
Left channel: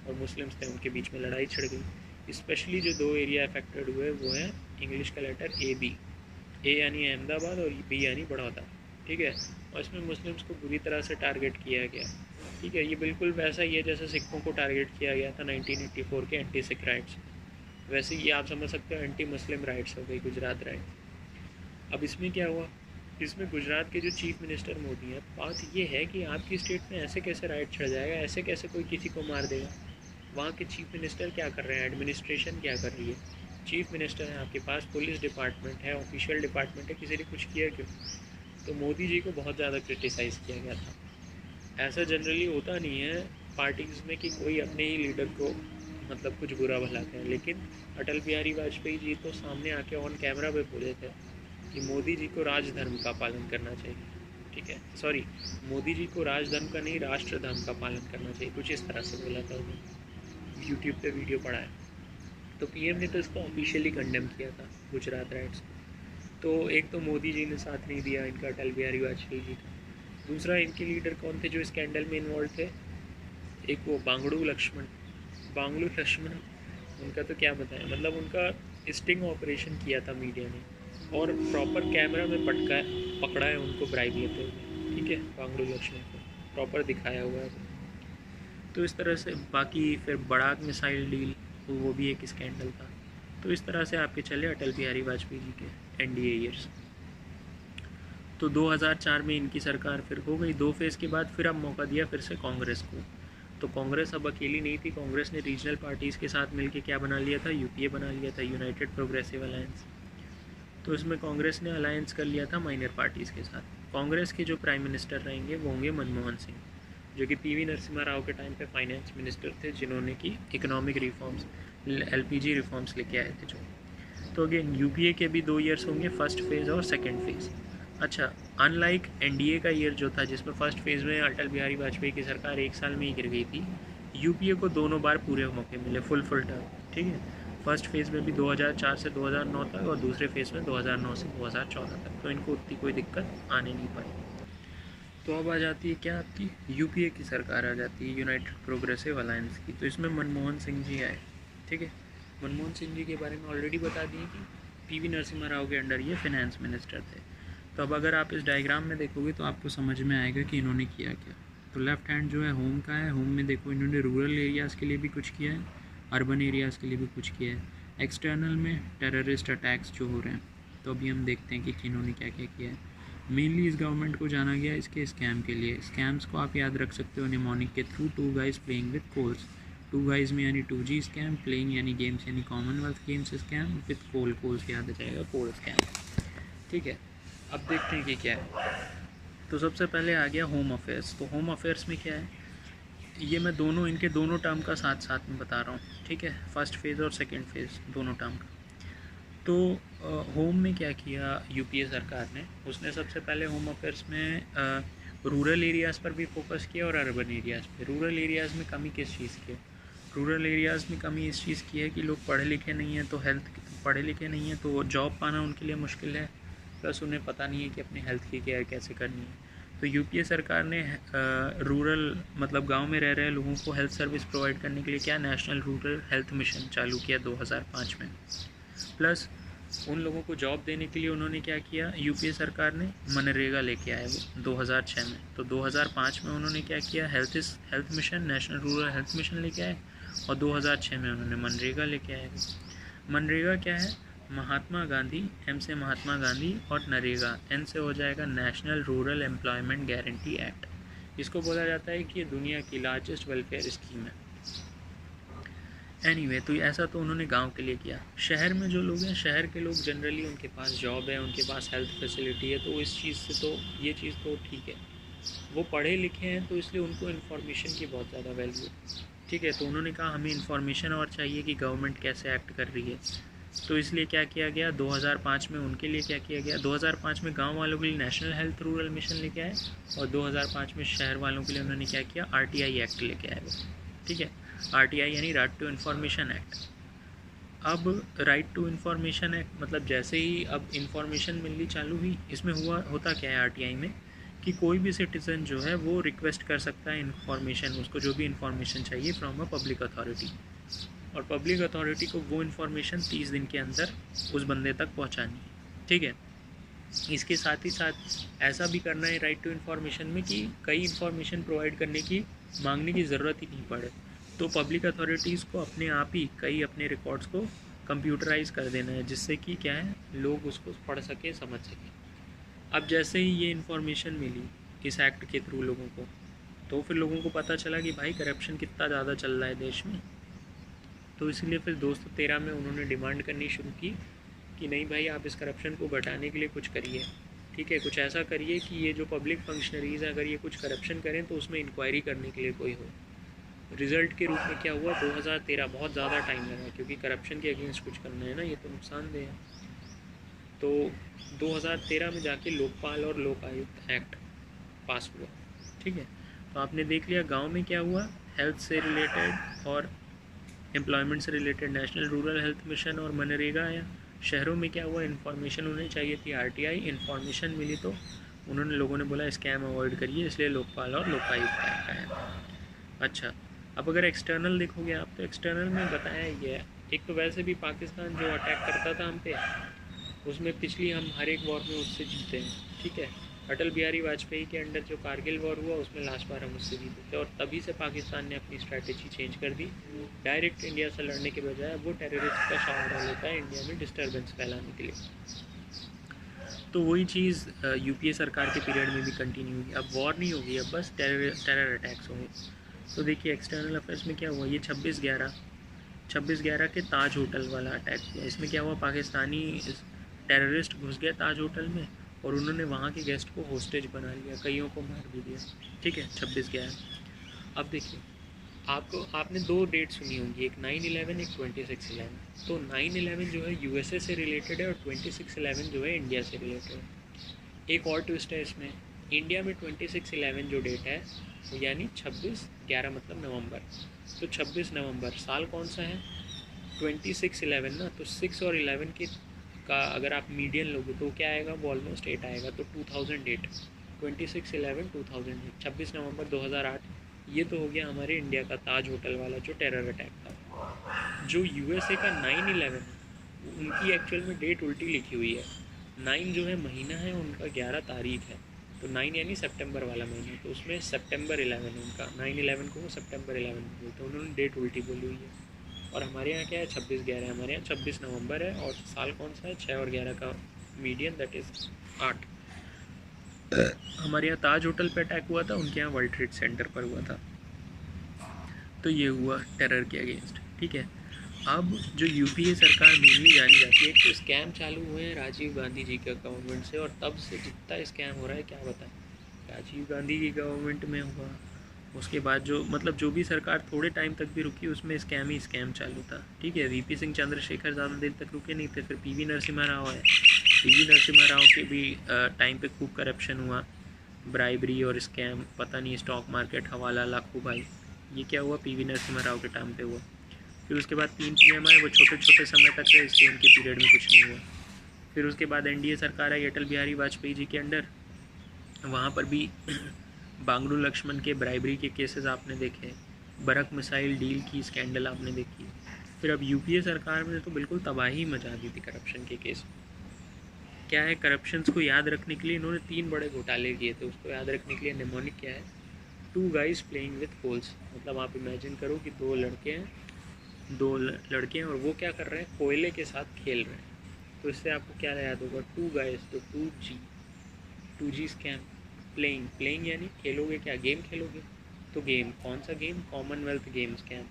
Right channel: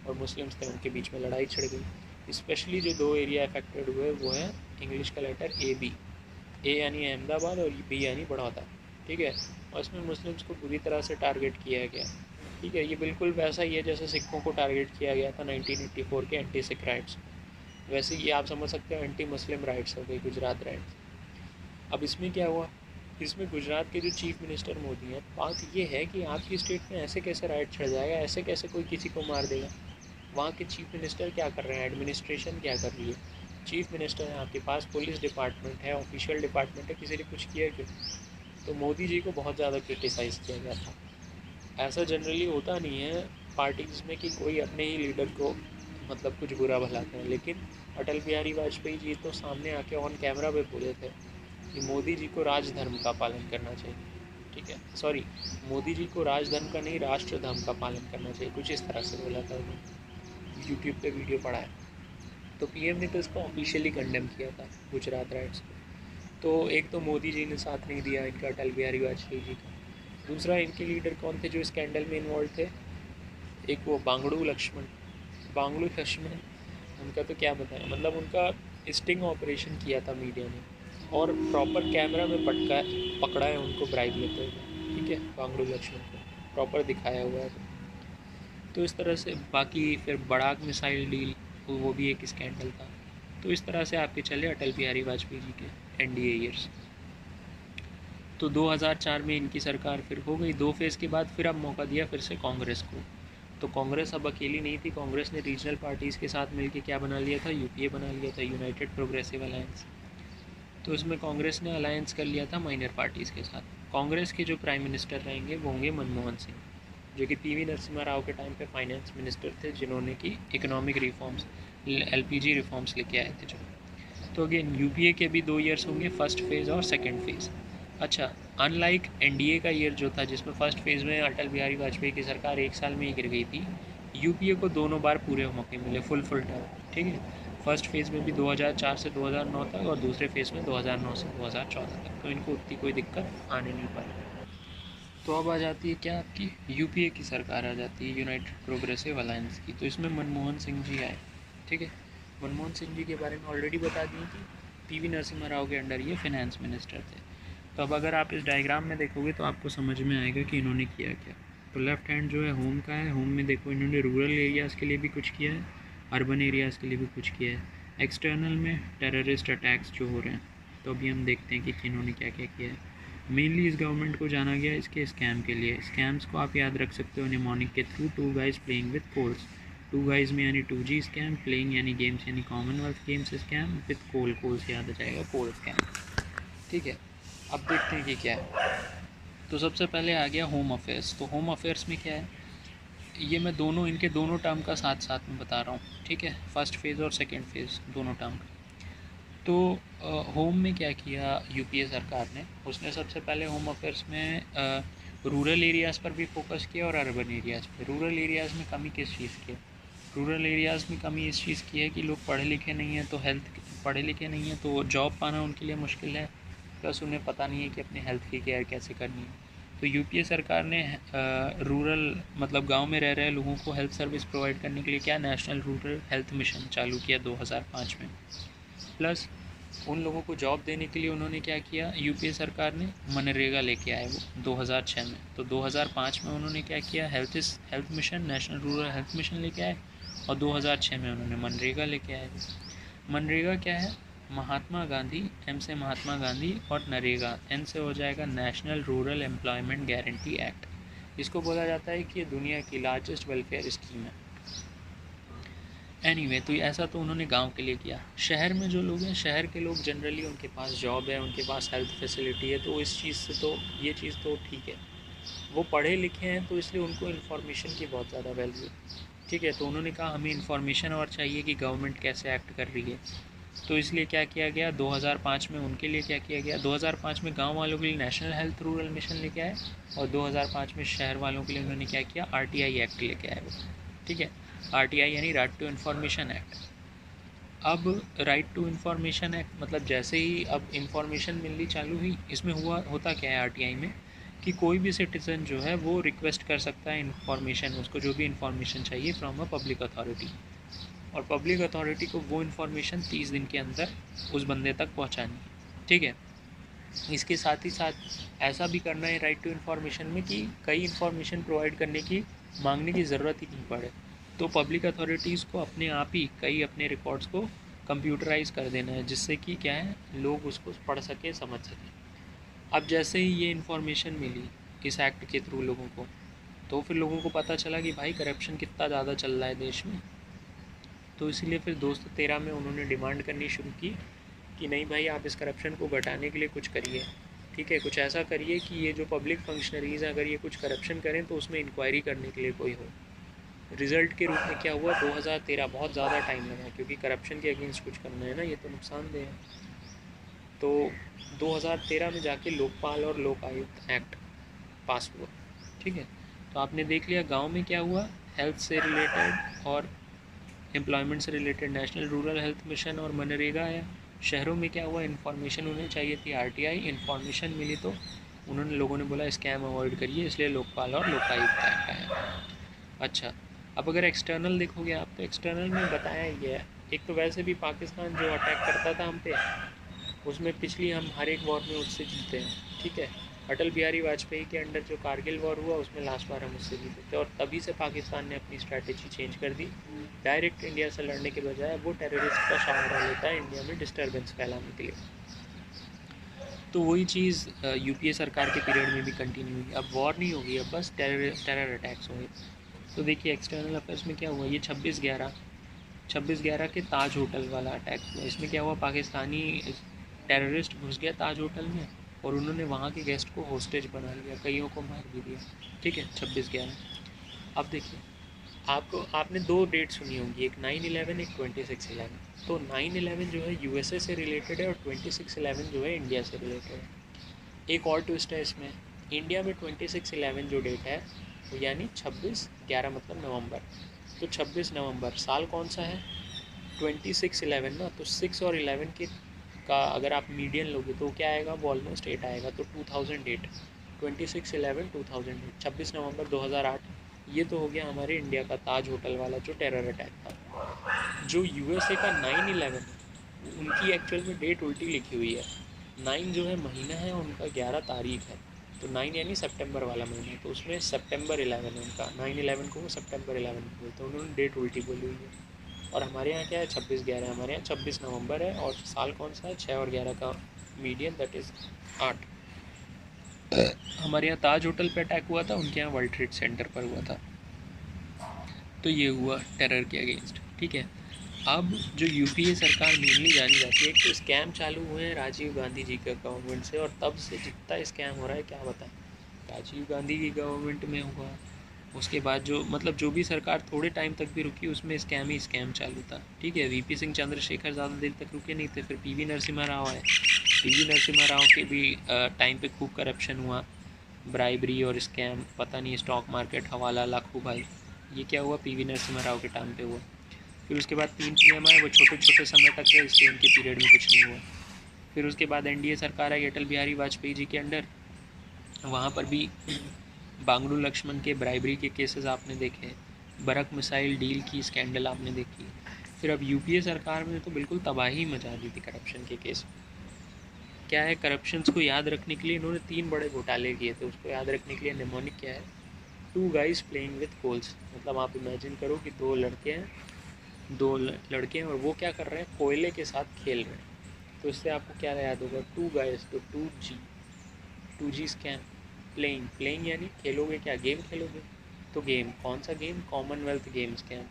और मुस्लिम्स थे उनके बीच में लड़ाई छिड़ गई। स्पेशली जो 2 एरिया अफेक्टेड हुए वो हैं इंग्लिश का लेटर AB, ए यानी अहमदाबाद और बी यानी बड़ौदा, ठीक है। और इसमें मुस्लिम्स को बुरी तरह से टारगेट किया गया, ठीक है। ये बिल्कुल वैसा ही है जैसे सिखों को टारगेट किया गया था 1984 के एंटी सिख राइट्स, वैसे ये आप समझ सकते हो एंटी मुस्लिम राइट्स हो गई गुजरात राइट्स। अब इसमें क्या हुआ? इसमें गुजरात के जो चीफ मिनिस्टर मोदी हैं, बात ये है कि आपकी स्टेट में ऐसे कैसे राइट छिड़ जाएगा, ऐसे कैसे कोई किसी को मार देगा। वहाँ के चीफ मिनिस्टर क्या कर रहे हैं? एडमिनिस्ट्रेशन क्या कर रही है? चीफ मिनिस्टर है आपके पास, पुलिस डिपार्टमेंट है, ऑफिशियल डिपार्टमेंट है, किसी ने कुछ किया क्यों? तो मोदी जी को बहुत ज़्यादा क्रिटिसाइज़ किया गया था। ऐसा जनरली होता नहीं है पार्टीज़ में कि कोई अपने ही लीडर को मतलब कुछ बुरा भला करें, लेकिन अटल बिहारी वाजपेयी जी तो सामने आके ऑन कैमरा पे बोले थे कि मोदी जी को राजधर्म का पालन करना चाहिए, ठीक है, सॉरी, मोदी जी को राजधर्म का नहीं राष्ट्र धर्म का पालन करना चाहिए, कुछ इस तरह से बोला था उन्होंने, यूट्यूब पे वीडियो पड़ा है। तो पीएम ने तो इसको ऑफिशियली कंडेम किया था, गुजरात राइट्स को। तो एक तो मोदी जी ने साथ नहीं दिया इनका, अटल बिहारी वाजपेयी जी का। दूसरा, इनके लीडर कौन थे जो स्कैंडल में इन्वॉल्व थे? एक वो बांगड़ू लक्ष्मण, उनका तो क्या बताएं, मतलब उनका स्टिंग ऑपरेशन किया था मीडिया ने, और प्रॉपर कैमरा में पकड़ा है उनको ब्राइब लेते हुए, ठीक है, बांगड़ू लक्ष्मण को प्रॉपर दिखाया हुआ है। तो इस तरह से, बाकी फिर बड़ाक मिसाइल डील, वो भी एक स्कैंडल था। तो इस तरह से आपके चले अटल बिहारी वाजपेयी जी के एनडीए ईयर्स। तो 2004 में इनकी सरकार फिर हो गई, 2 फेज़ के बाद फिर अब मौका दिया फिर से कांग्रेस को। तो कांग्रेस अब अकेली नहीं थी, कांग्रेस ने रीजनल पार्टीज़ के साथ मिलकर क्या बना लिया था, यूपीए बना लिया था, यूनाइटेड प्रोग्रेसिव अलायंस। तो इसमें कांग्रेस ने अलायंस कर लिया था माइनर पार्टीज़ के साथ। कांग्रेस के जो प्राइम मिनिस्टर रहेंगे वो होंगे मनमोहन सिंह, जो कि पीवी नरसिम्हा राव के टाइम पे फाइनेंस मिनिस्टर थे, जिन्होंने की इकोनॉमिक रिफॉर्म्स, एलपीजी रिफॉर्म्स लेके आए थे जो। तो अगेन यूपीए के भी 2 ईयर्स होंगे, फर्स्ट फेज़ और सेकेंड फेज़। अच्छा, अनलाइक एनडीए का ईयर जो था जिसमें फर्स्ट फेज़ में अटल बिहारी वाजपेयी की सरकार 1 साल में ही गिर गई थी, यूपीए को दोनों बार पूरे मौके मिले, फुल टर्म, ठीक है। फर्स्ट फेज़ में भी 2004 से 2009 तक, और दूसरे फेज़ में 2009 से 2014 तक, तो इनको उतनी कोई दिक्कत आने नहीं पाई। तो अब आ जाती है क्या, आपकी यूपीए की सरकार आ जाती है, यूनाइटेड प्रोग्रेसिव अलायंस की। तो इसमें मनमोहन सिंह जी आए, ठीक है। मनमोहन सिंह जी के बारे में ऑलरेडी बता दिए कि पीवी नरसिम्हा राव के अंडर ये फिनेंस मिनिस्टर थे। तो अब अगर आप इस डायग्राम में देखोगे तो आपको समझ में आएगा कि इन्होंने किया क्या। तो लेफ्ट हैंड जो है होम का है, होम में देखो इन्होंने रूरल एरियाज़ के लिए भी कुछ किया है, अर्बन एरियाज़ के लिए भी कुछ किया है। एक्सटर्नल में टेररिस्ट अटैक्स जो हो रहे हैं, तो अभी हम देखते हैं कि इन्होंने क्या क्या किया है। मेनली इस गवर्नमेंट को जाना गया इसके स्कैम के लिए। स्कैम्स को आप याद रख सकते हो निमोनिक के through, 2 guys playing with coals. 2 guys में यानी 2G स्कैम, प्लेइंग यानी गेम्स यानी Commonwealth games scam, with coal से याद आ जाएगा कोल स्कैम, ठीक है। अब देखते हैं कि क्या है। तो सबसे पहले आ गया होम अफेयर्स। तो होम अफेयर्स में क्या है, ये मैं इनके दोनों टर्म का साथ साथ में बता रहा हूँ, ठीक है, फर्स्ट फेज़ और सेकेंड फेज़ दोनों टर्म का। तो होम में क्या किया यूपीए सरकार ने, उसने सबसे पहले होम अफेयर्स में रूरल एरियाज़ पर भी फोकस किया और अर्बन एरियाज़ पे। रूरल एरियाज़ में कमी किस चीज़ की है? रूरल एरियाज़ में कमी इस चीज़ की है कि लोग पढ़े लिखे नहीं हैं, तो जॉब पाना उनके लिए मुश्किल है, प्लस उन्हें पता नहीं है कि अपने हेल्थ की केयर कैसे करनी है। तो यूपीए सरकार ने रूरल मतलब गांव में रह रहे लोगों को हेल्थ सर्विस प्रोवाइड करने के लिए क्या, नेशनल रूरल हेल्थ मिशन चालू किया 2005 में। प्लस उन लोगों को जॉब देने के लिए उन्होंने क्या किया, यूपीए सरकार ने मनरेगा लेके आए वो 2006 में। तो 2005 में उन्होंने क्या किया, health mission, national rural health mission लेके आए, और 2006 में उन्होंने मनरेगा लेके आए। मनरेगा क्या है, महात्मा गांधी, एम से महात्मा गांधी, और नरेगा, एन से हो जाएगा national rural employment guarantee act. इसको बोला जाता है कि ये दुनिया की लार्जेस्ट वेलफेयर स्कीम है। एनीवे, तो ऐसा तो उन्होंने गांव के लिए किया। शहर में जो लोग हैं, शहर के लोग जनरली उनके पास जॉब है, उनके पास हेल्थ फैसिलिटी है, तो इस चीज़ से तो ये चीज़ तो ठीक है, वो पढ़े लिखे हैं, तो इसलिए उनको इन्फॉर्मेशन की बहुत ज़्यादा वैल्यू है, ठीक है। तो उन्होंने कहा हमें इन्फॉर्मेशन और चाहिए कि गवर्नमेंट कैसे एक्ट कर रही है। तो इसलिए क्या किया गया, 2005 में उनके लिए क्या किया गया, 2005 में गाँव वालों के लिए नेशनल हेल्थ रूरल मिशन लेके आए, और 2005 में शहर वालों के लिए उन्होंने क्या किया, RTI एक्ट लेके आए वो, ठीक है। RTI यानी राइट टू इन्फॉर्मेशन एक्ट। अब राइट टू इन्फॉर्मेशन एक्ट मतलब जैसे ही अब इन्फॉर्मेशन मिलनी चालू हुई, इसमें होता क्या है RTI में, कि कोई भी सिटीज़न जो है वो रिक्वेस्ट कर सकता है इन्फॉर्मेशन, उसको जो भी इन्फॉर्मेशन चाहिए फ्रॉम अ पब्लिक अथॉरिटी, और पब्लिक अथॉरिटी को वो इन्फॉर्मेशन 30 दिन के अंदर उस बंदे तक पहुंचानी, ठीक है। इसके साथ ही साथ ऐसा भी करना है राइट टू इन्फॉर्मेशन में कि कई इन्फॉर्मेशन प्रोवाइड करने की मांगने की ज़रूरत ही नहीं पड़े, तो पब्लिक अथॉरिटीज़ को अपने आप ही कई अपने रिकॉर्ड्स को कंप्यूटराइज कर देना है, जिससे कि क्या है, लोग उसको पढ़ सके, समझ सकें। अब जैसे ही ये इन्फॉर्मेशन मिली इस एक्ट के थ्रू लोगों को, तो फिर लोगों को पता चला कि भाई करप्शन कितना ज़्यादा चल रहा है देश में। तो इसीलिए फिर 2013 में उन्होंने डिमांड करनी शुरू की कि नहीं भाई, आप इस करप्शन को घटाने के लिए कुछ करिए, ठीक है, कुछ ऐसा करिए कि ये जो पब्लिक फंक्शनरीज़ हैं अगर ये कुछ करप्शन करें तो उसमें इंक्वायरी करने के लिए कोई हो। रिज़ल्ट के रूप में क्या हुआ, 2013 बहुत ज़्यादा टाइम लगा क्योंकि करप्शन के अगेंस्ट कुछ करना है ना, ये तो नुकसानदेह है। तो 2013 में जाके लोकपाल और लोक आयुक्त एक्ट पास हुआ, ठीक है। तो आपने देख लिया गांव में क्या हुआ, हेल्थ से रिलेटेड और एम्प्लॉयमेंट से related national rural health mission और मनरेगा आया। शहरों में क्या हुआ, इन्फॉर्मेशन उन्हें चाहिए थी आरटीआई, इन्फॉर्मेशन मिली तो उन्होंने लोगों ने बोला स्कैम अवॉइड करिए, इसलिए लोकपाल और लोकायुक्त एक्ट आया। अच्छा, अब अगर एक्सटर्नल देखोगे आप तो एक्सटर्नल में बताया गया है, एक तो वैसे भी पाकिस्तान जो अटैक करता था हम पे, उसमें पिछली हम हर एक वॉर में उससे जीते हैं, ठीक है। अटल बिहारी वाजपेयी के अंडर जो कारगिल वॉर हुआ उसमें लास्ट बार हम उससे जीते थे, और तभी से पाकिस्तान ने अपनी स्ट्रैटेजी चेंज कर दी। डायरेक्ट इंडिया से लड़ने के बजाय वो टेररिस्ट का सहारा लेता है इंडिया में डिस्टर्बेंस फैलाने के लिए। तो वही चीज़ यूपीए सरकार के पीरियड में भी कंटिन्यू हुई। अब वॉर नहीं होगी, अब बस टेरर अटैक्स होंगे। तो देखिए एक्सटर्नल अफेयर्स में क्या हुआ, ये 26/11 के ताज होटल वाला अटैक हुआ। इसमें क्या हुआ, पाकिस्तानी टेररिस्ट घुस गया ताज होटल में और उन्होंने वहाँ के गेस्ट को होस्टेज बना लिया, कईयों को मार भी दिया, ठीक है। 26/11। अब देखिए आपने दो डेट सुनी होंगी, एक 9/11, एक 26/11। तो 9/11 जो है यूएसए से रिलेटेड है और 26/11 जो है इंडिया से रिलेटेड है। एक और ट्विस्ट है इसमें, इंडिया में 26/11 जो डेट है यानी 26/11 मतलब नवंबर, तो 26 नवंबर साल कौन सा है, 26/11 ना, तो 6 और 11 के का अगर आप मीडियन लोगे तो क्या आएगा, वो ऑलमोस्ट 8 आएगा, तो 2008, 26/11 2008, 26 नवंबर 2008। ये तो हो गया हमारे इंडिया का ताज होटल वाला जो टेरर अटैक था। जो यूएसए का 9/11 है उनकी एक्चुअल में डेट उल्टी लिखी हुई है, 9 जो है महीना है उनका, 11 तारीख है, तो 9 यानी सितंबर वाला महीना, तो उसमें सितंबर 11 है उनका, 9/11 को वो सितंबर 11 बोलते हैं, उन्होंने डेट उल्टी बोली हुई है। और हमारे यहाँ क्या है, 26/11, हमारे यहाँ 26 नवंबर है, और साल कौन सा है, 6 और 11 का मीडियन, दैट इज़ 8। हमारे यहाँ ताज होटल पे अटैक हुआ था, उनके यहाँ वर्ल्ड ट्रेड सेंटर पर हुआ था। तो ये हुआ टेरर के अगेंस्ट, ठीक है। अब जो यूपीए सरकार मेनली जानी जाती है, तो स्कैम चालू हुए हैं राजीव गांधी जी के गवर्नमेंट से, और तब से जितना स्कैम हो रहा है क्या बताएं। राजीव गांधी की गवर्नमेंट में हुआ, उसके बाद जो मतलब जो भी सरकार थोड़े टाइम तक भी रुकी उसमें स्कैम ही स्कैम चालू था, ठीक है। वीपी सिंह चंद्रशेखर ज़्यादा देर तक रुके नहीं थे, फिर पीवी नरसिम्हा राव आए। पीवी नरसिम्हा राव के भी टाइम पे खूब करप्शन हुआ, ब्राइबरी और स्कैम, पता नहीं स्टॉक मार्केट, हवाला, लाखों भाई, ये क्या हुआ, पीवी नरसिम्हा राव के टाइम पे हुआ। फिर उसके बाद 3 पीएम आए, वो छोटे छोटे समय तक रहे, इसलिए उनके पीरियड में कुछ नहीं हुआ। फिर उसके बाद एनडीए सरकार आई अटल बिहारी वाजपेयी जी के अंडर, वहाँ पर भी बांगड़ू लक्ष्मण के ब्राइबरी के केसेस आपने देखे, बरक मिसाइल डील की स्कैंडल आपने देखी। फिर अब यूपीए सरकार में तो बिल्कुल तबाही मचा दी थी करप्शन के केस। क्या है, करप्शंस को याद रखने के लिए इन्होंने 3 बड़े घोटाले किए थे, उसको याद रखने के लिए निमोनिक क्या है, 2 गाइज प्लेइंग विथ कोल्स। मतलब आप इमेजिन करो कि 2 लड़के हैं, 2 लड़के हैं और वो क्या कर रहे हैं, कोयले के साथ खेल रहे हैं। तो इससे आपको क्या याद होगा, 2 गाइज, तो 2G स्कैम। प्लेइंग यानी खेलोगे क्या, गेम खेलोगे, तो गेम कौन सा गेम, कॉमनवेल्थ गेम स्कैम।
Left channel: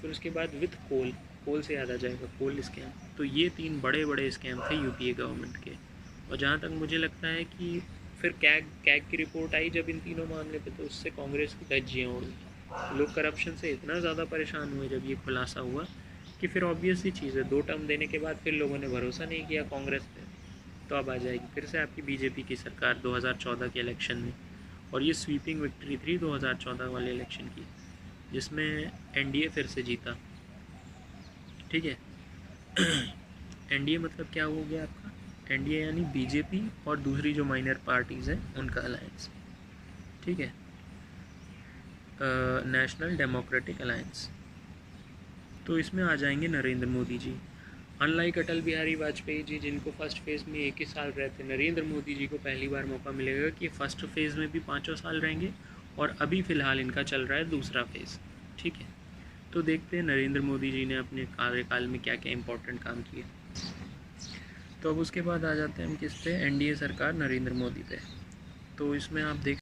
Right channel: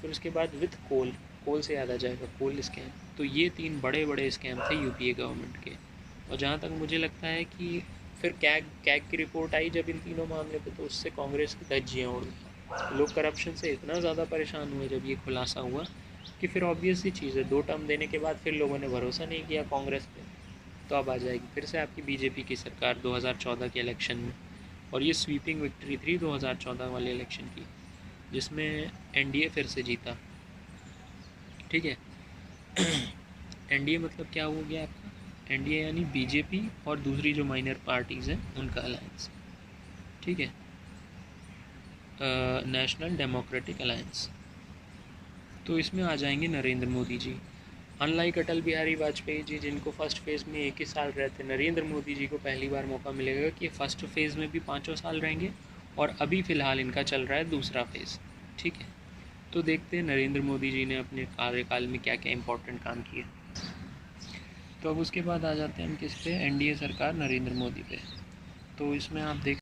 फिर उसके बाद विथ कोल से याद आ जाएगा कोल स्कैम। तो ये 3 बड़े बड़े स्कैम थे यूपीए गवर्नमेंट के। और जहाँ तक मुझे लगता है कि फिर कैग की रिपोर्ट आई जब इन तीनों मामले पे, तो उससे कांग्रेस की धज्जियाँ उड़ गई। लोग करप्शन से इतना ज़्यादा परेशान हुए जब ये खुलासा हुआ कि फिर ऑब्वियस ही चीज़ है, 2 टर्म देने के बाद फिर लोगों ने भरोसा नहीं किया कांग्रेस पे। तो अब आ जाएगी फिर से आपकी बीजेपी की सरकार 2014 के इलेक्शन में, और ये स्वीपिंग विक्ट्री थी 2014 वाले इलेक्शन की, जिसमें एनडीए फिर से जीता, ठीक है। एनडीए मतलब क्या हो गया आपका, एनडीए यानी बीजेपी और दूसरी जो माइनर पार्टीज़ हैं उनका अलायंस, ठीक है, नेशनल डेमोक्रेटिक अलायंस। तो इसमें आ जाएंगे नरेंद्र मोदी जी। अनलाइक अटल बिहारी वाजपेयी जी जिनको फर्स्ट फेज़ में 1 ही साल रहते, नरेंद्र मोदी जी को पहली बार मौका मिलेगा कि फर्स्ट फेज़ में भी 5 साल रहेंगे, और अभी फ़िलहाल इनका चल रहा है दूसरा फेज़, ठीक है। तो देखते हैं नरेंद्र मोदी जी ने अपने कार्यकाल में क्या क्या इंपॉर्टेंट काम किया। तो अब उसके बाद आ जाते हैं हम किस पे, एनडीए सरकार नरेंद्र मोदी पे। तो इसमें आप देख